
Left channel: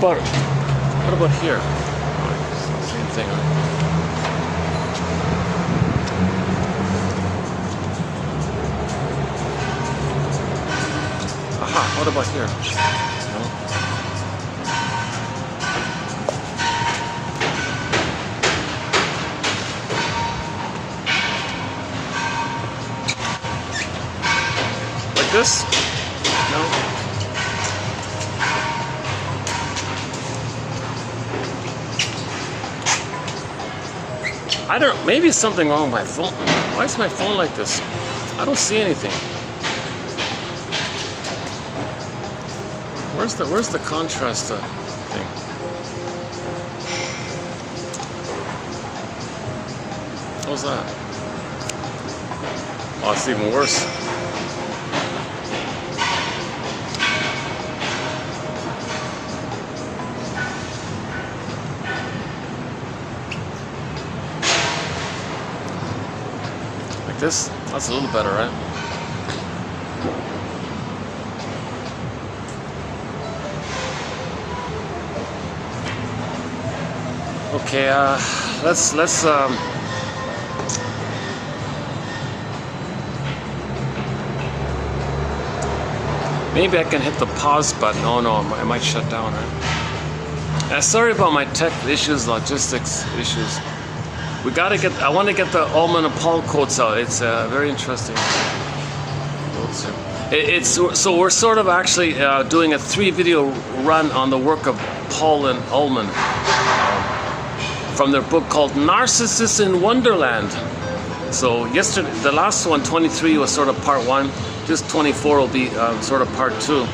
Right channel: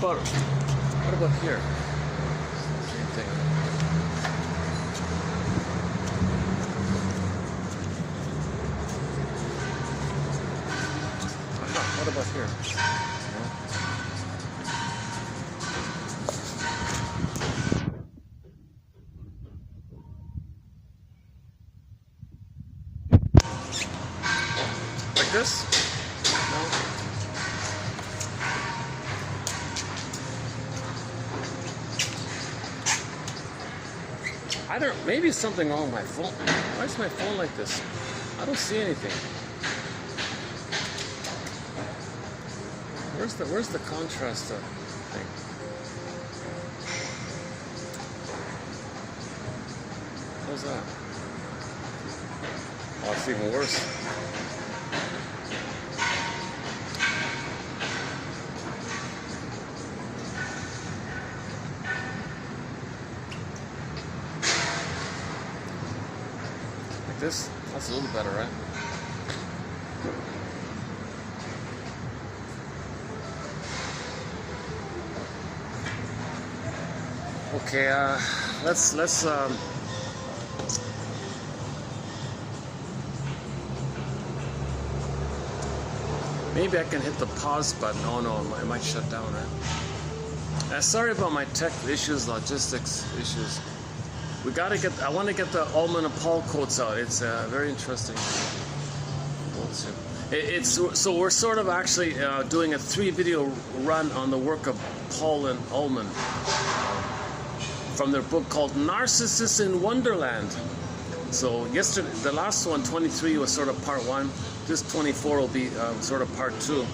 What about here? Same thing. Aha, what about here? No? Like this? No? I don't, maybe it's something wrong with my phone. Why is my phone like this? I don't see anything. Where's the contrast thing? How's that? Oh, it's even worse. This? That's a little better, right? Okay, let's maybe I can hit the pause button. Oh no, I might shut down, right? Sorry about my tech issues, logistics issues. We gotta get. I want to get the Ullman and Paul quotes out. It's very interesting. So we're sort of actually doing a 3-video run on the work of Paul and Ullman from their book called Narcissists in Wonderland. So yesterday, the last one, 23, was sort of part 1. This 24 will be sort of part 2.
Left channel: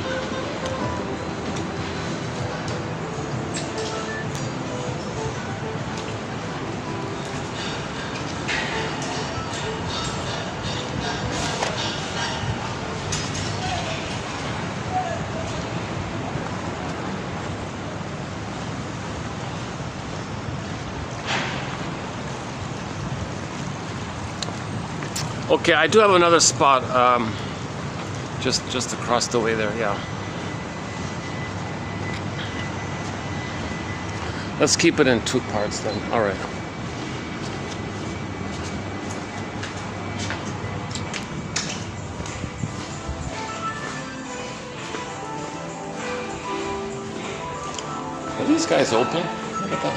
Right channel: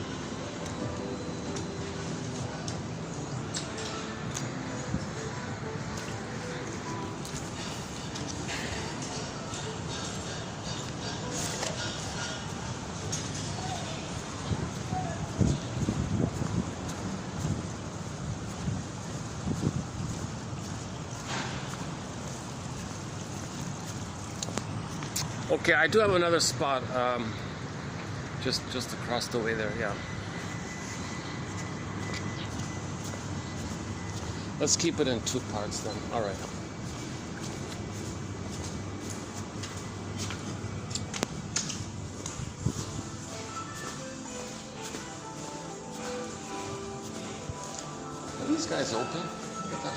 Okay, I do have another spot, just across the way there. Yeah. Let's keep it in 2 parts then. All right. Are these guys open? Look at that.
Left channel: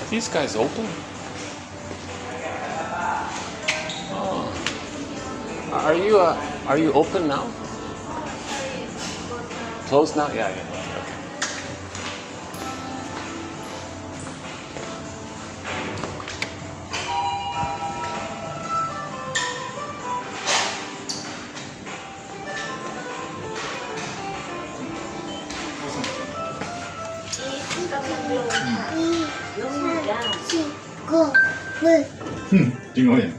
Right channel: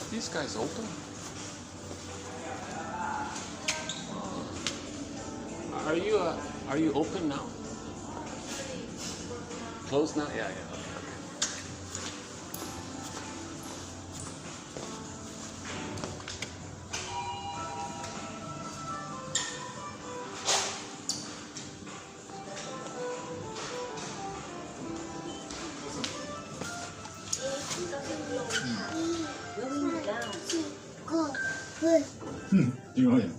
Are these guys open? Oh. Are you open now? Closed now? Yeah. 띵어인.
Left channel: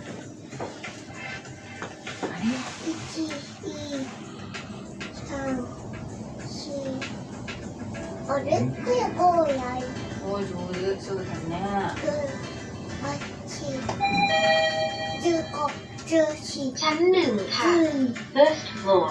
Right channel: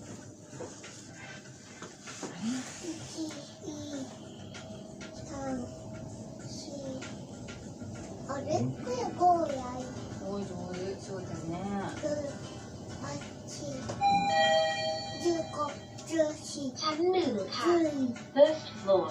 ชั้น 1 ค่ะ first floor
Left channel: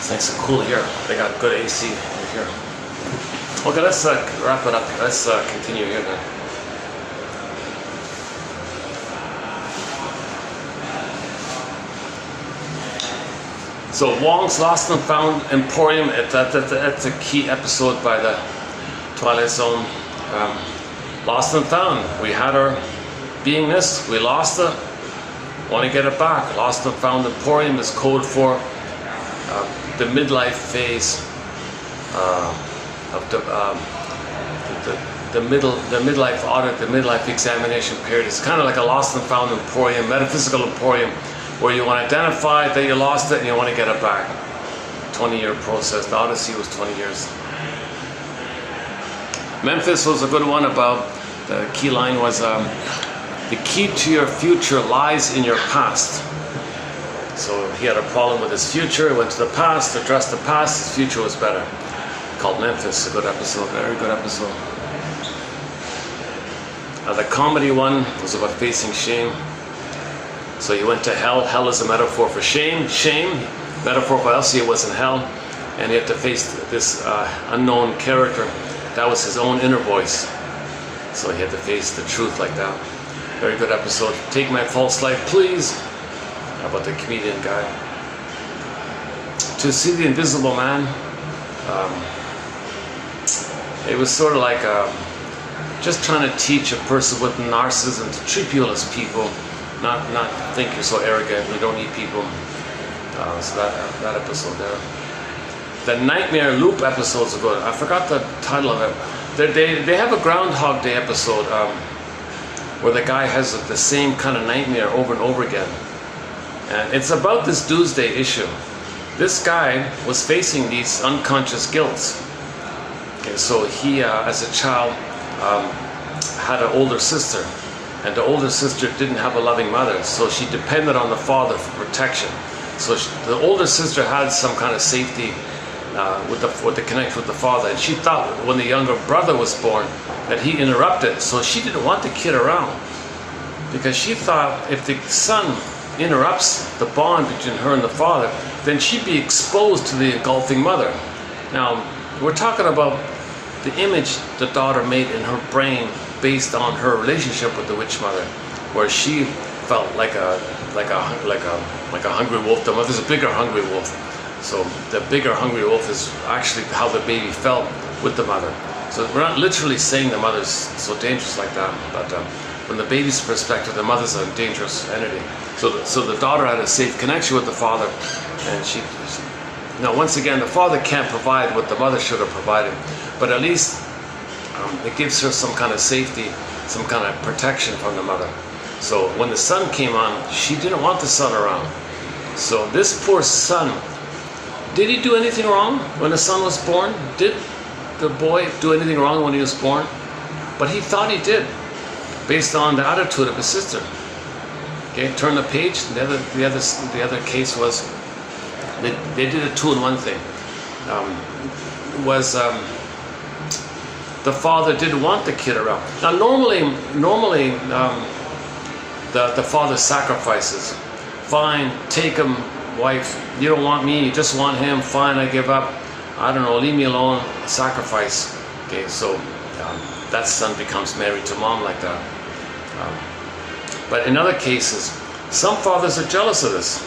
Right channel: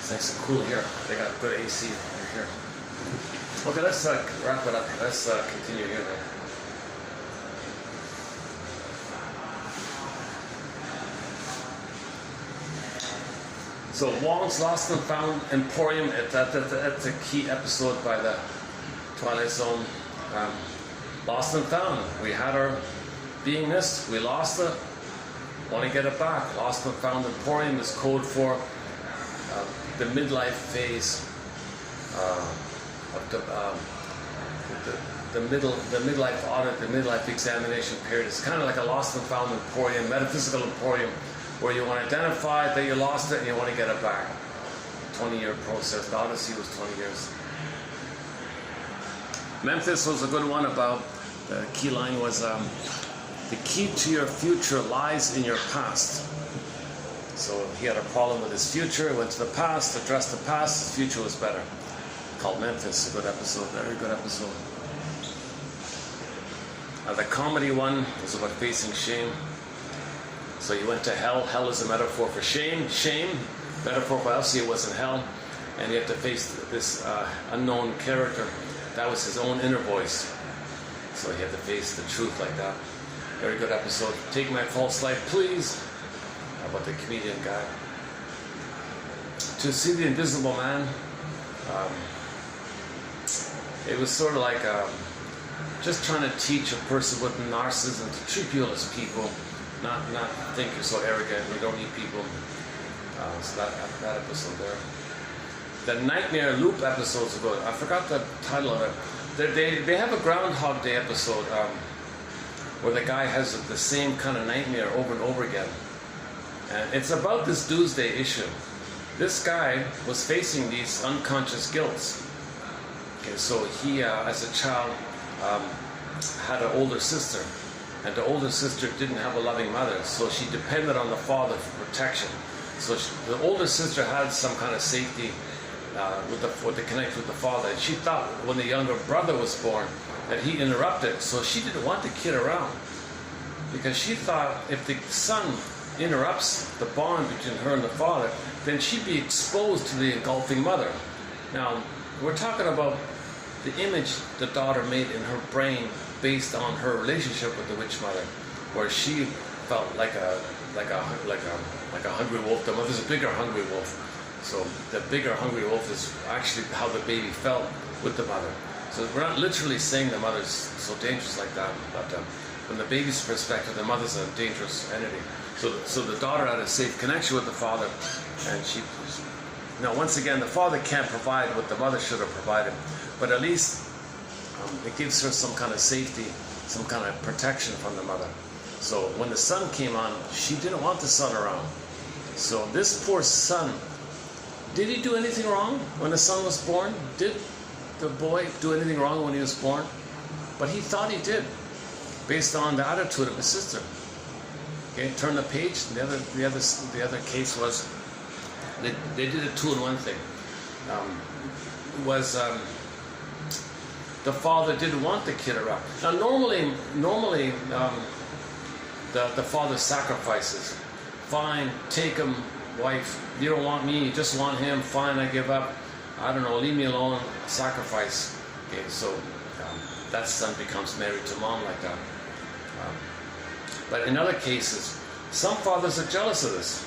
It's nice and cool here. They got good AC here. Okay, let's wrap it up. Let's continue here then. So Wong's Lost and Found Emporium, that's a key episode by the Twilight Zone. Lost and Found. We had our beingness, we lost it, want to get it back. Lost and Found Emporium is code for the midlife phase of the midlife audit, the midlife examination period. It's kind of like a lost and found emporium, metaphysical emporium, where you want to identify that you lost it and you want to get it back. 20-year process. The Odyssey was 20 years. Memphis was a good one. About the key line was the key to your future lies in your past. So he had a problem with his future, he went to the past, addressed the past, his future was better. Called Memphis, a good episode, very good episode. The comedy one was about facing shame. So he went to hell. Hell is a metaphor for shame. Shame, metaphor for else he was in hell. And he had to face this unknown character. That was his own inner voice. So he had to face the truth like that. Very good episode. Take My False Life, Please. How about the comedian guy? To See the Invisible Man. It was sort of like just trying to teach a person with narcissism to treat people as people, not think you're so arrogant, you don't need people. So that episode there. The Nightmare Loop episodes are good. I forgot the title of it. They have a Groundhog Day episode where the guy has the same kind of nightmare over and over again. And it's about this doomsday issue. This guy was facing these unconscious guilts. Okay, so he, as a child, had an older sister, and the older sister didn't have a loving mother, so she depended on the father for protection. So the older sister had some kind of safety with the connection with the father, and she thought when the younger brother was born that he interrupted, so she didn't want the kid around, because she thought if the son interrupts the bond between her and the father, then she'd be exposed to the engulfing mother. Now, we're talking about the image the daughter made in her brain based on her relationship with the witch mother, where she felt like a hungry wolf. The mother's a bigger hungry wolf. So the bigger hungry wolf is actually how the baby felt with the mother. So we're not literally saying the mother's so dangerous like that, but from the baby's perspective, the mother's a dangerous entity. So the daughter had a safe connection with the father, and she now once again, the father can't provide what the mother should have provided, but at least it gives her some kind of safety, some kind of protection from the mother. So when the son came on, she didn't want the son around. So this poor son, did he do anything wrong when the son was born? Did the boy do anything wrong when he was born? But he thought he did, based on the attitude of his sister. Okay, turn the page. The other case was they did a 2-in-1 thing. The father didn't want the kid around. Now normally the father sacrifices. Fine, take him, wife. You don't want me, you just want him. Fine, I give up. I don't know, leave me alone. Sacrifice. Okay, so that son becomes married to mom like that. But in other cases, some fathers are jealous of this.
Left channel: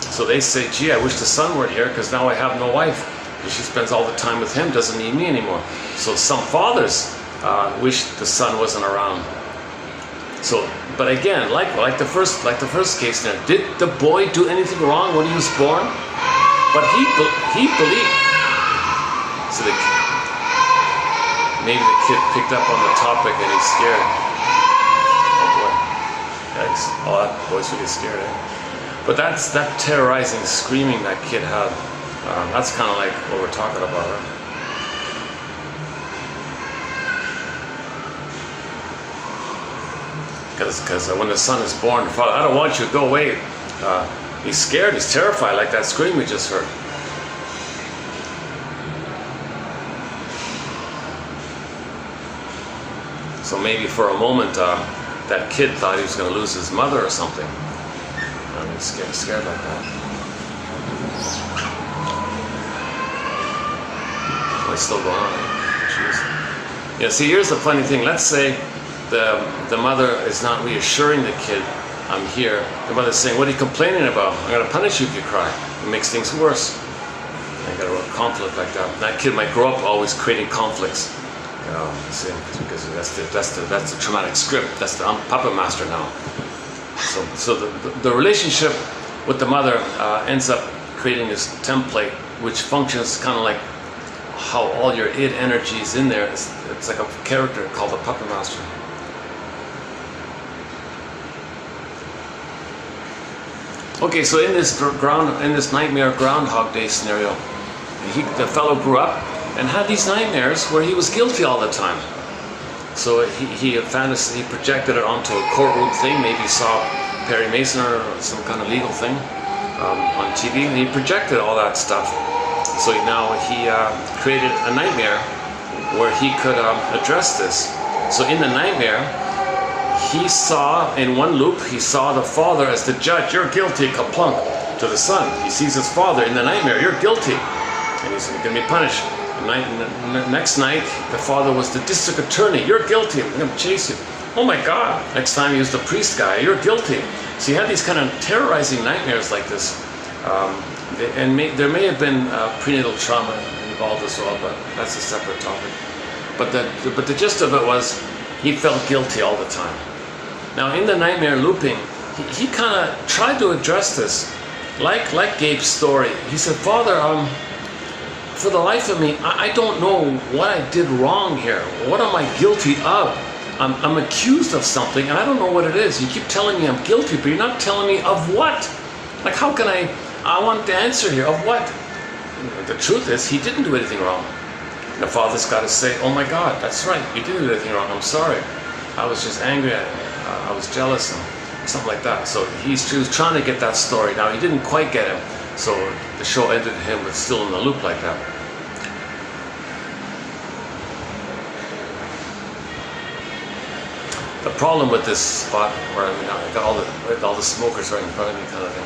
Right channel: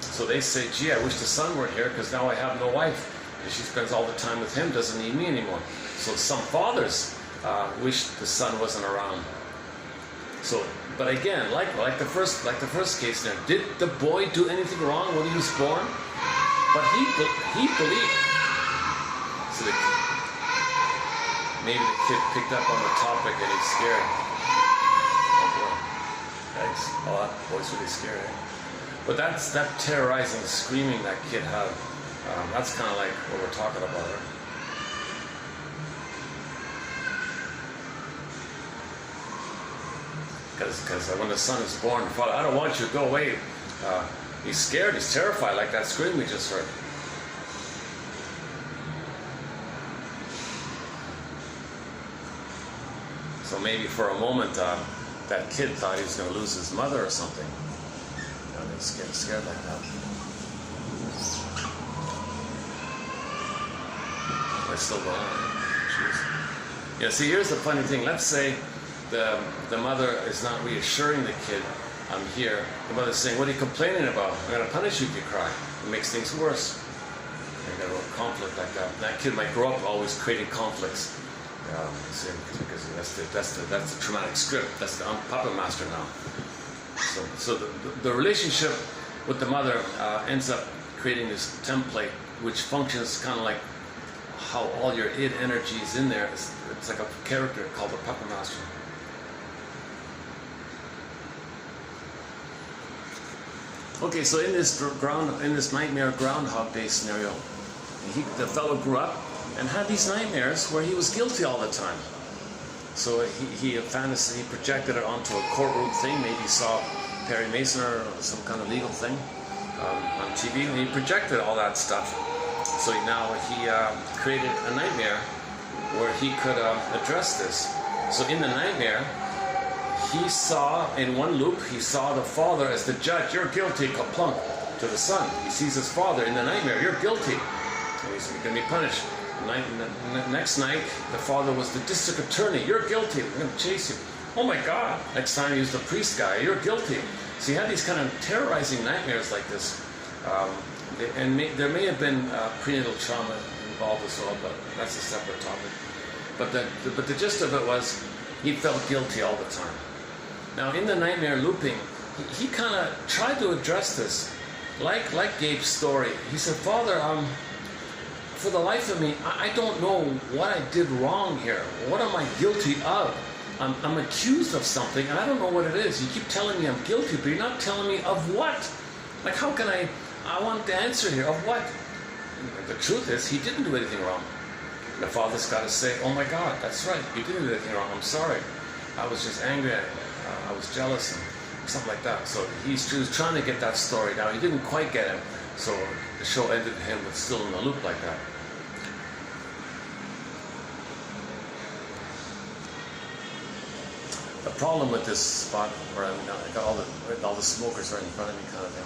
So they say, gee, I wish the son weren't here because now I have no wife. She spends all the time with him, doesn't need me anymore. So some fathers wish the son wasn't around. So, but again, like the first case there, did the boy do anything wrong when he was born? But he believed. So maybe the kid picked up on the topic and he's scared. Oh boy, yikes! Oh, that boy's really scared. Eh? But that's that terrorizing screaming that kid had. That's kind of like what we're talking about, right? Because when the son is born, the father, I don't want you to go away. He's scared, he's terrified, like that scream we just heard. So maybe for a moment, that kid thought he was going to lose his mother or something. And he's scared like that. It's still going on. Jeez. Yeah, see, here's the funny thing. Let's say the mother is not reassuring the kid, I'm here. The mother's saying, what are you complaining about? I'm going to punish you if you cry. It makes things worse. I got a real conflict like that. That kid might grow up always creating conflicts. You know, see, because that's the traumatic script. I'm puppet master now. So the relationship with the mother ends up creating this template, which functions kind of like how all your id energy is in there. It's like a character called the puppet master. Okay, so in this nightmare Groundhog Day scenario, the fellow grew up and had these nightmares where he was guilty all the time. So he projected it onto a courtroom thing. Maybe saw Perry Mason or some kind of legal thing on TV, and he projected all that stuff. So now he created a nightmare where he could address this. So in the nightmare, he saw, in one loop, he saw the father as the judge. You're guilty, kaplunk, to the son. He sees his father in the nightmare. You're guilty. And he's going to be punished. Next night, the father was the district attorney. You're guilty. I'm going to chase you. Oh my God. Next time he was the priest guy. You're guilty. So he had these kind of terrorizing nightmares like this. There may have been prenatal trauma involved as well, but that's a separate topic. But the gist of it was he felt guilty all the time. Now in the nightmare looping, he kind of tried to address this, like Gabe's story. He said, Father, for the life of me, I don't know what I did wrong here. What am I guilty of? I'm accused of something, and I don't know what it is. You keep telling me I'm guilty, but you're not telling me of what. Like, how can I want the answer here. Of what? The truth is, he didn't do anything wrong. And the father's got to say, oh my God, that's right, you didn't do anything wrong. I'm sorry. I was just angry at him. I was jealous and something like that. So he was trying to get that story. Now, he didn't quite get him. So the show ended him with still in the loop like that. The problem with this spot where I got all the smokers right in front of me, kind of thing.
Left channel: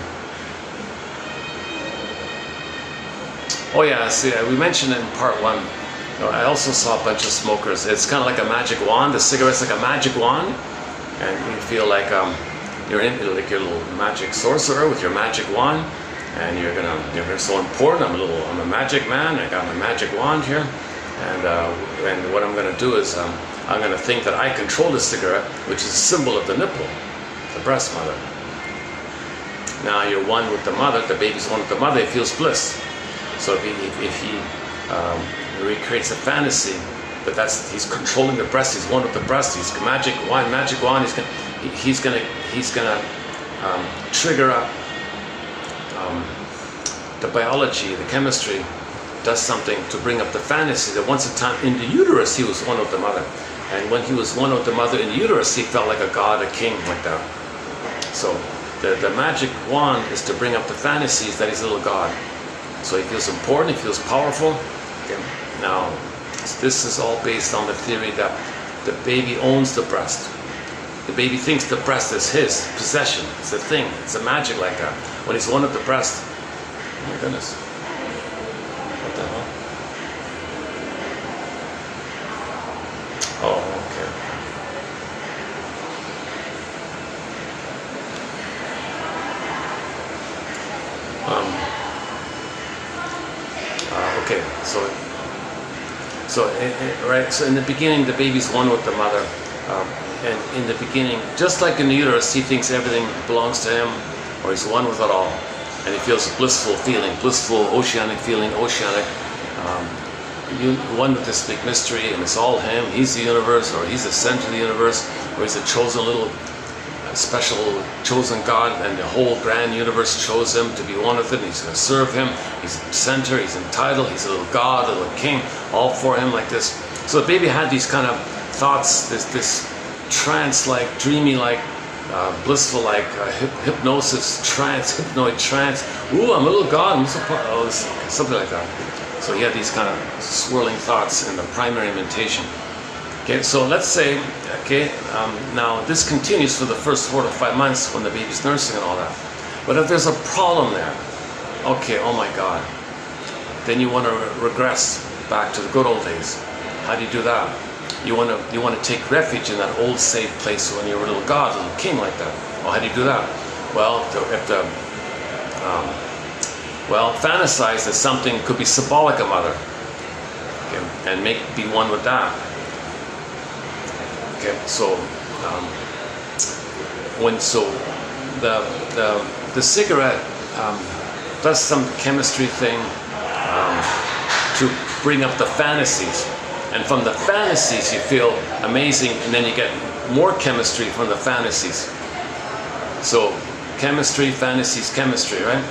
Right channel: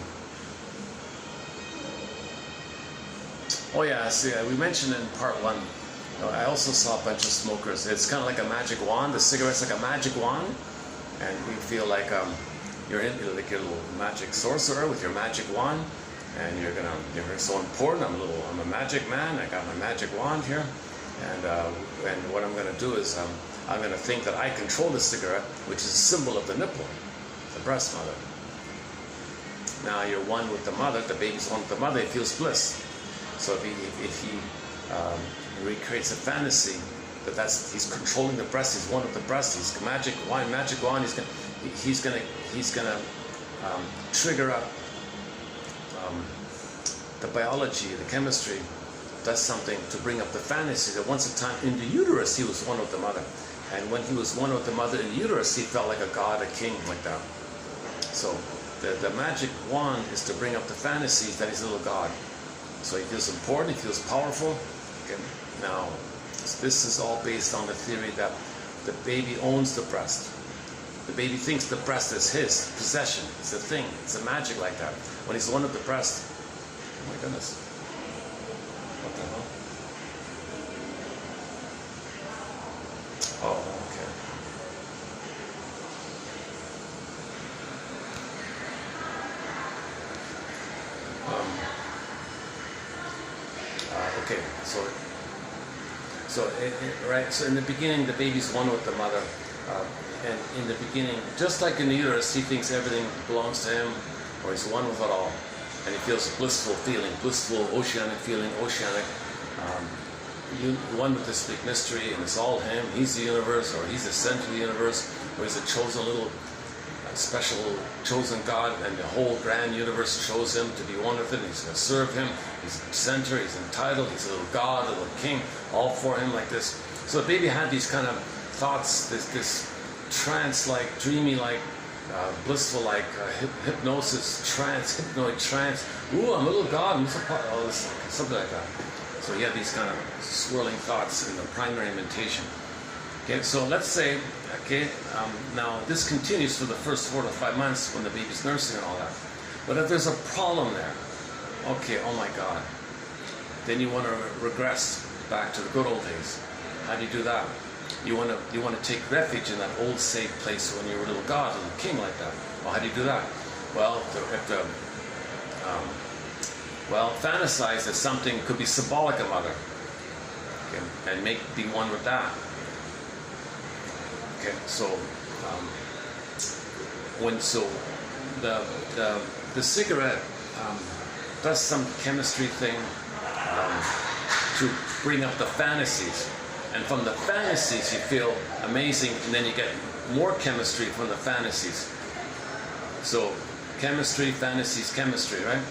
Oh yeah, see, we mentioned in part 1. I also saw a bunch of smokers. It's kind of like a magic wand. The cigarette's like a magic wand, and you feel like you're in like your little magic sorcerer with your magic wand, and you're so important. I'm a magic man. I got my magic wand here, and what I'm gonna do is I'm gonna think that I control the cigarette, which is a symbol of the nipple, the breast mother. Now you're one with the mother. The baby's one with the mother. He feels bliss. So if he recreates a fantasy, but he's controlling the breast. He's one with the breast. He's magic wand. He's gonna trigger up the biology, the chemistry, does something to bring up the fantasy that once a time in the uterus he was one with the mother, and when he was one with the mother in the uterus, he felt like a god, a king, like that. So the magic wand is to bring up the fantasies that he's a little god. So he feels important. He feels powerful. Okay. Now, this is all based on the theory that the baby owns the breast. The baby thinks the breast is his possession. It's a thing. It's a magic like that. When he's one with the breast, oh my goodness. What the hell? Oh, okay. Okay, so in the beginning, the baby's one with the mother, and in the beginning, just like in the uterus, he thinks everything belongs to him, or he's one with it all, and he feels a blissful feeling, blissful, oceanic feeling, one with this big mystery, and it's all him. He's the universe, or he's the center of the universe, or he's a chosen little special chosen God, and the whole grand universe chose him to be one with it, and he's going to serve him. He's center, he's entitled, he's a little god, a little king, all for him like this. So the baby had these kind of thoughts, this trance-like, dreamy-like, blissful-like, hypnosis, trance, hypnoid trance. Ooh, I'm a little god, I'm so something like that. So he had these kind of swirling thoughts in the primary mentation. Okay, so let's say, now this continues for the first 4 to 5 months when the baby's nursing and all that. But if there's a problem there, okay, oh my God, then you want to regress back to the good old days. How do you do that? You want to take refuge in that old safe place when you were a little god, a little king like that. Well, how do you do that? Well, fantasize that something could be symbolic of mother, okay, and be one with that. Okay, so the cigarette does some chemistry thing to bring up the fantasies, and from the fantasies you feel amazing, and then you get more chemistry from the fantasies. So chemistry, fantasies, chemistry, right?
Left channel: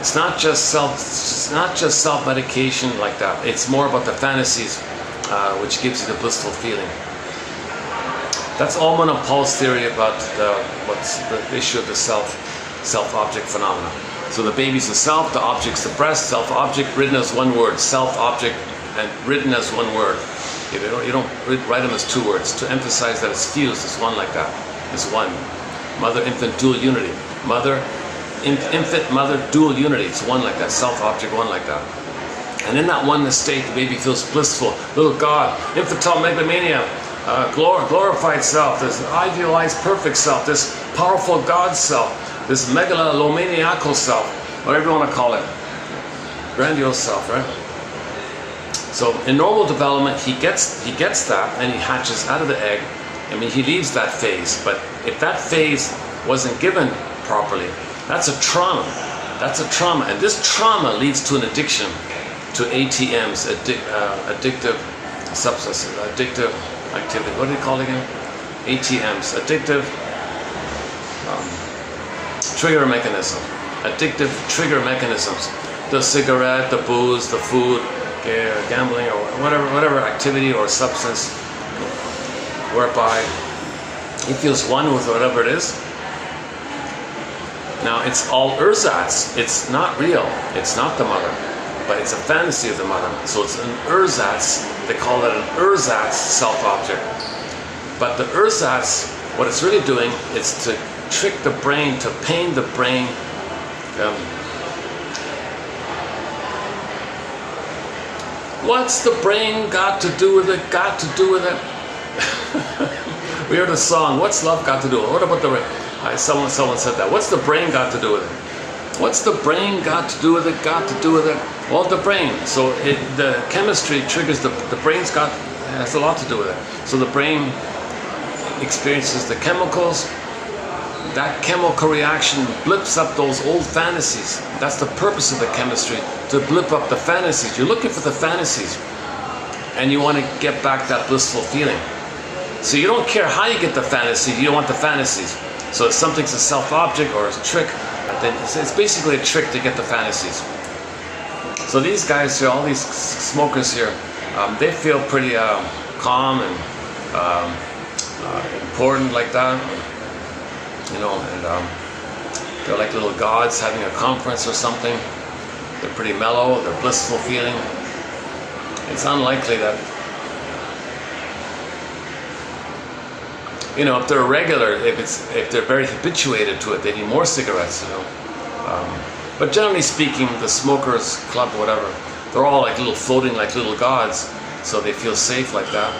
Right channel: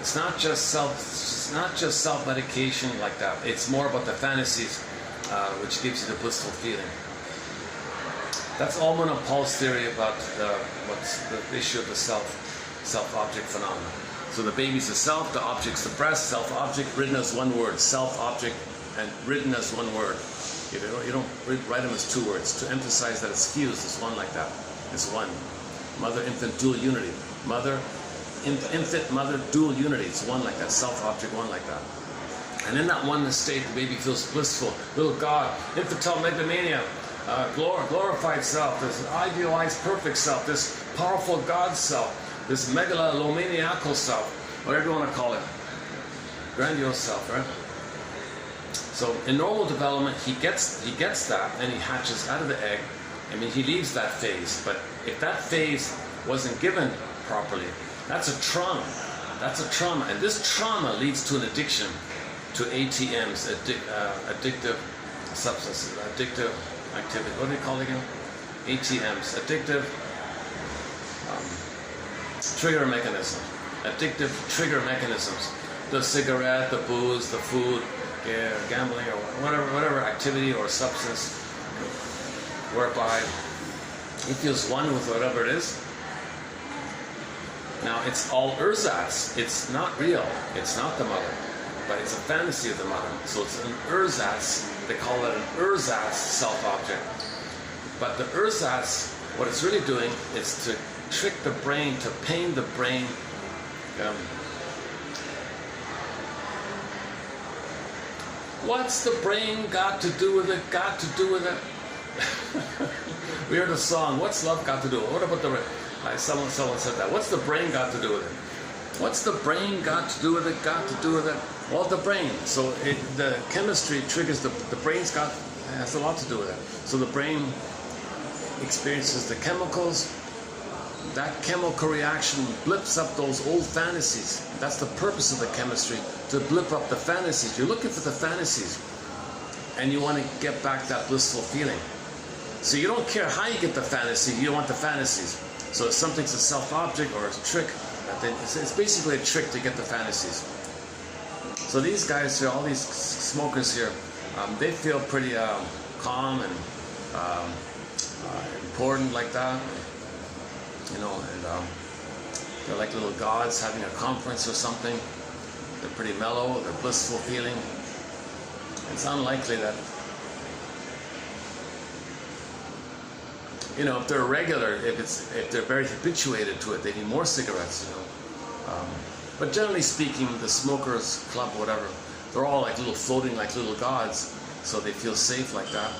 It's not just self-medication like that. It's more about the fantasies, which gives you the blissful feeling. That's all in Paul's theory about what's the issue of the self-object phenomena. So the baby's the self, the object's the breast, self-object written as one word, self-object and written as one word. You don't write them as two words to emphasize that it's fused as one like that. It's one. Mother-infant dual unity. Infant, mother, dual unity. It's one like that. Self-object, one like that. And in that oneness state, the baby feels blissful. Little God, infantile megalomania, glorified self, this idealized perfect self, this powerful God self, this megalomaniacal self, whatever you want to call it. Grandiose self, right? So in normal development, he gets that, and he hatches out of the egg. I mean, he leaves that phase, but if that phase wasn't given properly, that's a trauma. That's a trauma, and this trauma leads to an addiction to ATMs, addictive substances, addictive activity. What do they call it again? ATMs, addictive trigger mechanism. Addictive trigger mechanisms. The cigarette, the booze, the food, or gambling, or whatever activity or substance whereby he feels one with whatever it is. Now it's all ersatz. It's not real. It's not the mother, but it's a fantasy of the mother. So it's an ersatz. They call it an ersatz self-object. But the ersatz What it's really doing is to trick the brain, to pain the brain. What's the brain got to do with it? Got to do with it? We heard a song, what's love got to do with it? What about the brain? Someone said that. What's the brain got to do with it? What's the brain got to do with it? Got to do with it? Well, the brain. So the chemistry triggers the brain's got, has a lot to do with it. So the brain experiences the chemicals. That chemical reaction blips up those old fantasies. That's the purpose of the chemistry, to blip up the fantasies. You're looking for the fantasies, and you want to get back that blissful feeling. So you don't care how you get the fantasy, you don't want the fantasies. So if something's a self-object or a trick, then it's basically a trick to get the fantasies. So these guys here, all these smokers here, they feel pretty calm and important like that. You know, and they're like little gods having a conference or something. They're pretty mellow, they're blissful feeling. It's unlikely that, you know, if they're regular, if they're very habituated to it, they need more cigarettes, you know. But generally speaking, the smokers club, whatever, they're all like little floating like little gods, so they feel safe like that.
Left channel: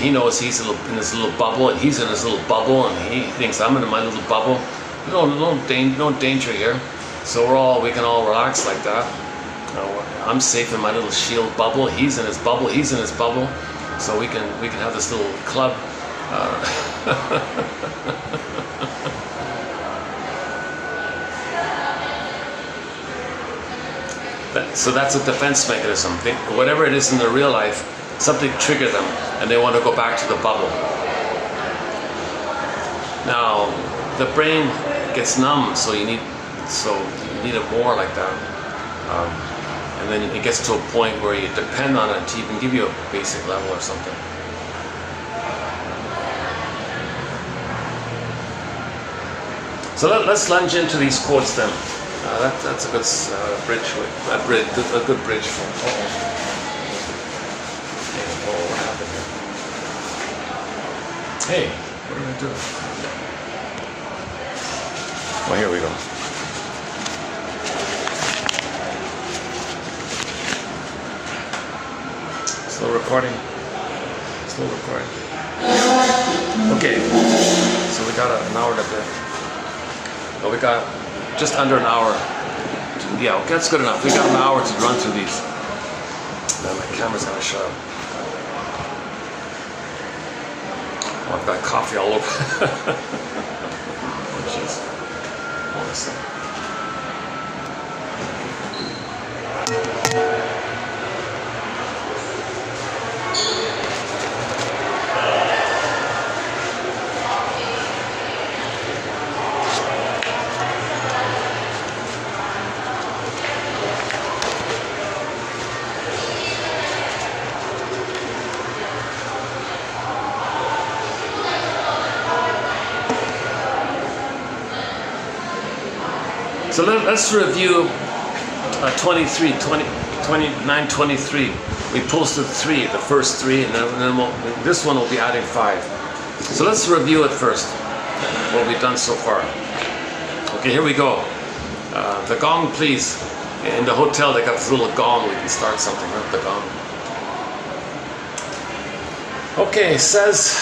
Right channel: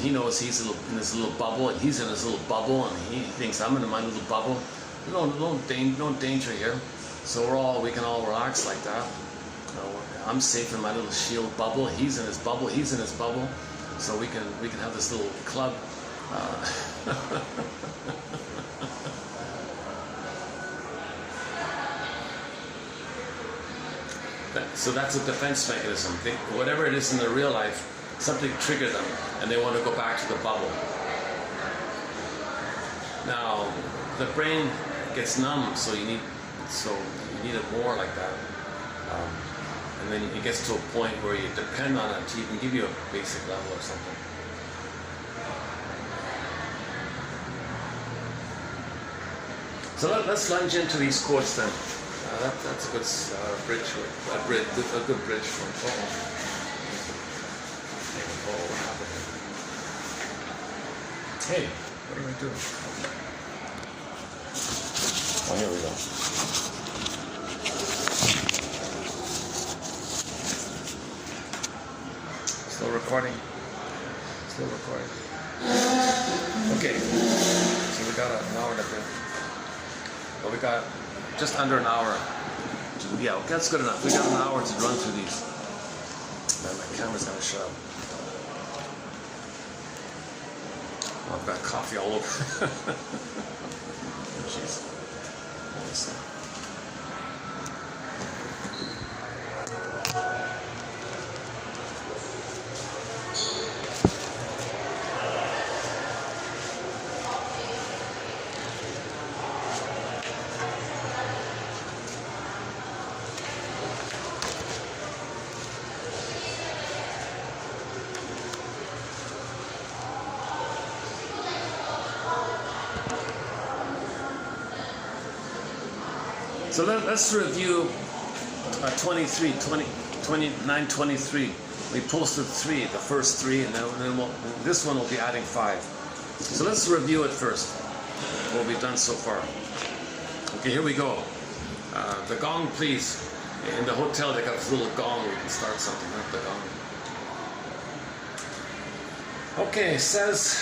He knows he's in his little bubble, and he's in his little bubble, and he thinks I'm in my little bubble. No danger here. So we can all relax like that. You know, I'm safe in my little shield bubble. He's in his bubble. He's in his bubble. So we can have this little club. So that's a defense mechanism. Whatever it is in their real life, something triggered them, and they want to go back to the bubble. Now, the brain gets numb, so you need it more like that. And then it gets to a point where you depend on it to even give you a basic level or something. So let's lunge into these quotes then. That's a good bridge. A good bridge for. Hey, what are we doing? Well, here we go. Still recording. Still recording. Okay, so we got an hour to go. But we got just under an hour. Yeah, okay, that's good enough. We got an hour to run through these. Now my camera's gonna shut up. Oh, I've got coffee all over. Oh, jeez. Honestly. So let's review 2923. We posted 3, the first 3, and then this one will be adding 5. So let's review it first, what we've done so far. Okay, here we go. The gong, please. In the hotel, they got this little gong. We can start something with the gong. Okay, says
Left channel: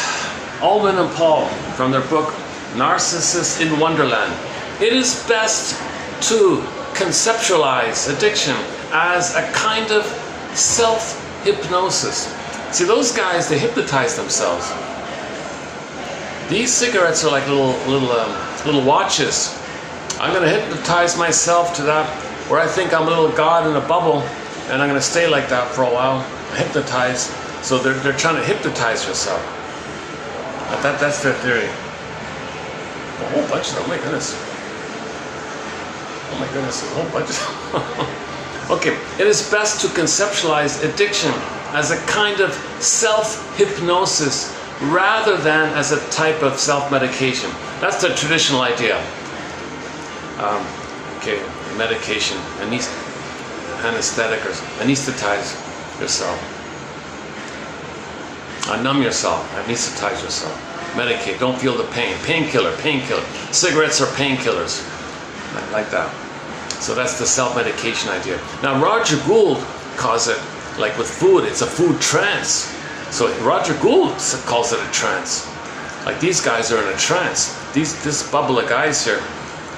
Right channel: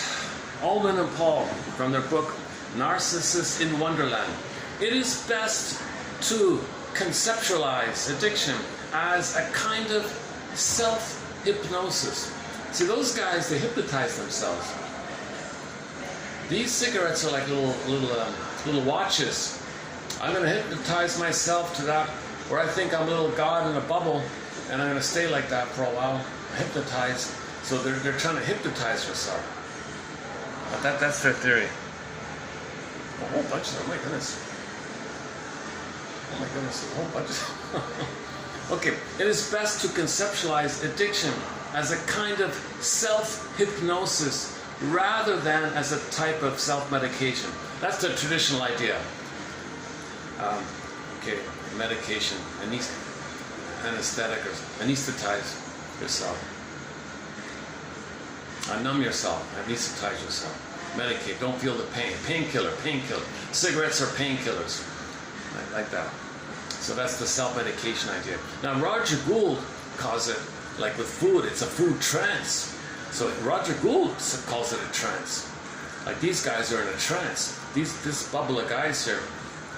Ullman and Paul from their book, Narcissus in Wonderland. It is best to conceptualize addiction as a kind of self-hypnosis. See, those guys, they hypnotize themselves. These cigarettes are like little watches. I'm going to hypnotize myself to that, where I think I'm a little god in a bubble, and I'm going to stay like that for a while, hypnotize. So they're trying to hypnotize yourself. That's their theory. A whole bunch of them, oh my goodness. Oh my goodness, a whole bunch of them. Okay, it is best to conceptualize addiction as a kind of self-hypnosis rather than as a type of self-medication. That's the traditional idea. Okay, medication, anesthetic or anesthetize yourself. Numb yourself, anesthetize yourself. medicate, don't feel the pain. Painkiller, painkiller. Cigarettes are painkillers. Like that. So that's the self-medication idea. Now Roger Gould calls it, like with food, it's a food trance. So Roger Gould calls it a trance. Like these guys are in a trance. This bubble of guys here,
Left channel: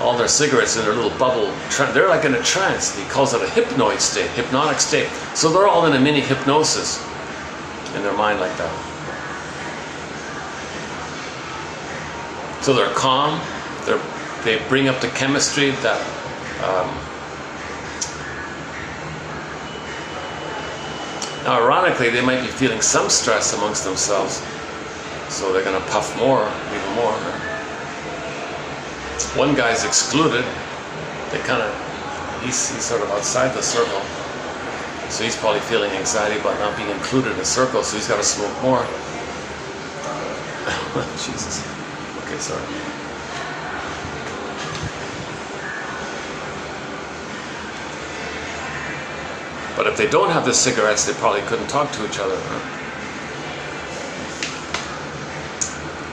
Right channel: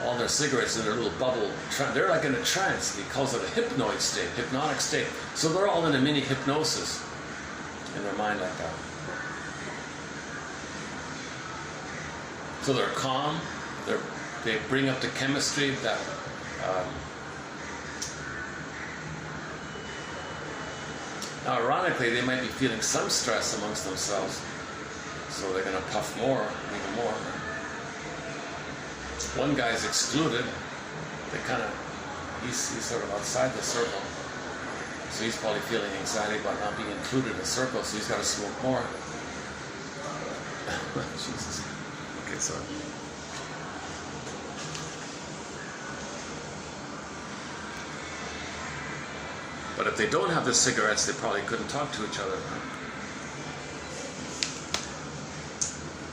all their cigarettes in their little bubble, they're like in a trance. He calls it a hypnoid state, hypnotic state. So they're all in a mini hypnosis in their mind like that. So they're calm, they bring up the chemistry that now ironically they might be feeling some stress amongst themselves, so they're going to puff more, even more. One guy's excluded, he's sort of outside the circle, so he's probably feeling anxiety about not being included in the circle, so he's got to smoke more. Jesus. Okay, sorry. But if they don't have the cigarettes, they probably couldn't talk to each other.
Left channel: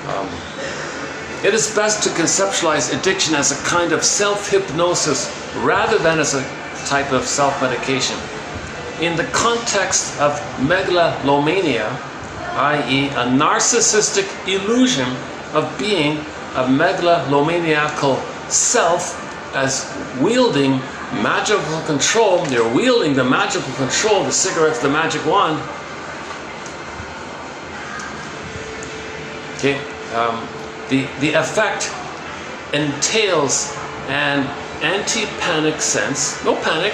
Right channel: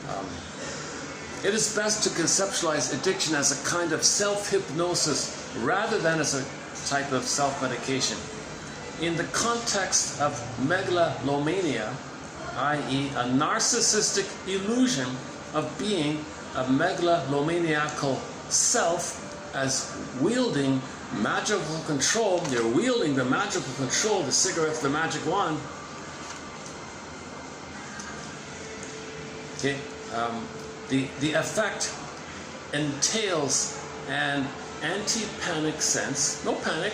Huh? It is best to conceptualize addiction as a kind of self-hypnosis rather than as a type of self-medication. In the context of megalomania, i.e. a narcissistic illusion of being a megalomaniacal self as wielding magical control, you're wielding the magical control, the cigarette's the magic wand. Okay, the effect entails an anti-panic sense, no panic,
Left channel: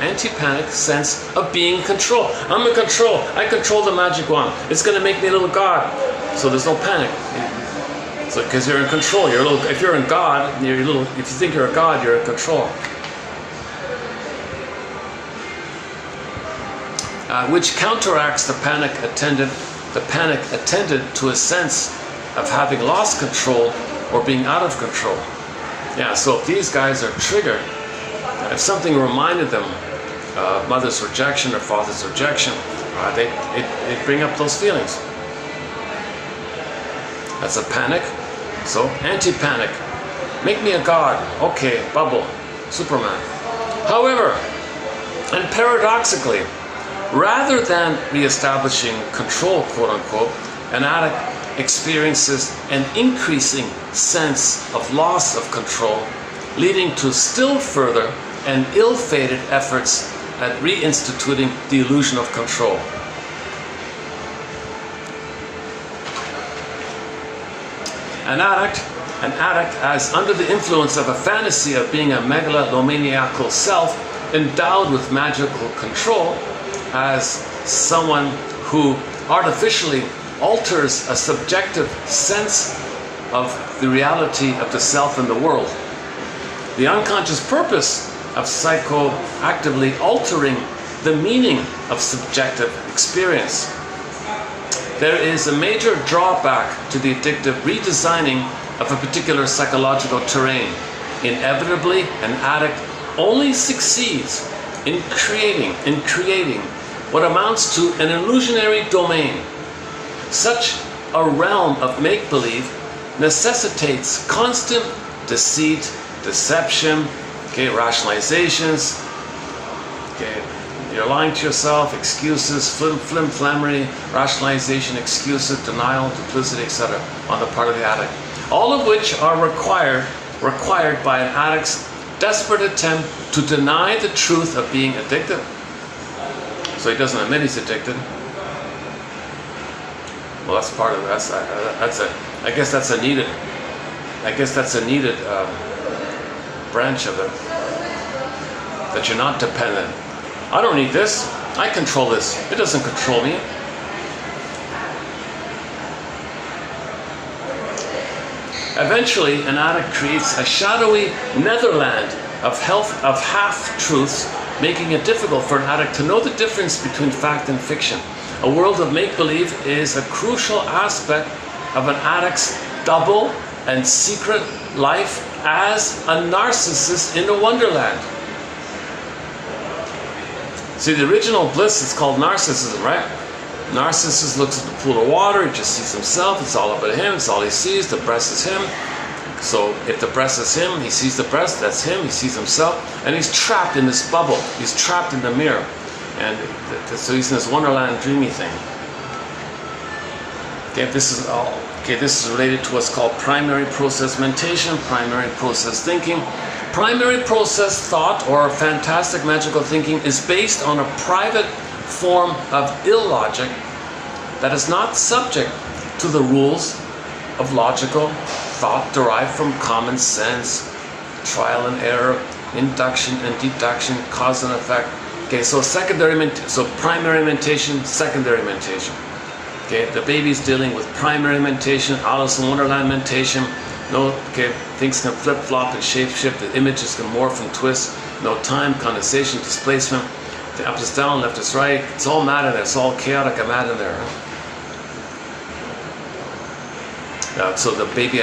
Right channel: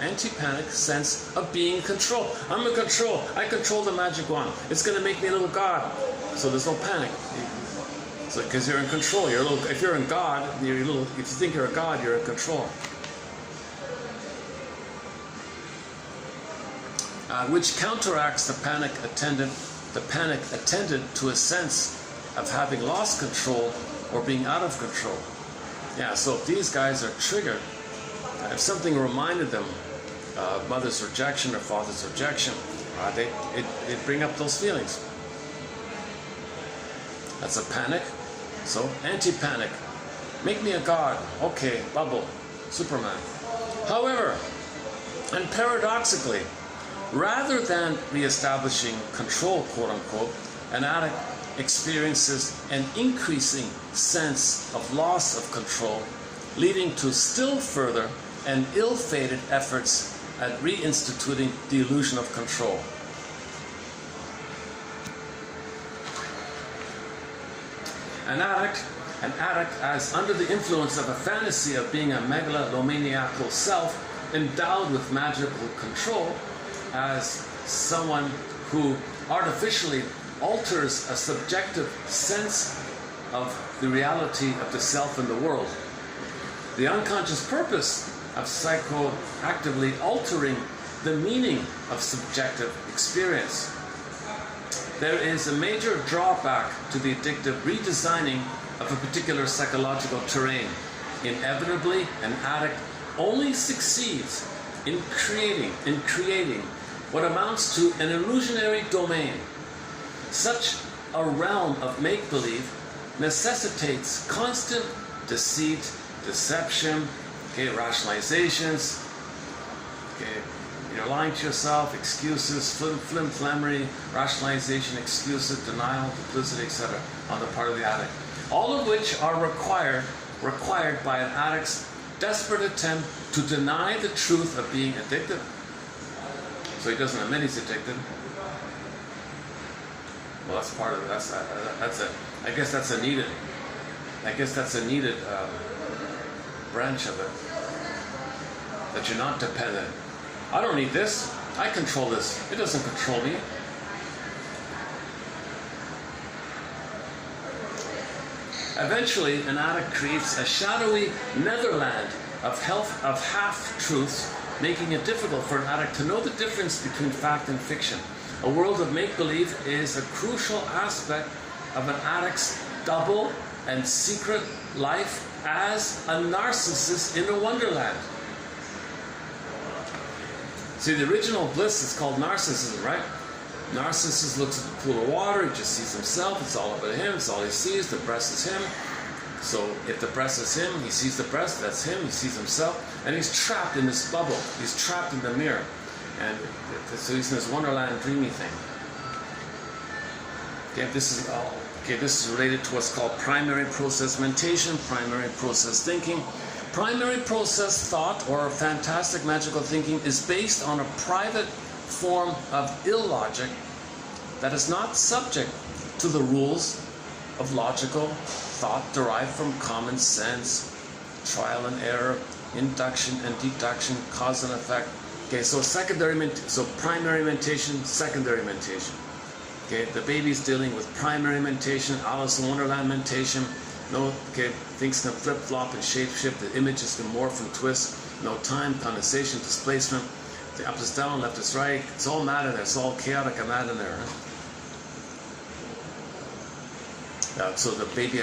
anti-panic sense of being in control. I'm in control. I control the magic wand. It's going to make me a little god. So there's no panic. So because you're in control, you're a little. If you're in God, you're a little. If you think you're a god, you're in control. Which counteracts the panic attendant to a sense of having lost control or being out of control. Yeah. So if these guys are triggered, if something reminded them mother's rejection or father's rejection, it bring up those feelings. That's a panic. So anti-panic. Make me a god. Okay, bubble. Superman. However, and paradoxically, rather than reestablishing control, quote unquote, an addict experiences an increasing sense of loss of control, leading to still further and ill-fated efforts at reinstituting the illusion of control. An addict, as under the influence of a fantasy of being a megalomaniacal self endowed with magical control, as someone who artificially alters a subjective sense of the reality of the self and the world. The unconscious purpose of psychoactively altering the meaning of subjective experience. There is a major drawback to the addictive redesigning of a particular psychological terrain. Inevitably, an addict only succeeds in creating what amounts to an illusionary domain. Such a realm of make-believe necessitates constant deceit, deception, rationalizations, you're lying to yourself, excuses, flim-flammery, rationalization, excuses, denial, duplicity, etc. on the part of the addict. All of which are required by an addict's desperate attempt to deny the truth of being addicted. So he doesn't admit he's addicted. Well, that's part of it. I guess that's a needed branch of it. That you're not dependent. I don't need this. I control this. It doesn't control me. Eventually, an addict creates a shadowy netherland of half-truths, making it difficult for an addict to know the difference between fact and fiction. A world of make-believe is a crucial aspect of an addict's double and secret life as a narcissist in a wonderland. See, the original bliss is called narcissism, right? Narcissist looks at the pool of water, he just sees himself, it's all about him, it's all he sees, the breast is him. So if the breast is him, he sees the breast, that's him, he sees himself, and he's trapped in this bubble, he's trapped in the mirror. And so he's in this wonderland dreamy thing. Okay, this is related to what's called primary process mentation, primary process thinking. Primary process thought or fantastic magical thinking is based on a private form of illogic that is not subject to the rules of logical thought derived from common sense, trial and error, induction and deduction, cause and effect. Okay, so primary mentation, secondary mentation. Okay, the baby's dealing with primary mentation, Alice in Wonderland mentation. No, okay, things can flip-flop and shape-shift, the images can morph and twist. No time, condensation, displacement. The up is down, left is right. It's all mad in there. It's all chaotic and mad in there. So the baby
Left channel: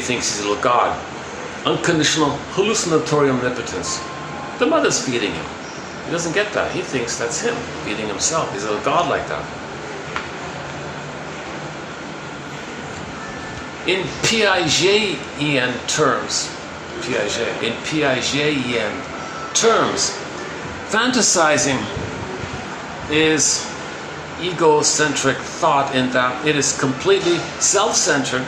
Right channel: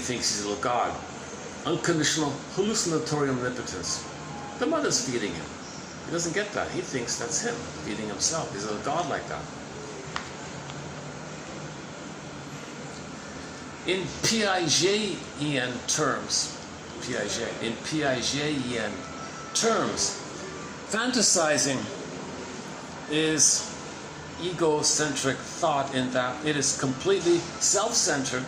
thinks he's a little god. Unconditional hallucinatory omnipotence. The mother's feeding him. He doesn't get that. He thinks that's him feeding himself. He's a little god like that. In Piagetian terms, fantasizing is egocentric thought in that it is completely self-centered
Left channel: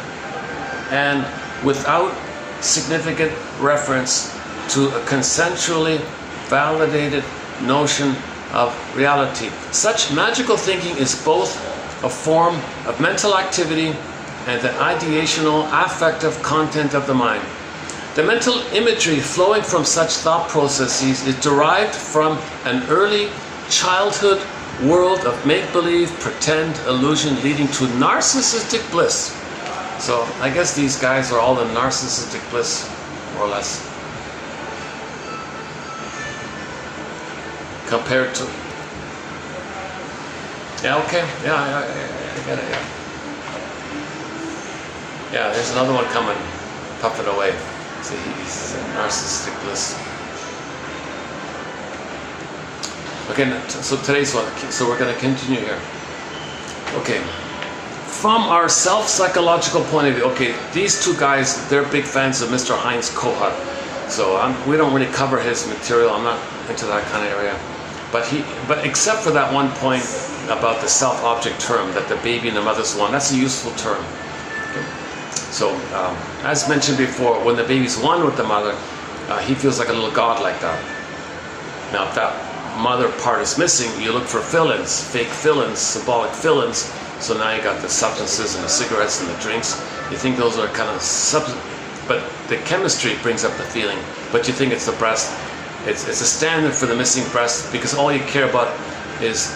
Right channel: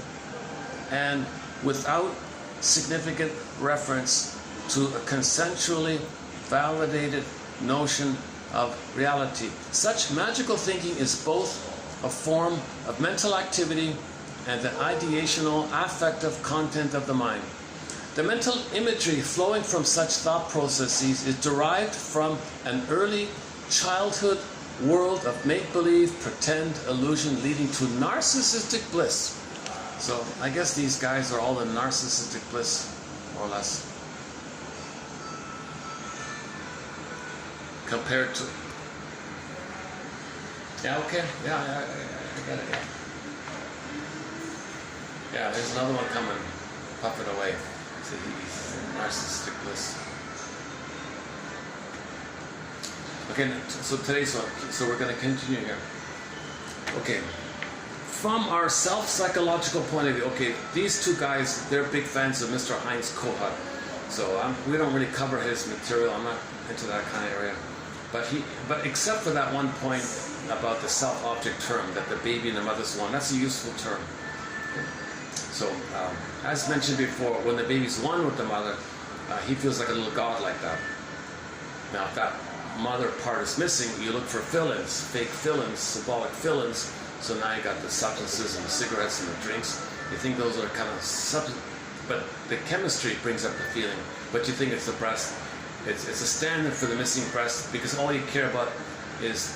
and without significant reference to a consensually validated notion of reality. Such magical thinking is both a form of mental activity and the ideational affective content of the mind. The mental imagery flowing from such thought processes is derived from an early childhood world of make-believe, pretend, illusion leading to narcissistic bliss. So I guess these guys are all in narcissistic bliss, more or less. Compared to... Yeah, okay. Yeah, I get it, yeah. Yeah, there's another one coming, puffing away. So he's in narcissistic bliss. Okay, so today's one, so we're going to continue here. Okay, from our self-psychological point of view, okay, these two guys, they're big fans of Mr. Heinz Kohut. So we don't really cover his material, I'm not into that kind of area. But except for that one point about the self-object term, that the baby and the mother's one, that's a useful term. Okay. So, as mentioned before, when the baby's one with the mother, he feels like a little god like that. Now, if that mother part is missing, you look for fill-ins, fake fill-ins, symbolic fill-ins. So now you got the substances and the cigarettes and the drinks. You think those are kind of but the chemistry brings up the feeling. But you think it's the breast. It's a standard for the missing breast because all you care about is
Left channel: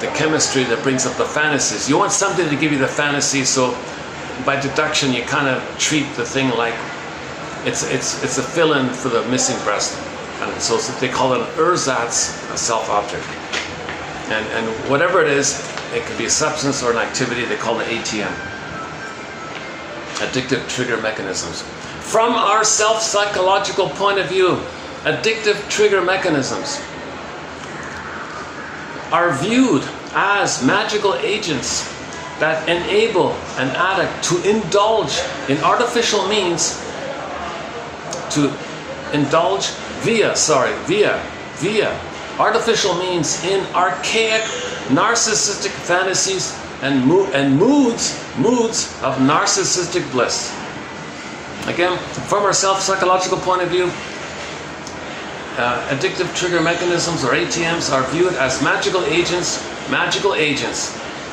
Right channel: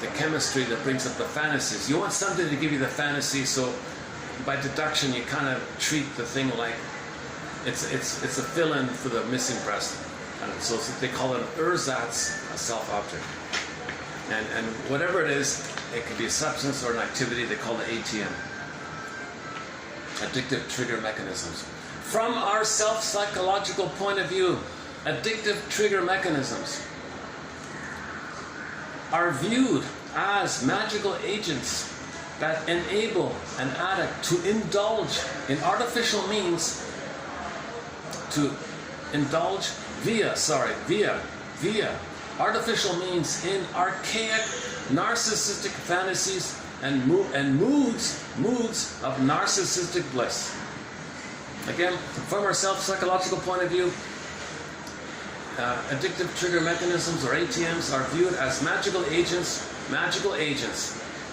the chemistry that brings up the fantasies. You want something to give you the fantasy, so by deduction you kind of treat the thing like it's a fill-in for the missing breast. And so they call it an ersatz, a self-object. And whatever it is, it can be a substance or an activity, they call it ATM. Addictive trigger mechanisms. From our self-psychological point of view, addictive trigger mechanisms are viewed as magical agents that enable an addict to indulge in artificial means, to indulge via artificial means in archaic narcissistic fantasies and moods of narcissistic bliss. Again, from our self-psychological point of view, addictive trigger mechanisms or ATMs are viewed as magical agents.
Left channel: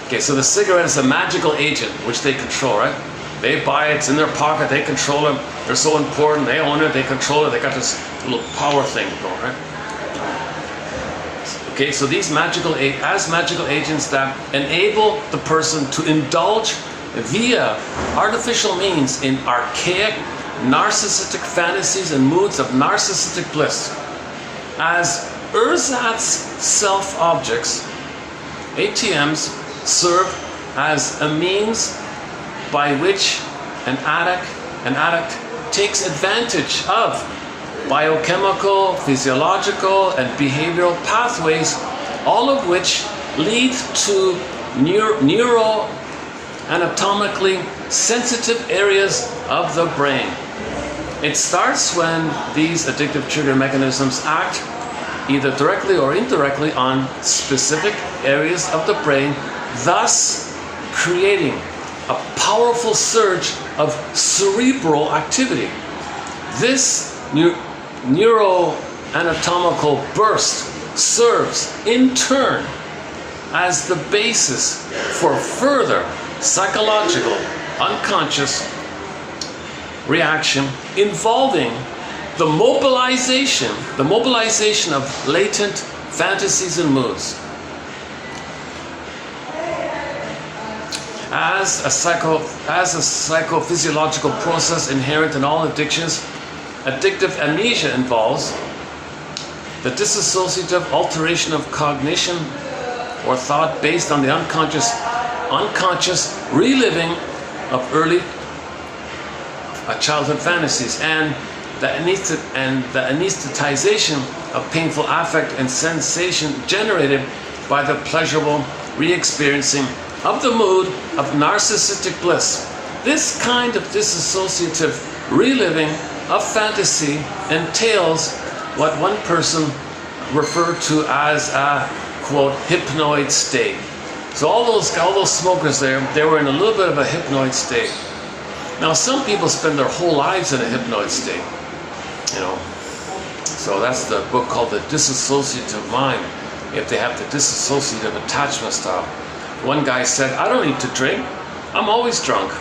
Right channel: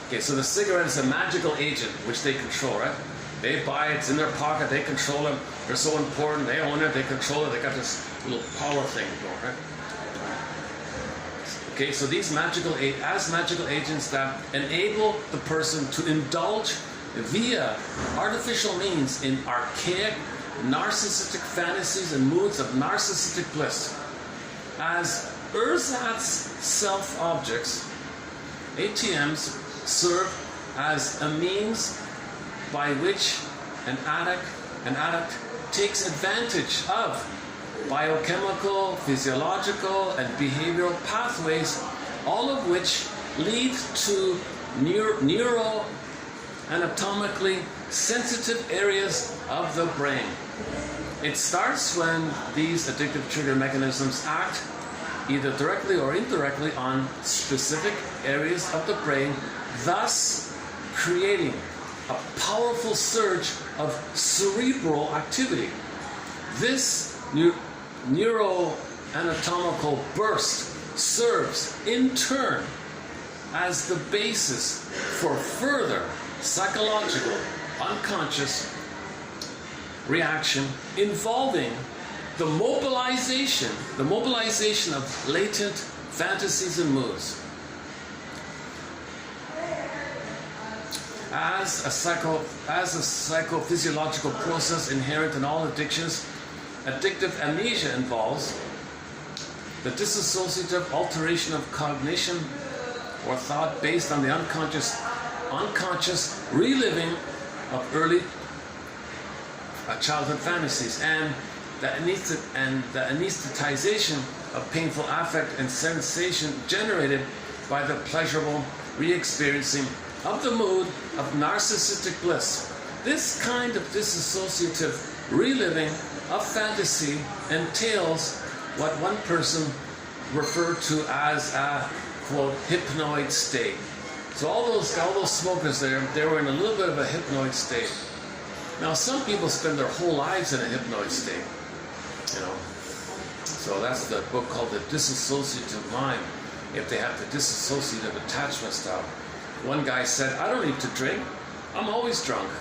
Okay, so the cigarette is a magical agent which they control, right? They buy it, it's in their pocket, they control it, they're so important, they own it, they control it, they got this little power thing going, right? Okay, so these magical agents that enable the person to indulge via artificial means in archaic narcissistic fantasies and moods of narcissistic bliss. As ersatz self-objects, ATMs serve as a means by which an addict takes advantage of biochemical, physiological, and behavioral pathways, all of which lead to neuroanatomically sensitive areas of the brain. It starts when these addictive trigger mechanisms act either directly or indirectly on specific areas of the brain, thus creating a powerful surge of cerebral activity. This neuroanatomical burst serves in turn as the basis for further psychological, unconscious reaction involving the mobilization of latent fantasies and moods. As a psychophysiological process inherent in all addictions, addictive amnesia involves the dissociative alteration of cognition or thought based on the unconscious reliving of early childhood fantasies and the anesthetization of painful affect and sensation generated by the pleasurable re-experiencing of the mood of narcissistic bliss. This kind of dissociative reliving of fantasy entails what one person referred to as a, quote, hypnoid state. So all those smokers there, they were in a little bit of a hypnoid state. Now some people spend their whole lives in a hypnoid state, you know. So that's the book called The Dissociative Mind, if they have the dissociative attachment style. One guy said, I don't need to drink, I'm always drunk.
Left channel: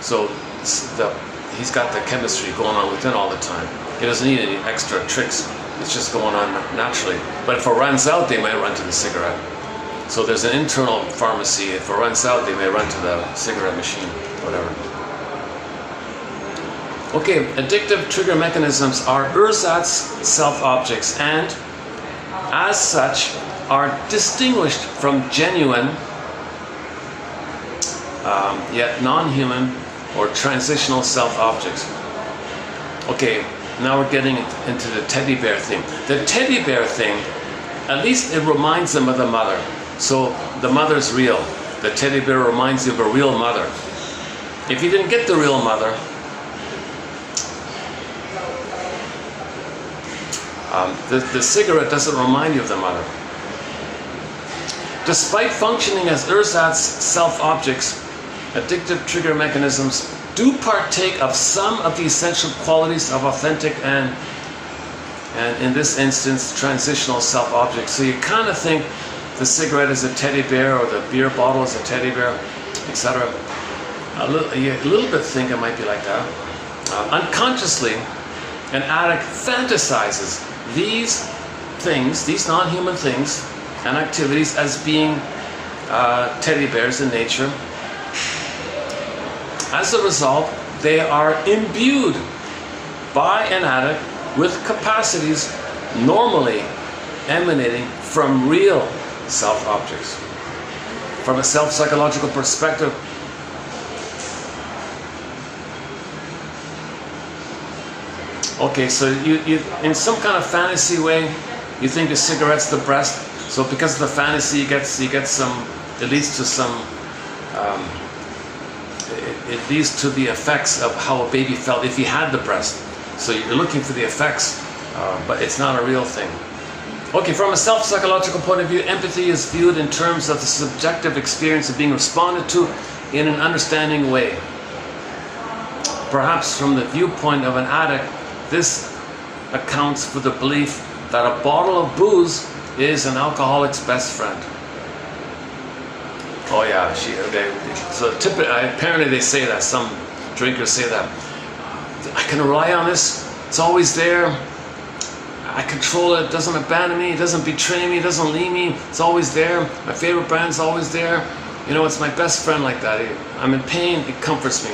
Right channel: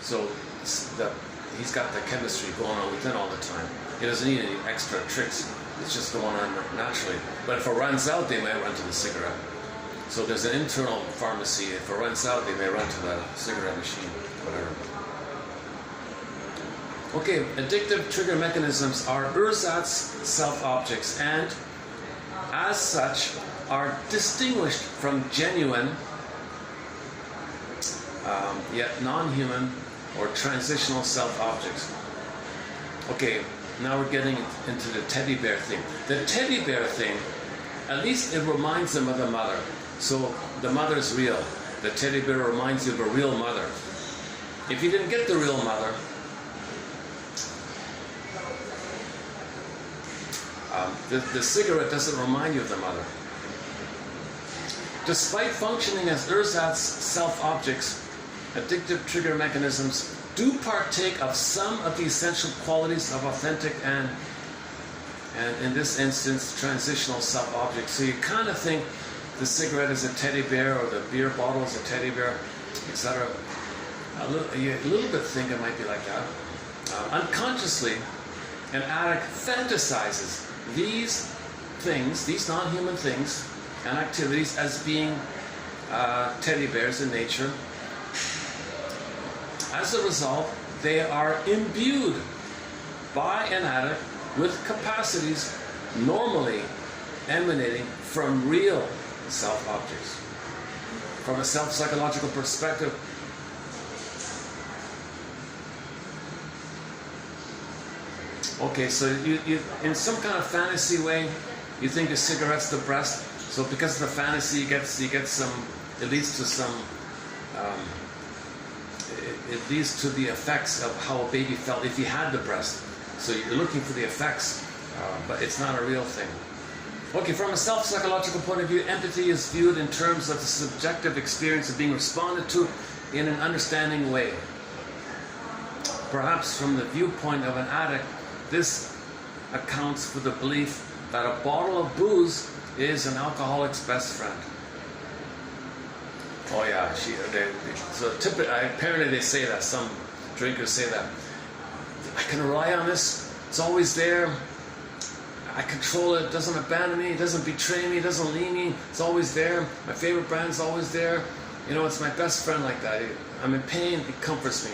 So he's got the chemistry going on within all the time. He doesn't need any extra tricks. It's just going on naturally. But if it runs out, they might run to the cigarette. So there's an internal pharmacy. If it runs out, they may run to the cigarette machine, whatever. Okay, addictive trigger mechanisms are ersatz self-objects and, as such, are distinguished from genuine, yet non-human or transitional self-objects. Okay, now we're getting into the teddy bear thing. The teddy bear thing, at least it reminds them of the mother. So the mother's real. The teddy bear reminds you of a real mother. If you didn't get the real mother, the cigarette doesn't remind you of the mother. Despite functioning as ersatz self-objects, addictive trigger mechanisms do partake of some of the essential qualities of authentic and in this instance, transitional self-objects. So you kind of think the cigarette is a teddy bear or the beer bottle is a teddy bear, etc. You a little bit think it might be like that. Unconsciously, an addict fantasizes these things, these non-human things and activities as being teddy bears in nature. As a result, they are imbued by an addict with capacities normally emanating from real self-objects. From a self-psychological perspective, okay, so you in some kind of fantasy way, you think the cigarette's the breast. So because of the fantasy, you get some. It leads to some. It leads to the effects of how a baby felt if he had the breast. So you're looking for the effects, but it's not a real thing. Okay, from a self-psychological point of view, empathy is viewed in terms of the subjective experience of being responded to in an understanding way. Perhaps from the viewpoint of an addict, this accounts for the belief that a bottle of booze is an alcoholic's best friend. Oh yeah, apparently they say that, some drinkers say that. I can rely on this, it's always there. I control it, it doesn't abandon me, it doesn't betray me, it doesn't leave me, it's always there. My favorite brand's always there. You know, it's my best friend like that. I'm in pain, it comforts me.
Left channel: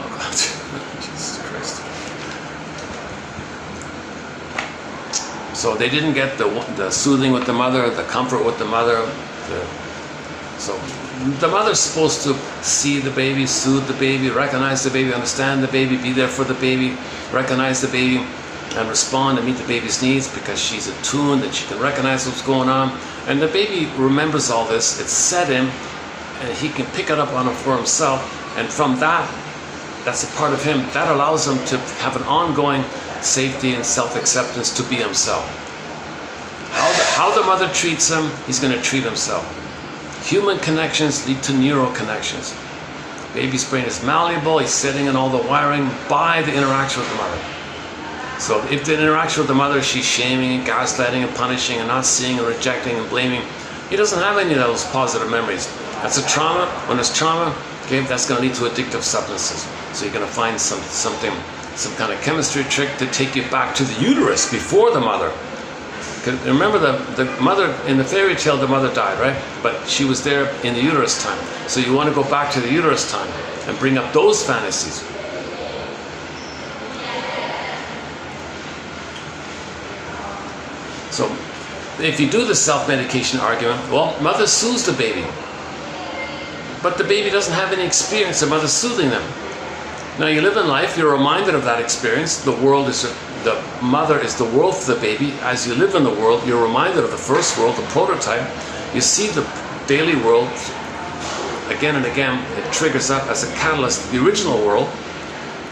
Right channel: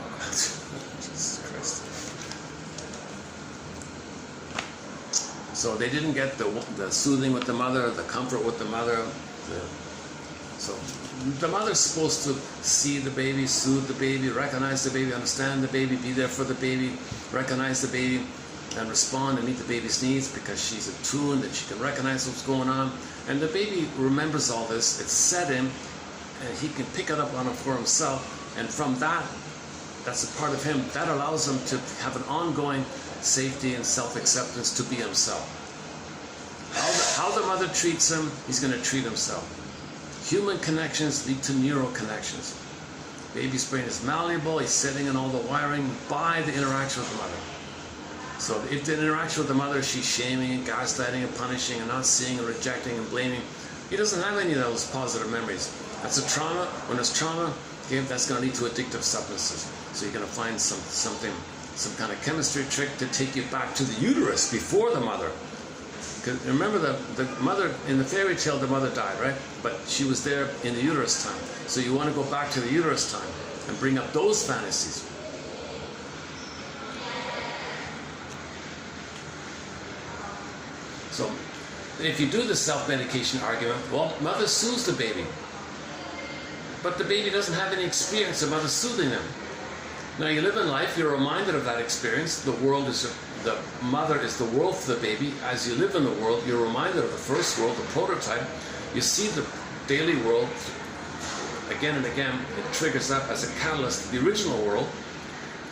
Oh God, Jesus Christ. So they didn't get the soothing with the mother, the comfort with the mother. So the mother's supposed to see the baby, soothe the baby, recognize the baby, understand the baby, be there for the baby, recognize the baby. and respond and meet the baby's needs because she's attuned and she can recognize what's going on. And the baby remembers all this, it's set in, and he can pick it up on it for himself. And from that, that's a part of him. That allows him to have an ongoing safety and self-acceptance to be himself. How the mother treats him, he's going to treat himself. Human connections lead to neural connections. Baby's brain is malleable, he's setting in all the wiring by the interaction with the mother. So if the interaction with the mother, she's shaming and gaslighting and punishing and not seeing and rejecting and blaming, he doesn't have any of those positive memories. That's a trauma. When there's trauma, okay, that's going to lead to addictive substances. So you're going to find some kind of chemistry trick to take you back to the uterus before the mother. Remember the mother, in the fairy tale, the mother died, right? But she was there in the uterus time. So you want to go back to the uterus time and bring up those fantasies. So if you do the self-medication argument, well, mother soothes the baby. But the baby doesn't have any experience of mother soothing them. Now you live in life, you're reminded of that experience. The mother is the world for the baby. As you live in the world, you're reminded of the first world, the prototype. You see the daily world again and again. It triggers up as a catalyst the original world.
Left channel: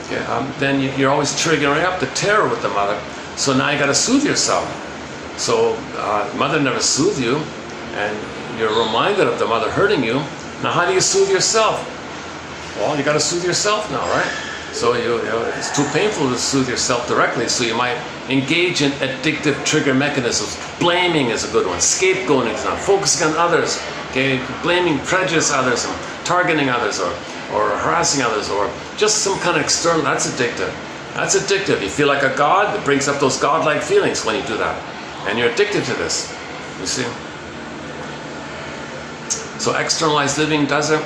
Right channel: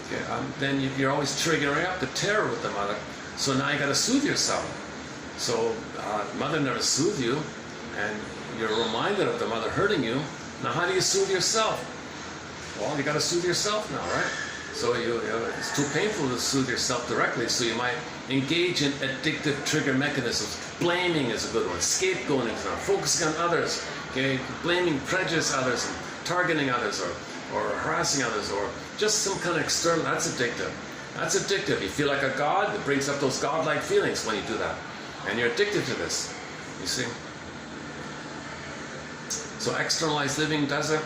Okay, then you're always triggering up the terror with the mother. So now you got to soothe yourself. So mother never soothed you, and you're reminded of the mother hurting you. Now how do you soothe yourself? Well, you got to soothe yourself now, right? So it's too painful to soothe yourself directly, so you might engage in addictive trigger mechanisms. Blaming is a good one. Scapegoating is not. Focusing on others. Okay, blaming, prejudice others, and targeting others, or harassing others, or just some kind of external. That's addictive. That's addictive. You feel like a god. It brings up those godlike feelings when you do that, and you're addicted to this. You see. So externalized living does it.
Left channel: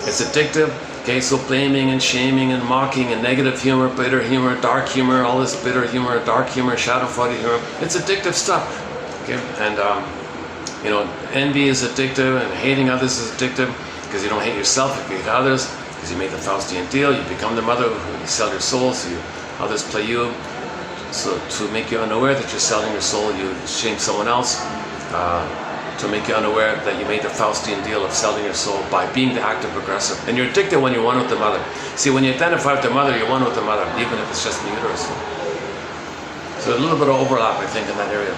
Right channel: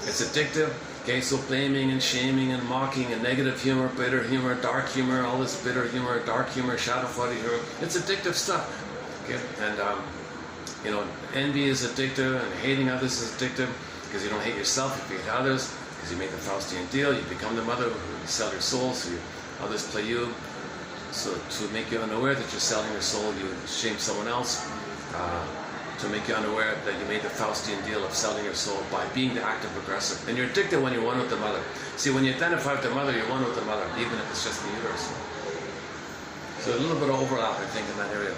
It's addictive. Okay, so blaming and shaming and mocking and negative humor, bitter humor, dark humor, all this bitter humor, dark humor, shadow fighting humor, it's addictive stuff. Okay, and envy is addictive, and hating others is addictive, because you don't hate yourself if you hate others, because you made the Faustian deal, you become the mother, you sell your soul, so others play you. So to make you unaware that you're selling your soul, you shame someone else. To make you unaware that you made the Faustian deal of selling your soul by being the active aggressor. And you're addicted when you're one with the mother. See, when you identify with the mother, you're one with the mother, even if it's just the uterus. So a little bit of overlap, I think, in that area.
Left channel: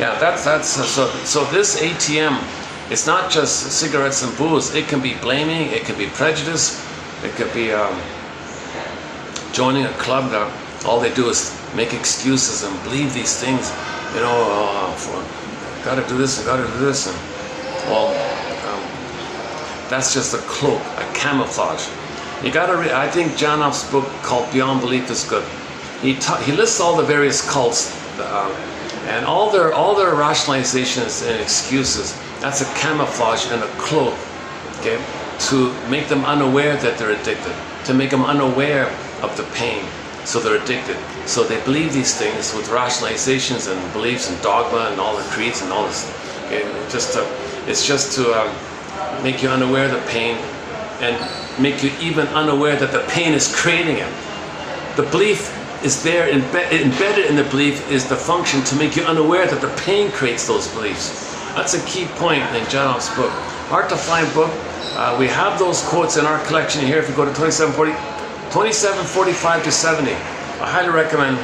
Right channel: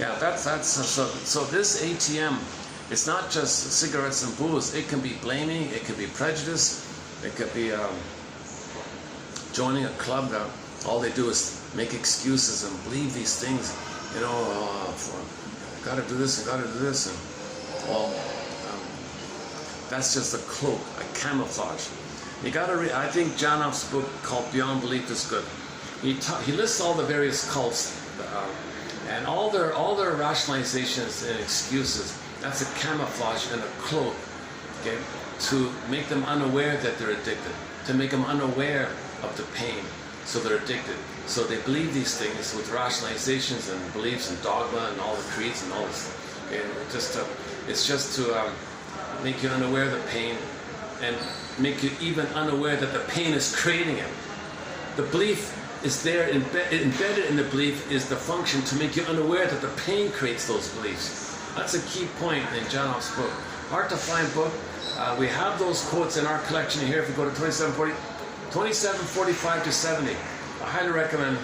Yeah, so this ATM, it's not just cigarettes and booze. It can be blaming, it can be prejudice, it could be joining a club that all they do is make excuses and believe these things. Gotta do this and gotta do this. And, well, that's just a cloak, a camouflage. You gotta read, I think Janoff's book called Beyond Belief is good. He lists all the various cults and all their rationalizations and excuses. That's a camouflage and a cloak, okay, to make them unaware that they're addicted, to make them unaware of the pain, so they're addicted. So they believe these things with rationalizations and beliefs and dogma and all the creeds and all this. Okay, it's just to make you unaware of the pain and make you even unaware that the pain is creating it. The belief is there, embedded in the belief is the function to make you unaware that the pain creates those beliefs. That's a key point in Janoff's book. Hard to find book. We have those quotes in our collection here. If you go to 2745 to 70, I highly recommend.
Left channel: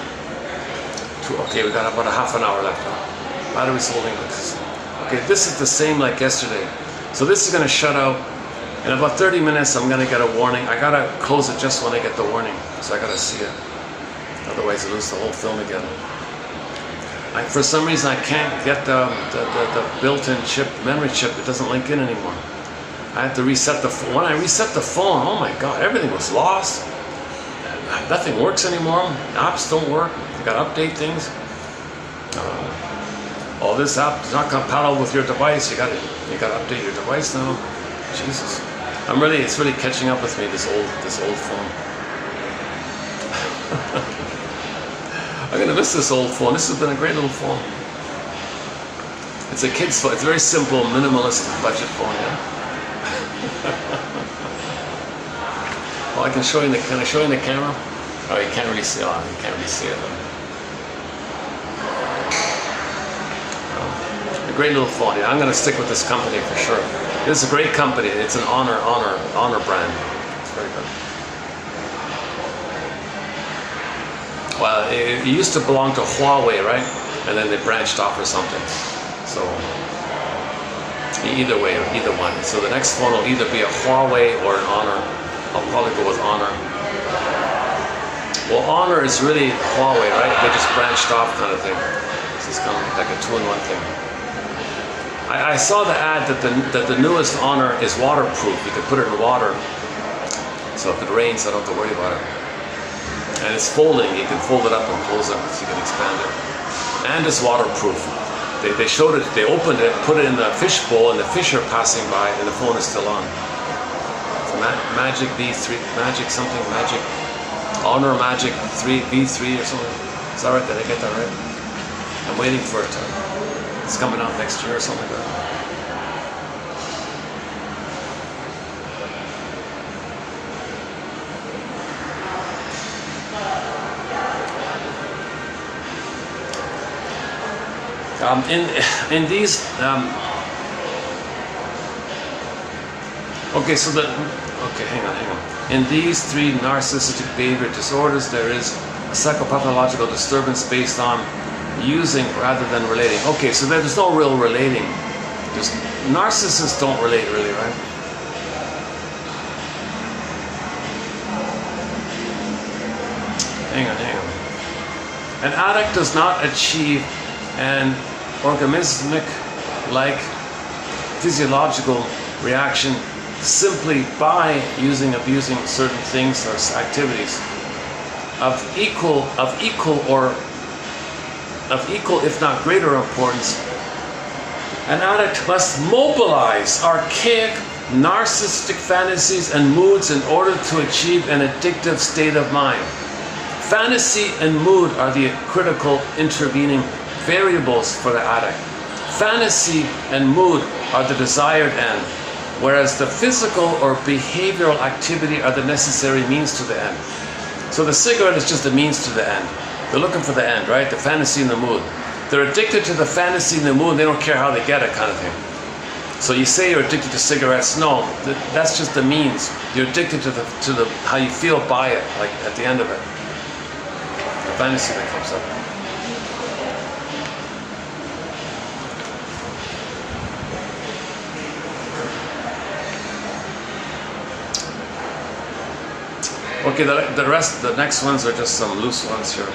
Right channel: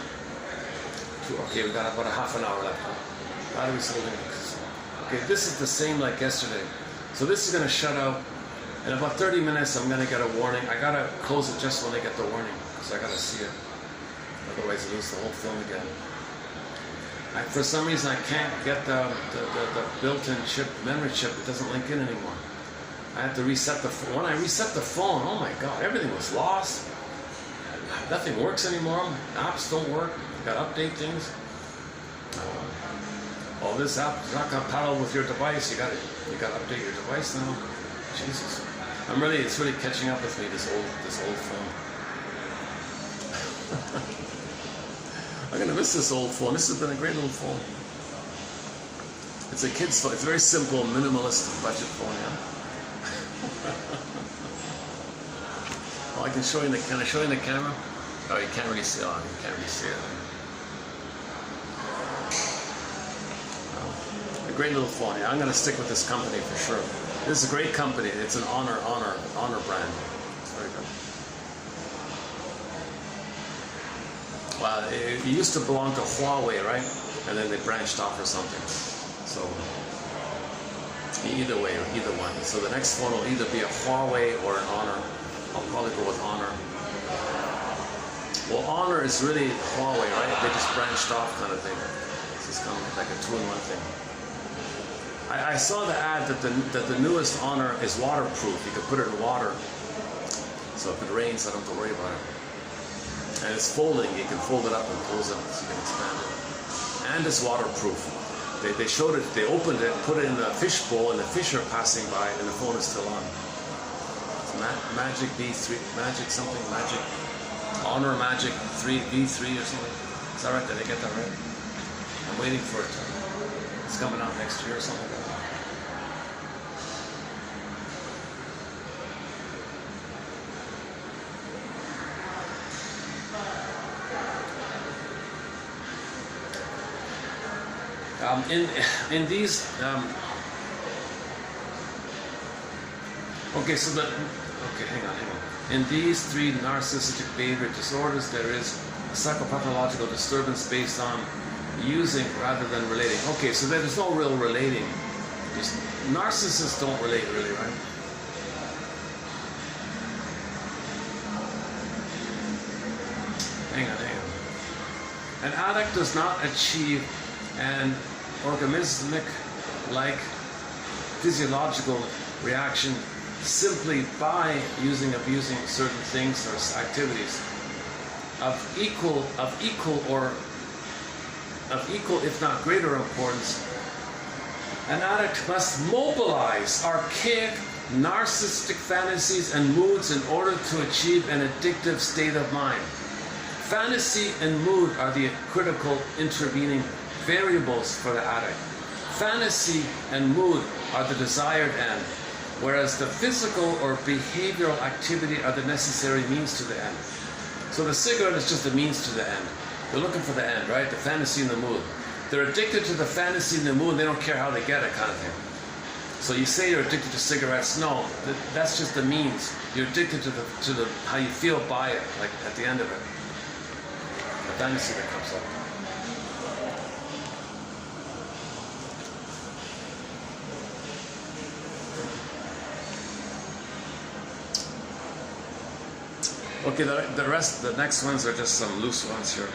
Okay, we got about a half an hour left. Battery's holding this. Okay, this is the same like yesterday. So this is going to shut out. In about 30 minutes, I'm going to get a warning. I got to close it just when I get the warning. So I got to see it. Otherwise, I lose the whole film again. For some reason, I can't get the built-in chip, memory chip. It doesn't link in anymore. I have to reset the phone. When I reset the phone, oh my God, everything was lost. Nothing works anymore. Apps don't work. You got to update things. This app is not compatible with your device. You got to update your device now. Jesus, it's really catching up with me. This old phone. I'm gonna miss this old phone. This has been a great little phone. It's a kid's phone. It's a very simple, minimalist budget phone, yeah? Well, I can show you can I show you in the camera? Oh, you can't really see, you can't really see it. A great little phone, yeah. I'm going to stick with this company for sure. This is a great company. It's an honor brand. It's very good. Well, it used to belong to Huawei, right? And then they branched off or something. So, either way, either one. So the next phone will either be a Huawei or an Honor. I'll probably go with Honor. Well, Honor is really Huawei, right? They just branched off kind of thing. This is kind of like a two-in-one thing. I saw the ad that the newest Honor is waterproof. You can put it in water. So if it rains, I don't have to worry about it. And it's folding. You can fold it up and close it so you can expand it. And it's waterproof. They showed it, they opened it, put it in the fish bowl, and the fish are passing by, and the phone is still on. It's a Magic V3, Magic Honor Magic 3 V3 or something. Is that right? Did I get that right? I'm waiting for it. It's coming out next year or something like that. In these, hang on. In these three narcissistic behavior disorders, there is a psychopathological disturbance based on using rather than relating. Okay, so there's no real relating. Narcissists don't relate really, right? Hang on. An addict does not achieve an organismic-like physiological reaction simply by abusing certain things or activities of equal if not greater importance. An addict must mobilize archaic narcissistic fantasies and moods in order to achieve an addictive state of mind. Fantasy and mood are the critical intervening variables for the addict. Fantasy and mood are the desired end, whereas the physical or behavioral activity are the necessary means to the end. So the cigarette is just a means to the end. They're looking for the end, right? The fantasy and the mood. They're addicted to the fantasy and the mood, and they don't care how they get it, kind of thing. So you say you're addicted to cigarettes. No, that's just the means. You're addicted to the how you feel by it, like at the end of it. The fantasy that comes up. Okay, the next ones are just some loose ones here.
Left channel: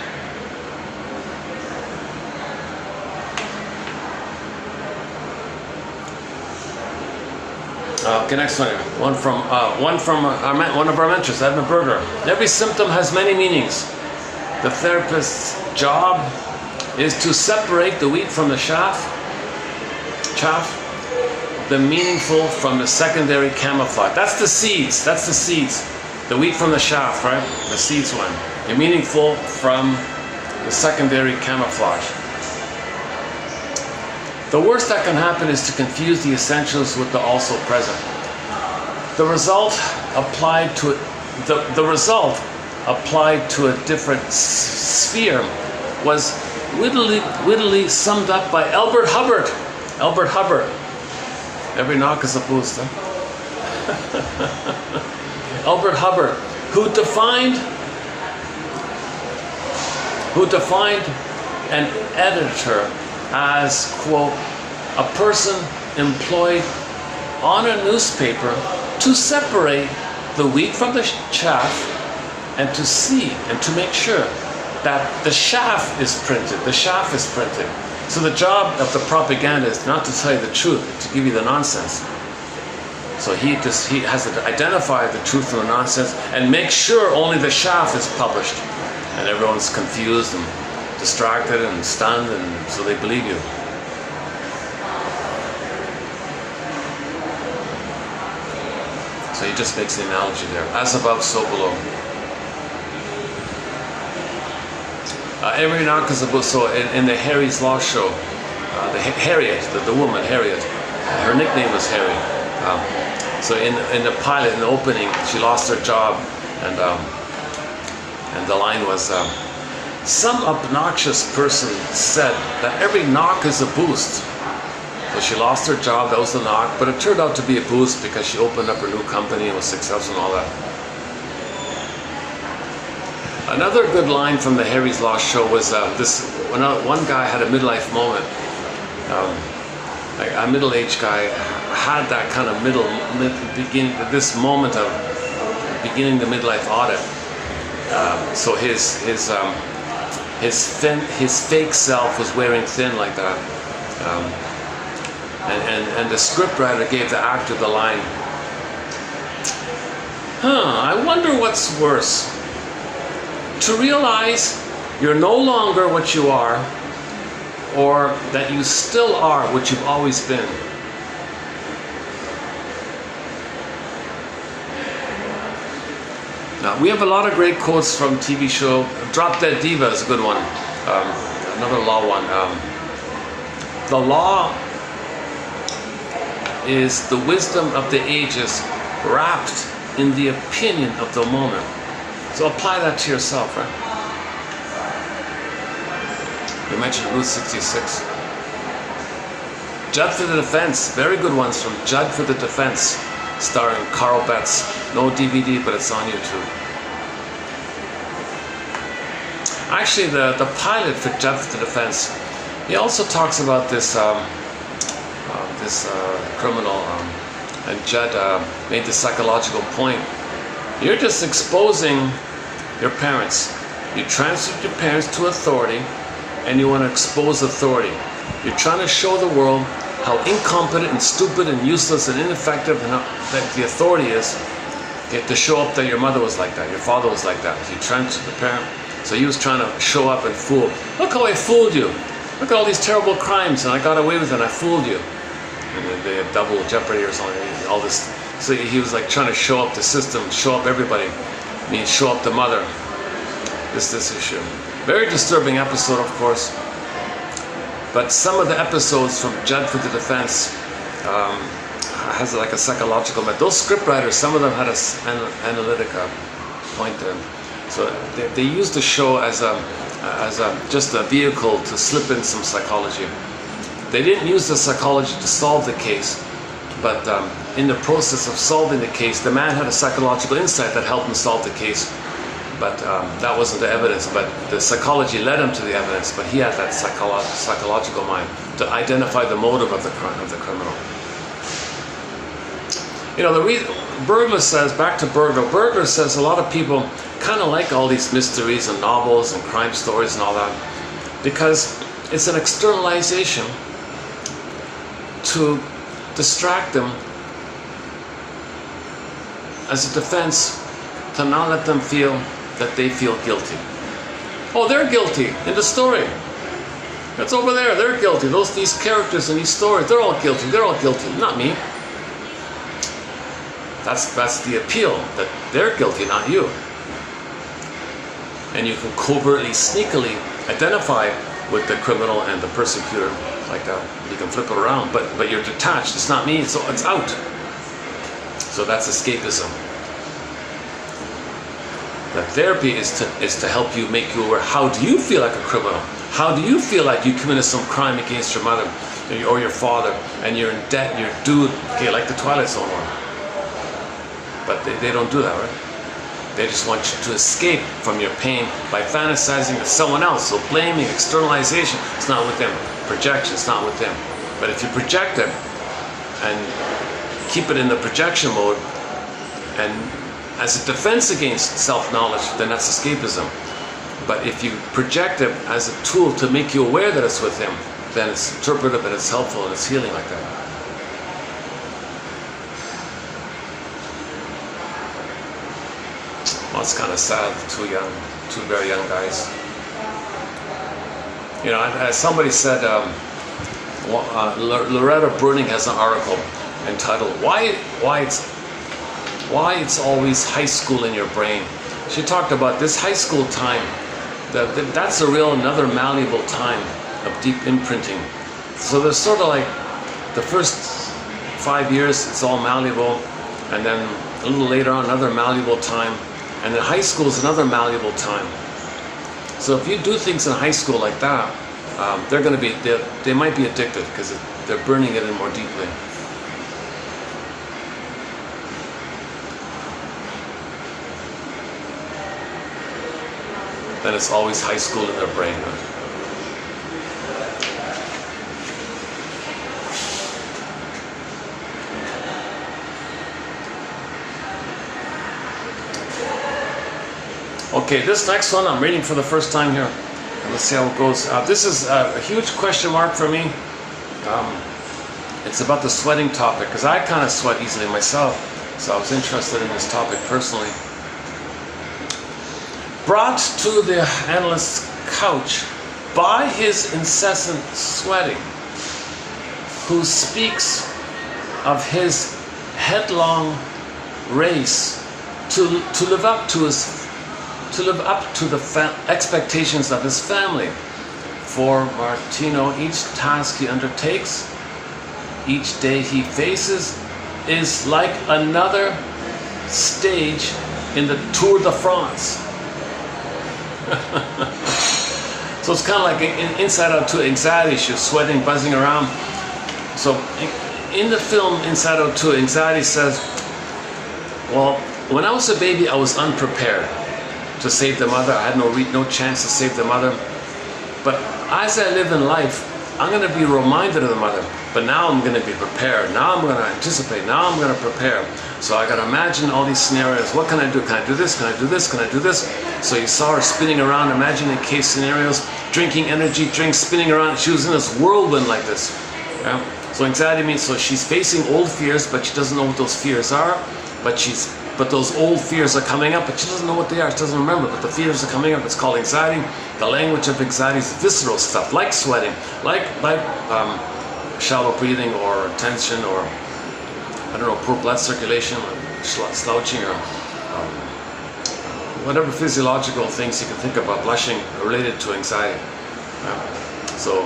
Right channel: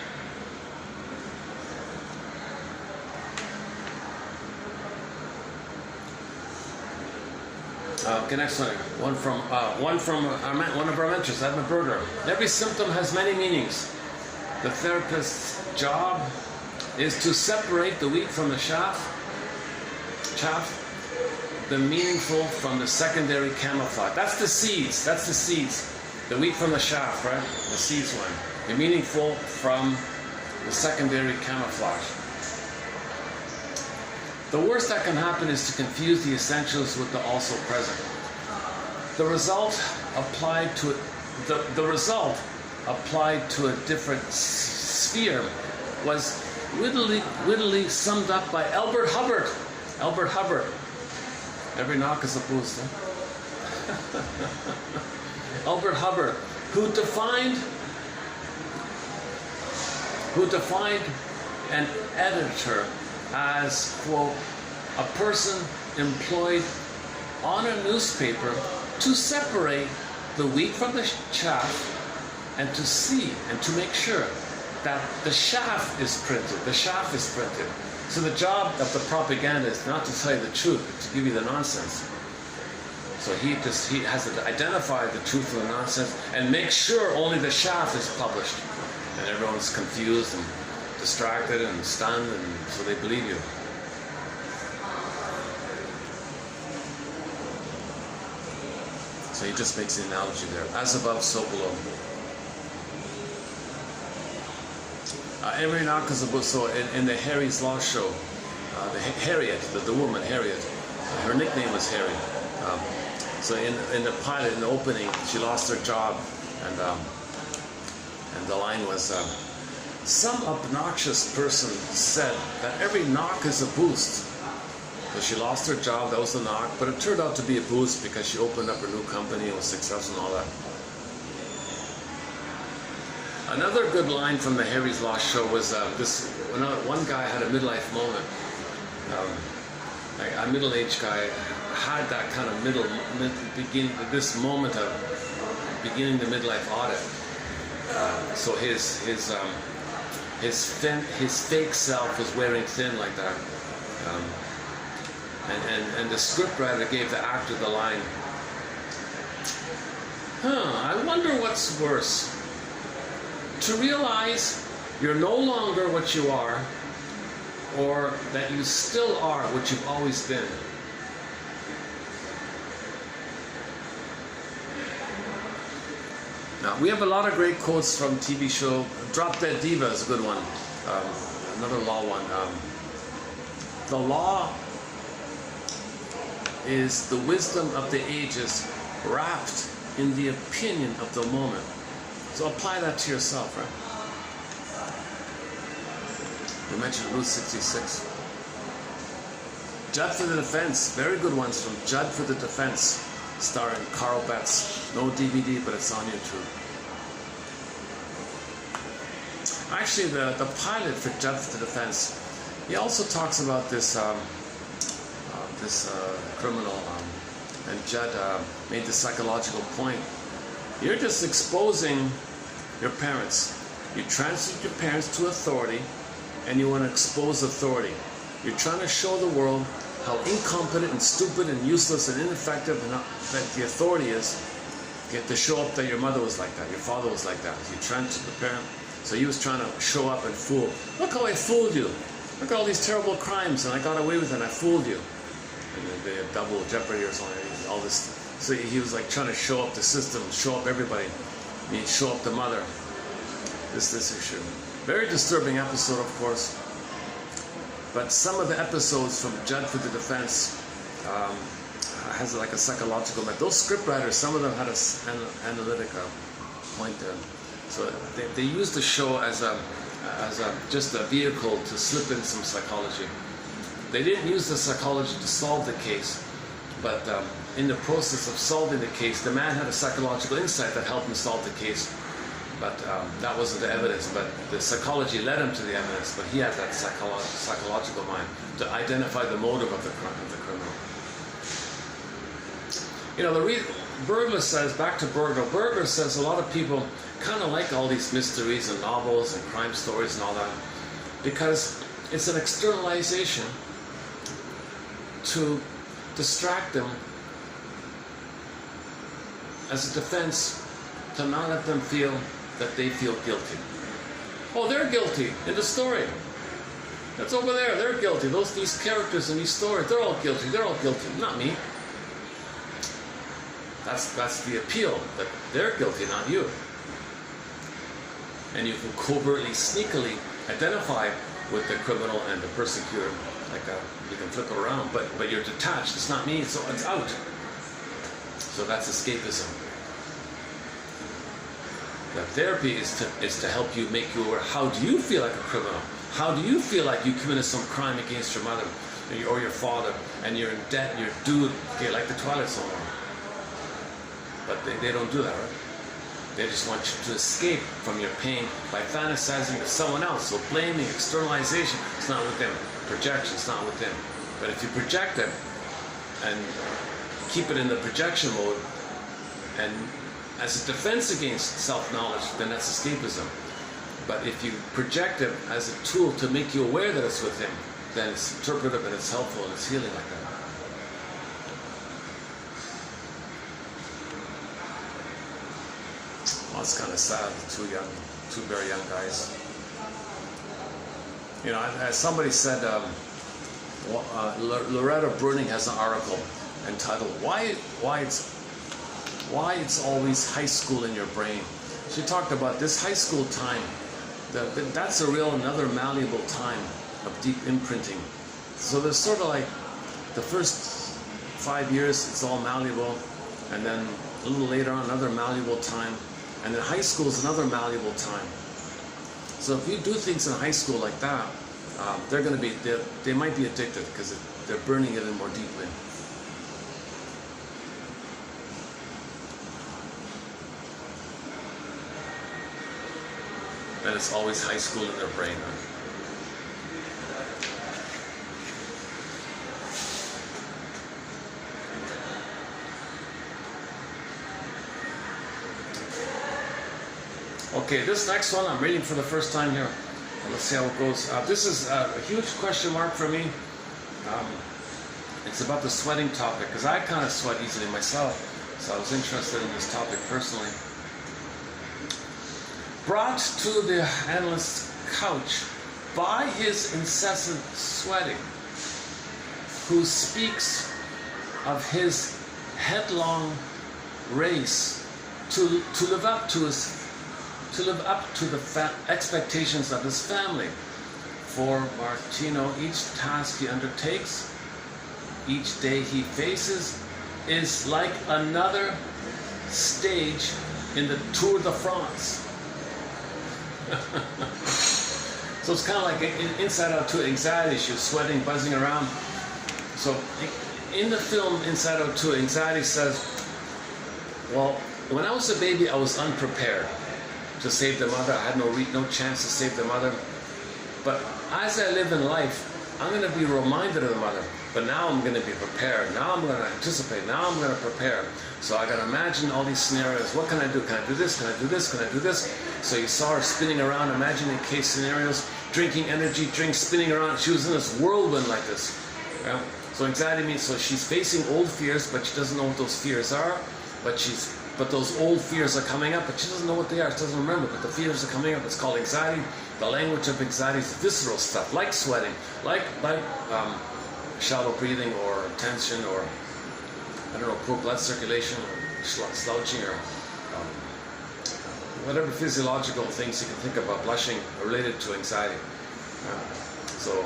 Okay, next one. One from one of our mentors, Edmund Berger. Every symptom has many meanings. The therapist's job is to separate the wheat from the chaff, the meaningful from the secondary camouflage. That's the seeds. The wheat from the chaff, right? The seeds one. The meaningful from the secondary camouflage. The worst that can happen is to confuse the essentials with the also present. The result applied to a different sphere was wittily summed up by Albert Hubbard. Every knock is a boost, huh? Albert Hubbard, who defined an editor as, quote, a person employed on a newspaper to separate the wheat from the chaff and to see and to make sure that the chaff is printed. So the job of the propaganda is not to tell you the truth, to give you the nonsense. So he has to identify the truth from the nonsense and make sure only the chaff is published. And everyone's confused and distracted and stunned, and so they believe you. So he just makes the analogy there. As above, so below. Every knock is a book. So in the Harry's Law Show, Harriet, the woman, Harriet. Her nickname was Harry. So in the pilot, in the opening, she lost her job, and the line was, some obnoxious person said that every knock is a boost. So she lost her job, that was the knock, but it turned out to be a boost because she opened up her new company and was successful and all that. Another good line from the Harry's Law show was one guy had a midlife moment. A middle-aged guy had that kind of this moment of beginning the midlife audit. So his fake self was wearing thin like that. And the scriptwriter gave the actor the line, I wonder what's worse. To realize you're no longer what you are, or that you still are what you've always been. Now, we have a lot of great quotes from TV show. Drop Dead Diva is a good one. Another law one. The law is the wisdom of the ages wrapped in the opinion of the moment. So apply that to yourself, right? We mentioned Route 66. Judd for the Defense, very good ones from Judd for the Defense, starring Carl Betts. No DVD, but it's on YouTube. Actually, the pilot for Judd for the Defense, he also talks about this criminal, and Judd made the psychological point. You're just exposing your parents. You transferred your parents to authority, and you want to expose authority. You're trying to show the world how incompetent and stupid and useless and ineffective and how that the authority is. You have to show up that your mother was like that, your father was like that. You transferred the parent. So he was trying to show up and fool. Look how I fooled you. Look at all these terrible crimes, and I got away with it, and I fooled you. And they had double jeopardy or something, all this. So he was like trying to show up the system, show up everybody. I mean, show up the mother. This issue. Very disturbing episode, of course. But some of the episodes from Judd for the Defense has like a psychological method. Those scriptwriters, some of them had an analytic point to them. So they used the show as just a vehicle to slip in some psychology. They didn't use the psychology to solve the case, but in the process of solving the case, the man had a psychological insight that helped him solve the case. But that wasn't the evidence, but the psychology led him to the evidence, but he had that psychological mind to identify the motive of the criminal. You know, Burglar says, back to Burglar says a lot of people kind of like all these mysteries and novels and crime stories and all that, because it's an externalization to distract them as a defense, to not let them feel that they feel guilty. Oh, they're guilty in the story. It's over there, they're guilty. These characters in these stories, they're all guilty, not me. That's the appeal, that they're guilty, not you. And you can covertly, sneakily identify with the criminal and the persecutor like that. You can flip it around, but you're detached. It's not me, so it's out. So that's escapism. The therapy is to help you, make you aware. How do you feel like a criminal? How do you feel like you committed some crime against your mother or your father, and you're in debt and you're due, okay, like the Twilight Zone one. But they don't do that, right? They just want you to escape from your pain by fantasizing with someone else. So blaming, externalization, it's not with them. Projection, it's not with them. But if you project it and keep it in the projection mode, and as a defense against self-knowledge, then that's escapism. But if you project it as a tool to make you aware that it's with him, then it's interpretive and it's helpful and it's healing like that. Well, it's kind of sad, two very young guys. You know, as somebody said, Loretta Bruning has an article entitled "Why It's Always High School in Your Brain." She talked about this high school time. That's a real another malleable time of deep imprinting So there's sort of like the first 5 years, it's all malleable, and then a little later on, another malleable time, and then high school is another malleable time. So if you do things in high school like that, they're going to be, they might be addicted because they're burning it in more deeply. And it's always high school in their brain. Okay, this next one I'm reading for the first time here. Let's see how it goes. This is a huge question mark for me. It's about the sweating topic, because I kind of sweat easily myself, so I was interested in this topic personally. Brought to the analyst's couch by his incessant sweating, who speaks of his headlong race to live up to the expectations of his family. For Martino, each task he undertakes, each day he faces, is like another stage in the Tour de France. So it's kind of like an Inside Out 2 anxiety. She's sweating, buzzing around. So in the film Inside Out 2, anxiety says, well, when I was a baby, I was unprepared to save the mother. I had no chance to save the mother. But as I live in life, I'm going to be reminded of the mother. But now I'm going to be prepared. Now I'm going to anticipate. Now I'm going to prepare. So I got to imagine all these scenarios. What can I do? Can I do this? Can I do this? Can I do this? So you saw her spinning around, imagining case scenarios, drinking energy drinks, spinning around. She was in this whirlwind like this. Yeah? So anxiety means, so she's facing old fears, but she doesn't know what those fears are. But those old fears are coming up, but she doesn't know what they are. She doesn't remember, but the fears are coming up. It's called anxiety. The language of anxiety is visceral stuff, like sweating, like shallow breathing or tension or, I don't know, poor blood circulation or slouching or whatever physiological things you can think about, blushing related to anxiety. So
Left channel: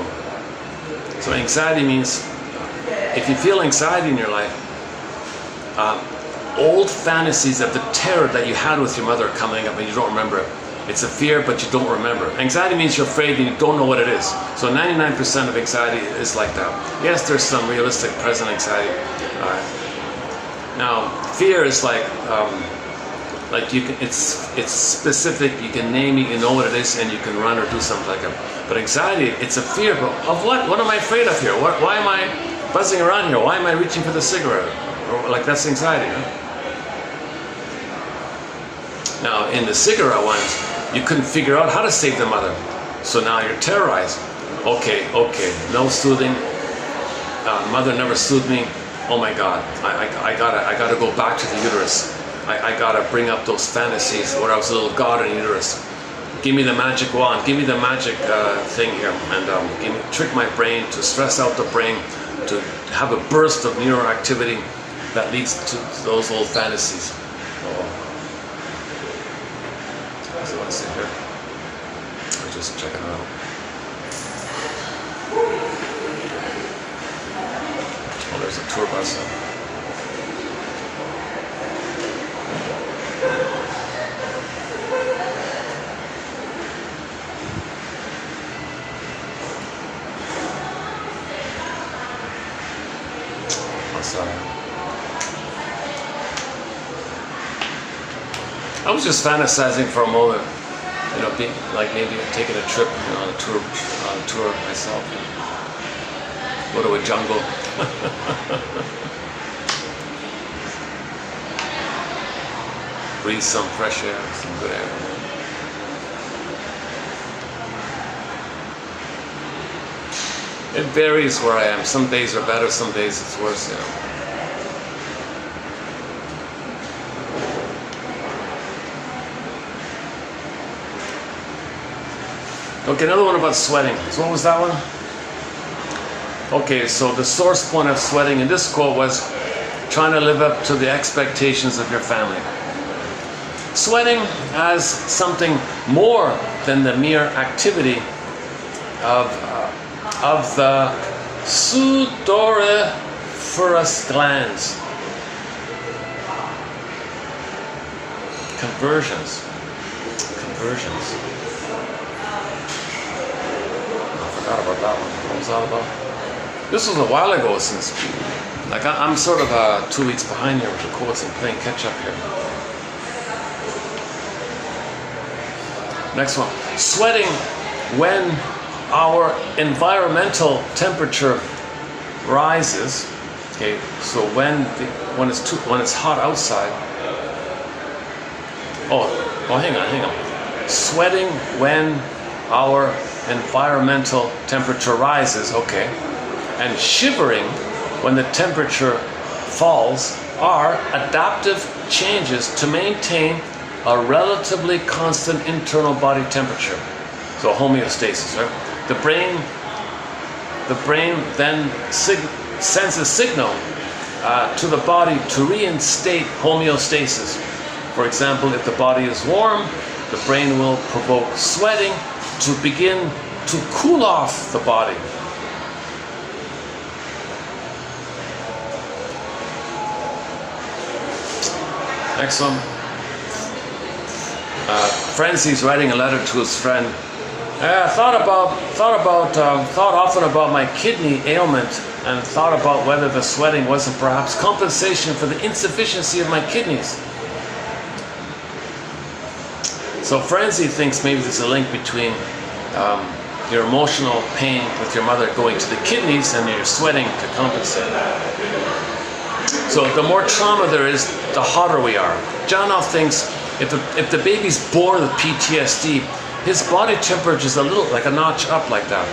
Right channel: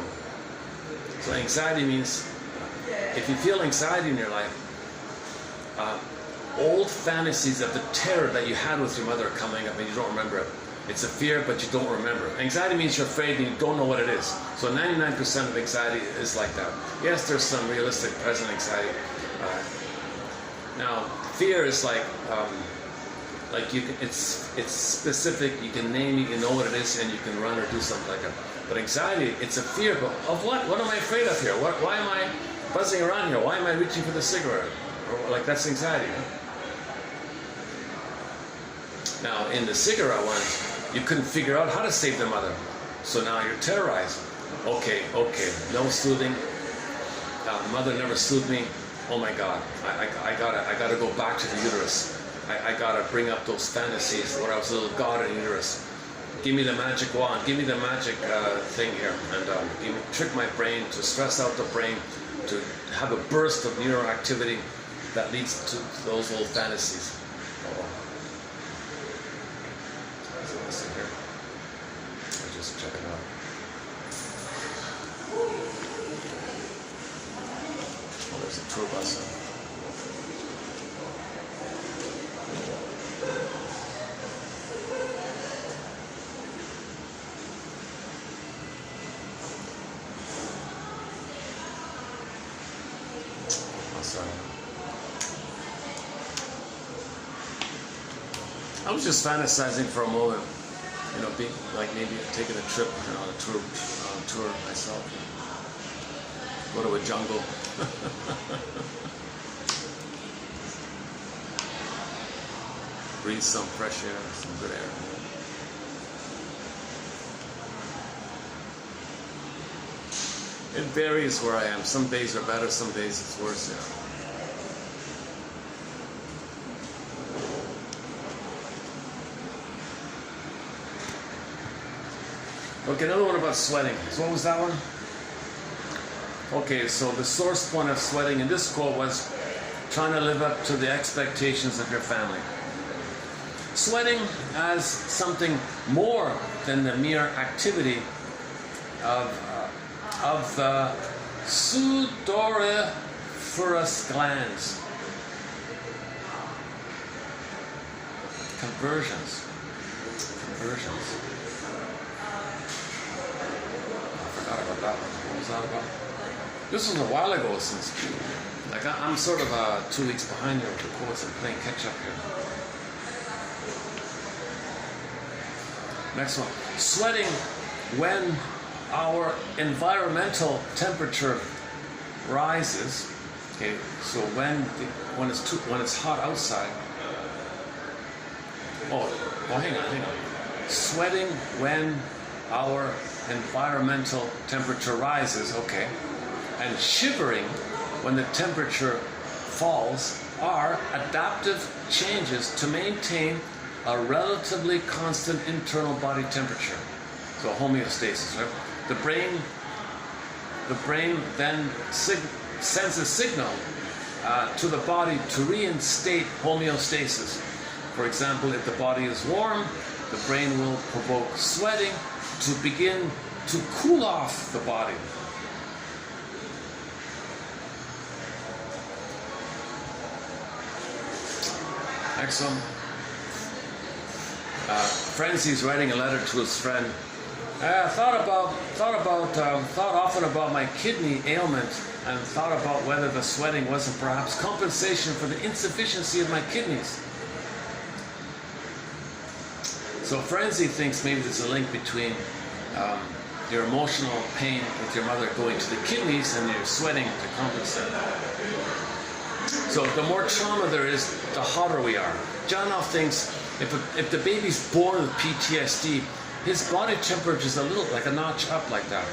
anxiety means, if you feel anxiety in your life, old fantasies of the terror that you had with your mother are coming up and you don't remember it. It's a fear, but you don't remember. Anxiety means you're afraid and you don't know what it is. So 99% of anxiety is like that. Yes, there's some realistic present anxiety. Now, fear is like you can. It's specific. You can name it. You know what it is, and you can run or do something like that. But anxiety, it's a fear. But of what? What am I afraid of here? Why am I buzzing around here? Why am I reaching for the cigarette? Or, like, that's anxiety. Huh? Now, in the cigarette ones, you couldn't figure out how to save the mother. So now you're terrorized. Okay, no soothing. Mother never soothed me. Oh my God, I gotta go back to the uterus. I gotta bring up those fantasies where I was a little god in the uterus. Give me the magic wand, give me the magic thing here, and trick my brain to stress out the brain, to have a burst of neuroactivity that leads to those old fantasies. So let's see here. I'll just check it out. Oh, there's a tour bus. I was just fantasizing for a moment, you know, being like maybe taking a trip, you know, on a tour myself. You know, go to a jungle. Breathe some fresh air, some good air. It varies where I am. Some days are better, some days it's worse, you know. Okay, another one about sweating. So what was that one? Okay, so the source point of sweating in this quote was trying to live up to the expectations of your family. Sweating as something more than the mere activity of the Sudoriferous glands. Conversions. I forgot about that one. What was that about? This was a while ago since, like I'm sort of 2 weeks behind here with the quotes and playing catch up here. Next one. Sweating when our environmental temperature rises. Okay, so when it's hot outside. Oh, hang on. Sweating when our environmental temperature rises, okay, and shivering when the temperature falls are adaptive changes to maintain a relatively constant internal body temperature. So homeostasis, right? The brain then sends a signal to the body to reinstate homeostasis. For example, if the body is warm, the brain will provoke sweating to begin to cool off the body. Next one. Frenzy's writing a letter to his friend. Thought often about my kidney ailment and thought about whether the sweating wasn't perhaps compensation for the insufficiency of my kidneys. So Frenzy thinks maybe there's a link between your emotional pain with your mother going to the kidneys and your sweating to compensate. So the more trauma there is, the hotter we are. Johnoff thinks if the baby's born with PTSD, his body temperature is a little like a notch up like that.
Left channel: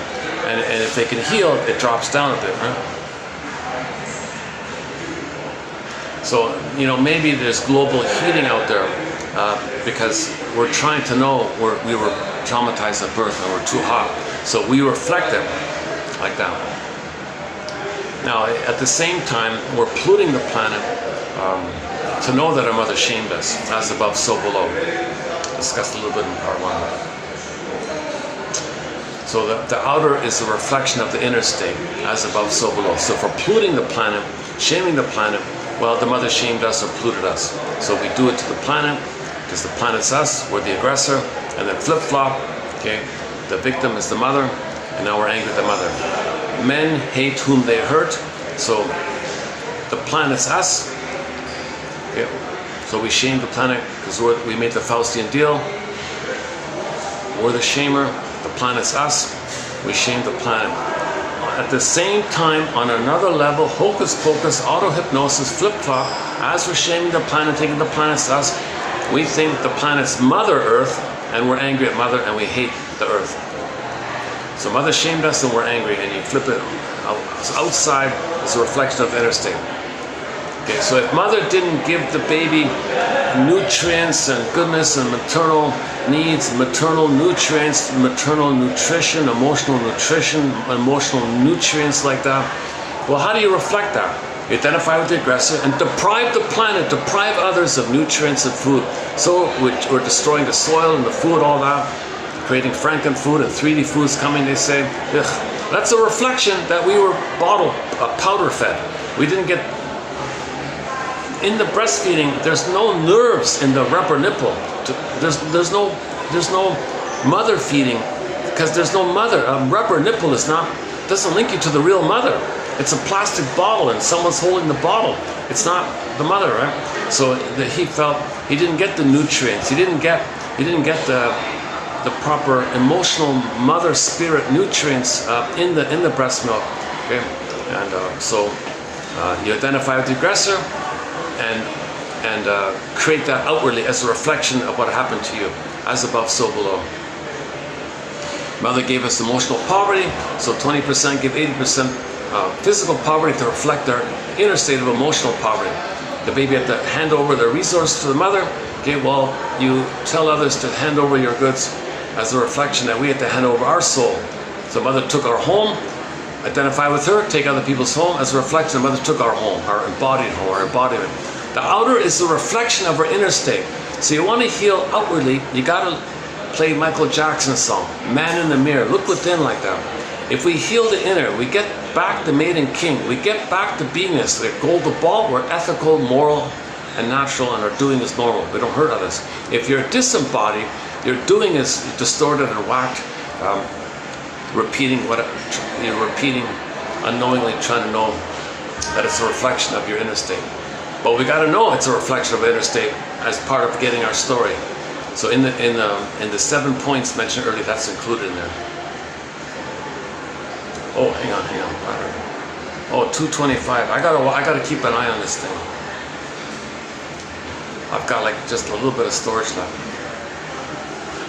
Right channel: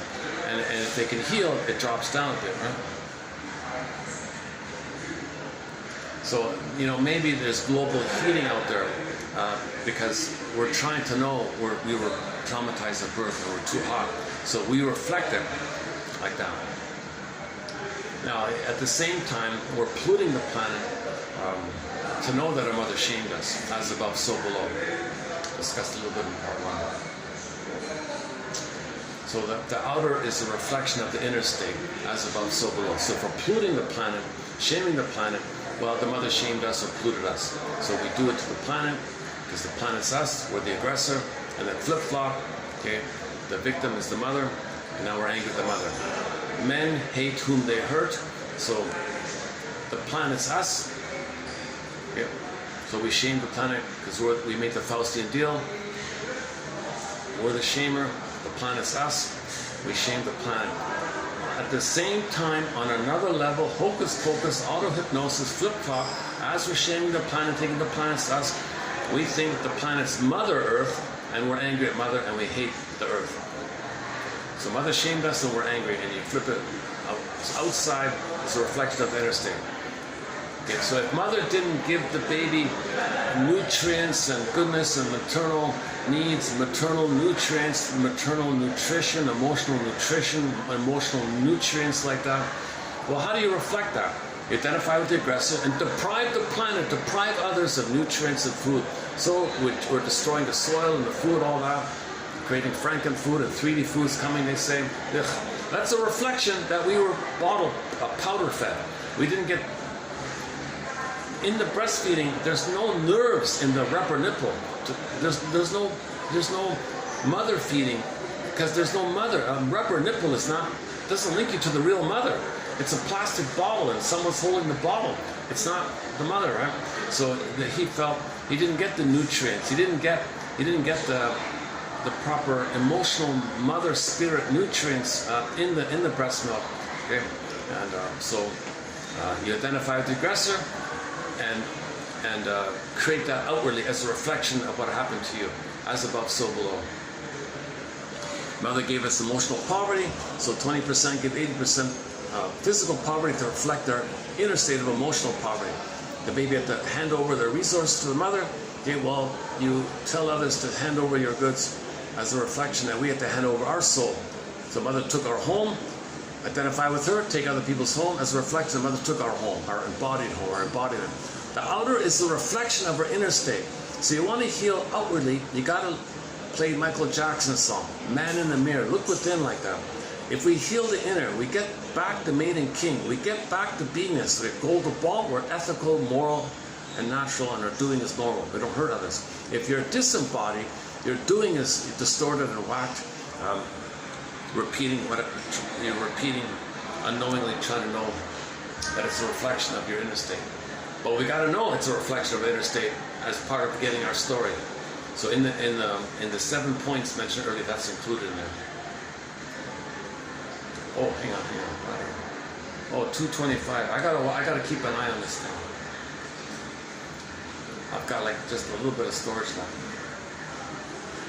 And if they can heal, it drops down a bit, right? So, maybe there's global healing out there because we're trying to know we were traumatized at birth and we're too hot. So we reflect it like that. Now, at the same time, we're polluting the planet to know that our mother shamed us, as above, so below. Discussed a little bit in part one. So the outer is a reflection of the inner state, as above, so below. So for polluting the planet, shaming the planet, well, the mother shamed us or polluted us. So we do it to the planet, because the planet's us, we're the aggressor, and then flip-flop, okay? The victim is the mother, and now we're angry at the mother. Men hate whom they hurt, so the planet's us. Okay. So we shame the planet because we made the Faustian deal. We're the shamer, the planet's us. We shame the planet. At the same time, on another level, hocus pocus, auto-hypnosis, flip-flop, as we're shaming the planet, thinking the planet's us, we think the planet's Mother Earth, and we're angry at Mother, and we hate the Earth. So Mother shamed us, and we're angry, and you flip it out. So outside is a reflection of the inner state. Okay, so if Mother didn't give the baby nutrients and goodness and maternal needs, maternal nutrients, maternal nutrition, emotional nutrients like that, well, how do you reflect that? You identify with the aggressor and deprive the planet, deprive others of nutrients and food. So we're destroying the soil and the food, all that, creating frankenfood and 3D foods coming, they say. Ugh. That's a reflection that we were powder fed. We didn't get. In the breastfeeding, there's no nerves in the rubber nipple. There's no mother feeding because there's no mother. A rubber nipple doesn't link you to the real mother. It's a plastic bottle and someone's holding the bottle. It's not the mother, right? So he felt he didn't get the nutrients. He didn't get the proper emotional mother spirit nutrients in the breast milk. Okay, and so you identify with the aggressor. And create that outwardly as a reflection of what happened to you, as above, so below. Mother gave us emotional poverty, so 20% give 80% physical poverty to reflect our inner state of emotional poverty. The baby had to hand over their resources to the mother. Okay, well, you tell others to hand over your goods as a reflection that we had to hand over our soul. So Mother took our home, identify with her, take other people's home as a reflection. Mother took our home, our embodied home, our embodiment. The outer is a reflection of our inner state. So you want to heal outwardly, you got to play Michael Jackson's song, Man in the Mirror. Look within like that. If we heal the inner, we get back the maiden king, we get back to beingness, the gold, the ball, we're ethical, moral, and natural, and our doing is normal. We don't hurt others. If you're disembodied, your doing is distorted and whacked, repeating unknowingly, trying to know that it's a reflection of your inner state. But we got to know it's a reflection of the inner state as part of getting our story. So in the 7 points mentioned earlier, that's included in there. Oh, hang on. Oh, 225. I gotta keep an eye on this thing. I've got like just a little bit of storage left.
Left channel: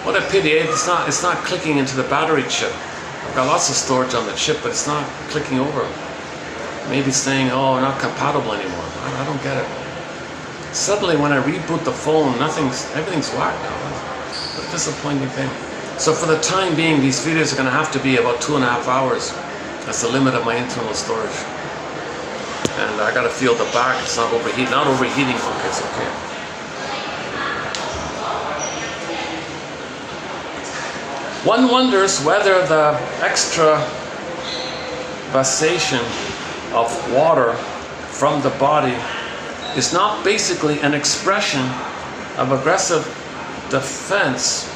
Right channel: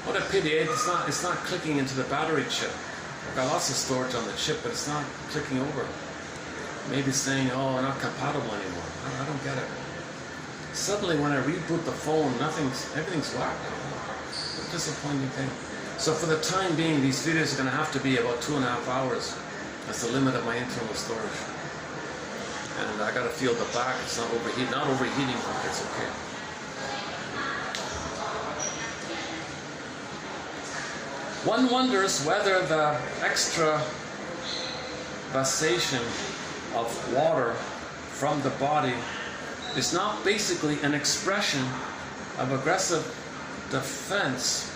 What a pity, it's not clicking into the battery chip. I've got lots of storage on the chip, but it's not clicking over. Maybe it's saying, oh, not compatible anymore. I don't get it. Suddenly when I reboot the phone, everything's whacked now. It's a disappointing thing. So for the time being, these videos are gonna have to be about 2.5 hours. That's the limit of my internal storage. And I gotta feel the back, it's not overheating. Not overheating, okay, it's okay. One wonders whether the extravasation of water from the body is not basically an expression of aggressive defense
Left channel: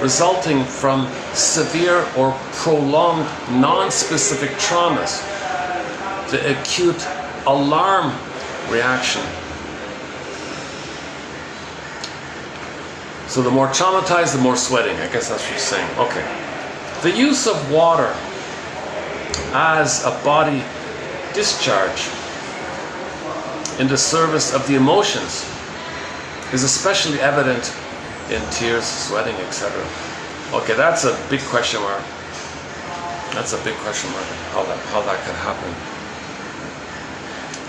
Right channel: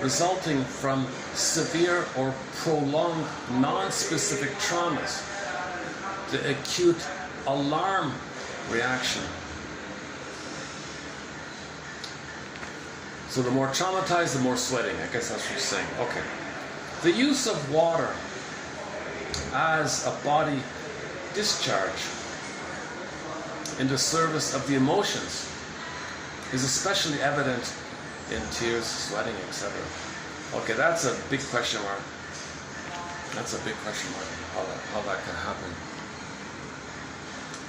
resulting from severe or prolonged non-specific traumas, the acute alarm reaction. So the more traumatized, the more sweating. I guess that's what you're saying. Okay. The use of water as a body discharge in the service of the emotions is especially evident in tears, sweating, etc. Okay, that's a big question mark. That's a big question mark. How that could happen.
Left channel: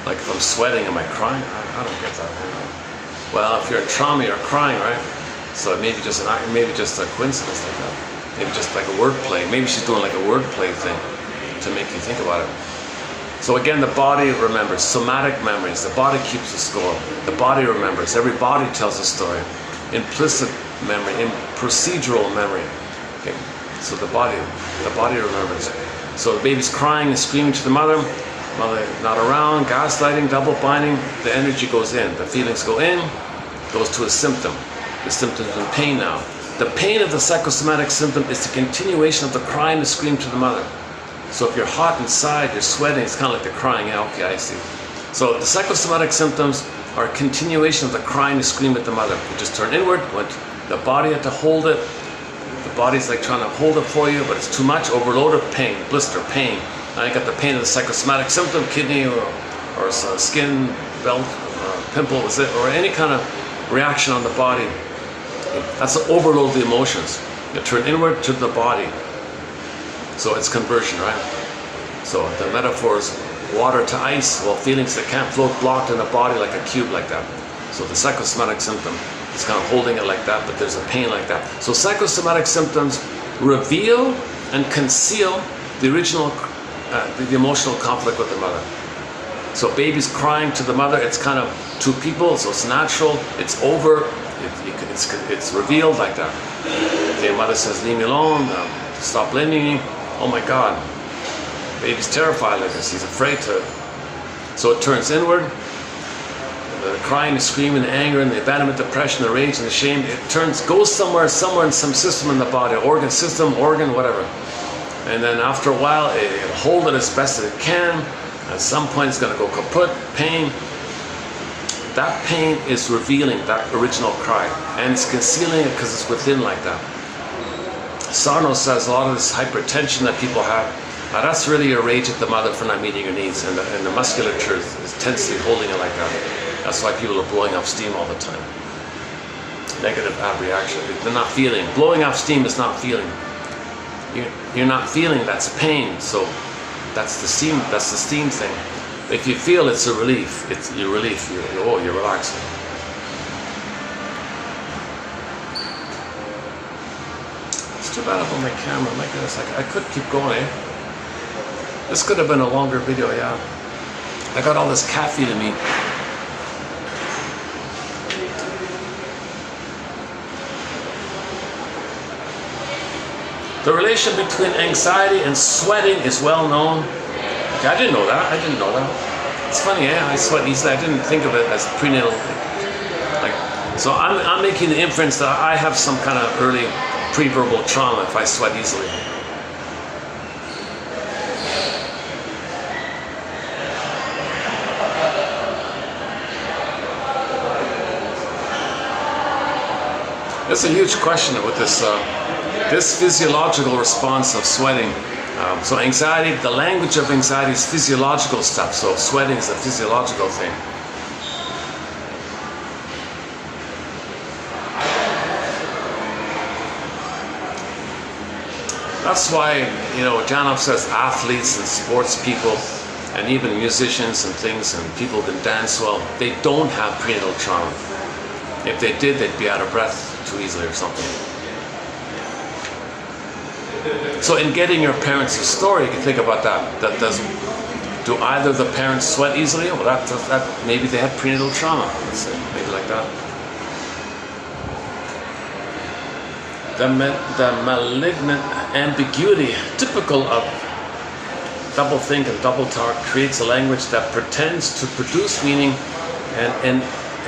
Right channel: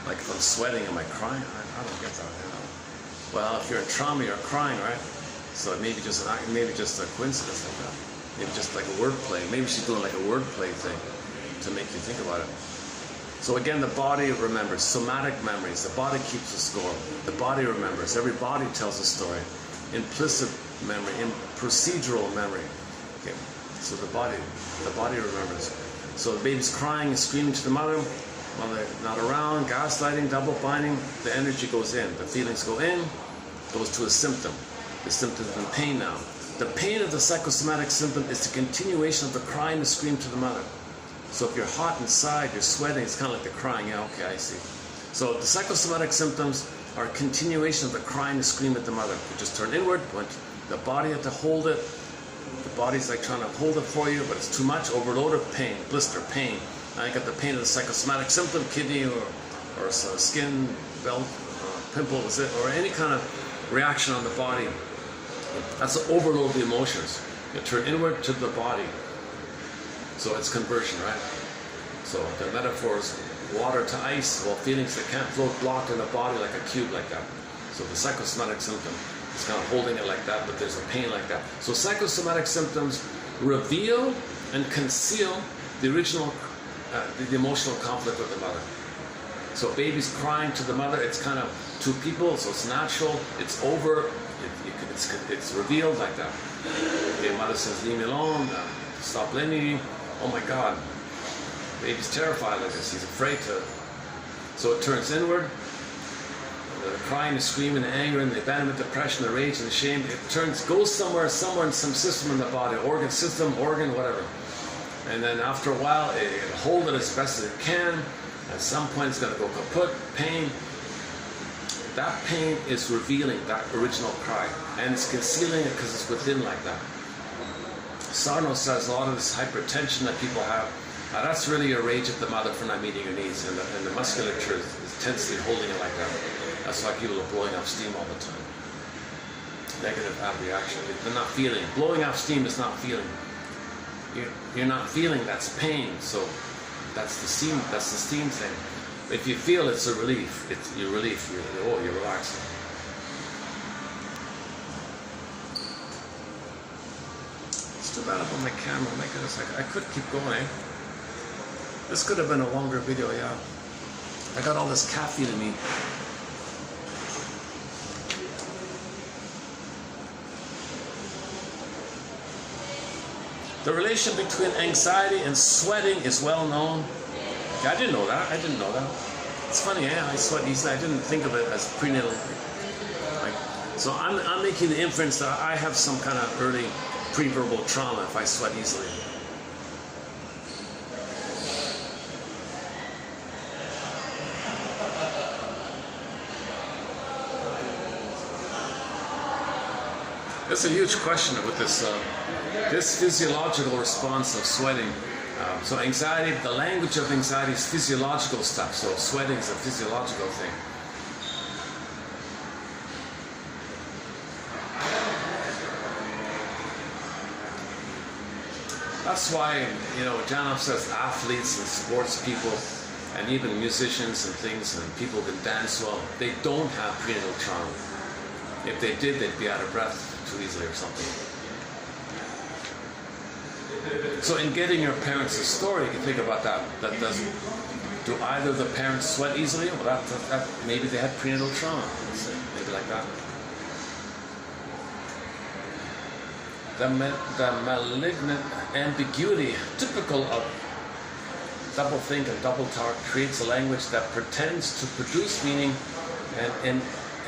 Like if I'm sweating, am I crying? I don't get that. Well, if you're in trauma, you're crying, right? So maybe just a coincidence like that. Maybe just like a wordplay. Maybe she's doing like a wordplay thing to make you think about it. So again, the body remembers. Somatic memories. The body keeps a score. The body remembers. Every body tells a story. Implicit memory, in procedural memory. Okay. So the body remembers. So the baby's crying and screaming to the mother not around, gaslighting, double binding, the energy goes in. The feelings go in, goes to a symptom. The symptom's in pain now. The pain of the psychosomatic symptom is the continuation of the crying and scream to the mother. So if you're hot inside, you're sweating, it's kind of like the crying. Yeah, okay, I see. So the psychosomatic symptoms are a continuation of the crying and scream at the mother. You just turn inward, the body had to hold it. The body's like trying to hold it for you, but it's too much, overloaded pain, blister, pain. Now you got the pain of the psychosomatic symptom, kidney or skin, belt, pimple, or any kind of reaction on the body. That's the overload of the emotions. You turn inward to the body. So it's conversion, right? So the metaphor is water to ice, well, feelings that can't float blocked in the body like a cube like that. So the psychosomatic symptom is kind of holding it like that, but there's a pain like that. So psychosomatic symptoms reveal and conceal the original, the emotional conflict with the mother. So baby's crying to the mother, it's kind of two people, so it's natural, it's over, it's revealed like that. The mother says, leave me alone, stop blaming me. Oh my God, baby's terrified like this, he's afraid to. So it turns inward, the crying, the screaming, the anger, and the abandonment, depression, the rage, and the shame, it goes somewhere in some system in the body, organ, whatever. And then after a while, it'll hold it as best as it can. At some point, it's going to go kaput, pain. That pain is revealing that original cry, and it's concealing it because it's within like that. Sarno says a lot of this hypertension that people have, that's really your rage at the mother for not meeting your needs, and the musculature is tensely holding it like that. That's why people are blowing off steam all the time. Negative ab reaction. They're not feeling. Blowing off steam is not feeling. You're not feeling, that's pain. So that's the steam thing. If you feel, it's a relief. It's your relief. You're relaxing. It's too bad about my camera. My goodness, I could keep going. This could have been a longer video, yeah. I got all this caffeine in me. The relation between anxiety and sweating is well known. Okay, I didn't know that. It's funny, I sweat easily. I didn't think of it as prenatal. So I'm making the inference that I have some kind of early pre-verbal trauma if I sweat easily. That's a huge question with this physiological response of sweating. So anxiety, the language of anxiety is physiological stuff. So sweating is a physiological thing. That's why, Janov says athletes and sports people and even musicians and things and people who can dance well, they don't have prenatal trauma. If they did, they'd be out of breath too easily or something. So in getting your parents a story, you can think about that. Do either the parents sweat easily? Well, that maybe they had prenatal trauma. Let's say, maybe like that. The malignant ambiguity, typical of doublethink and double talk, creates a language that pretends to produce meaning and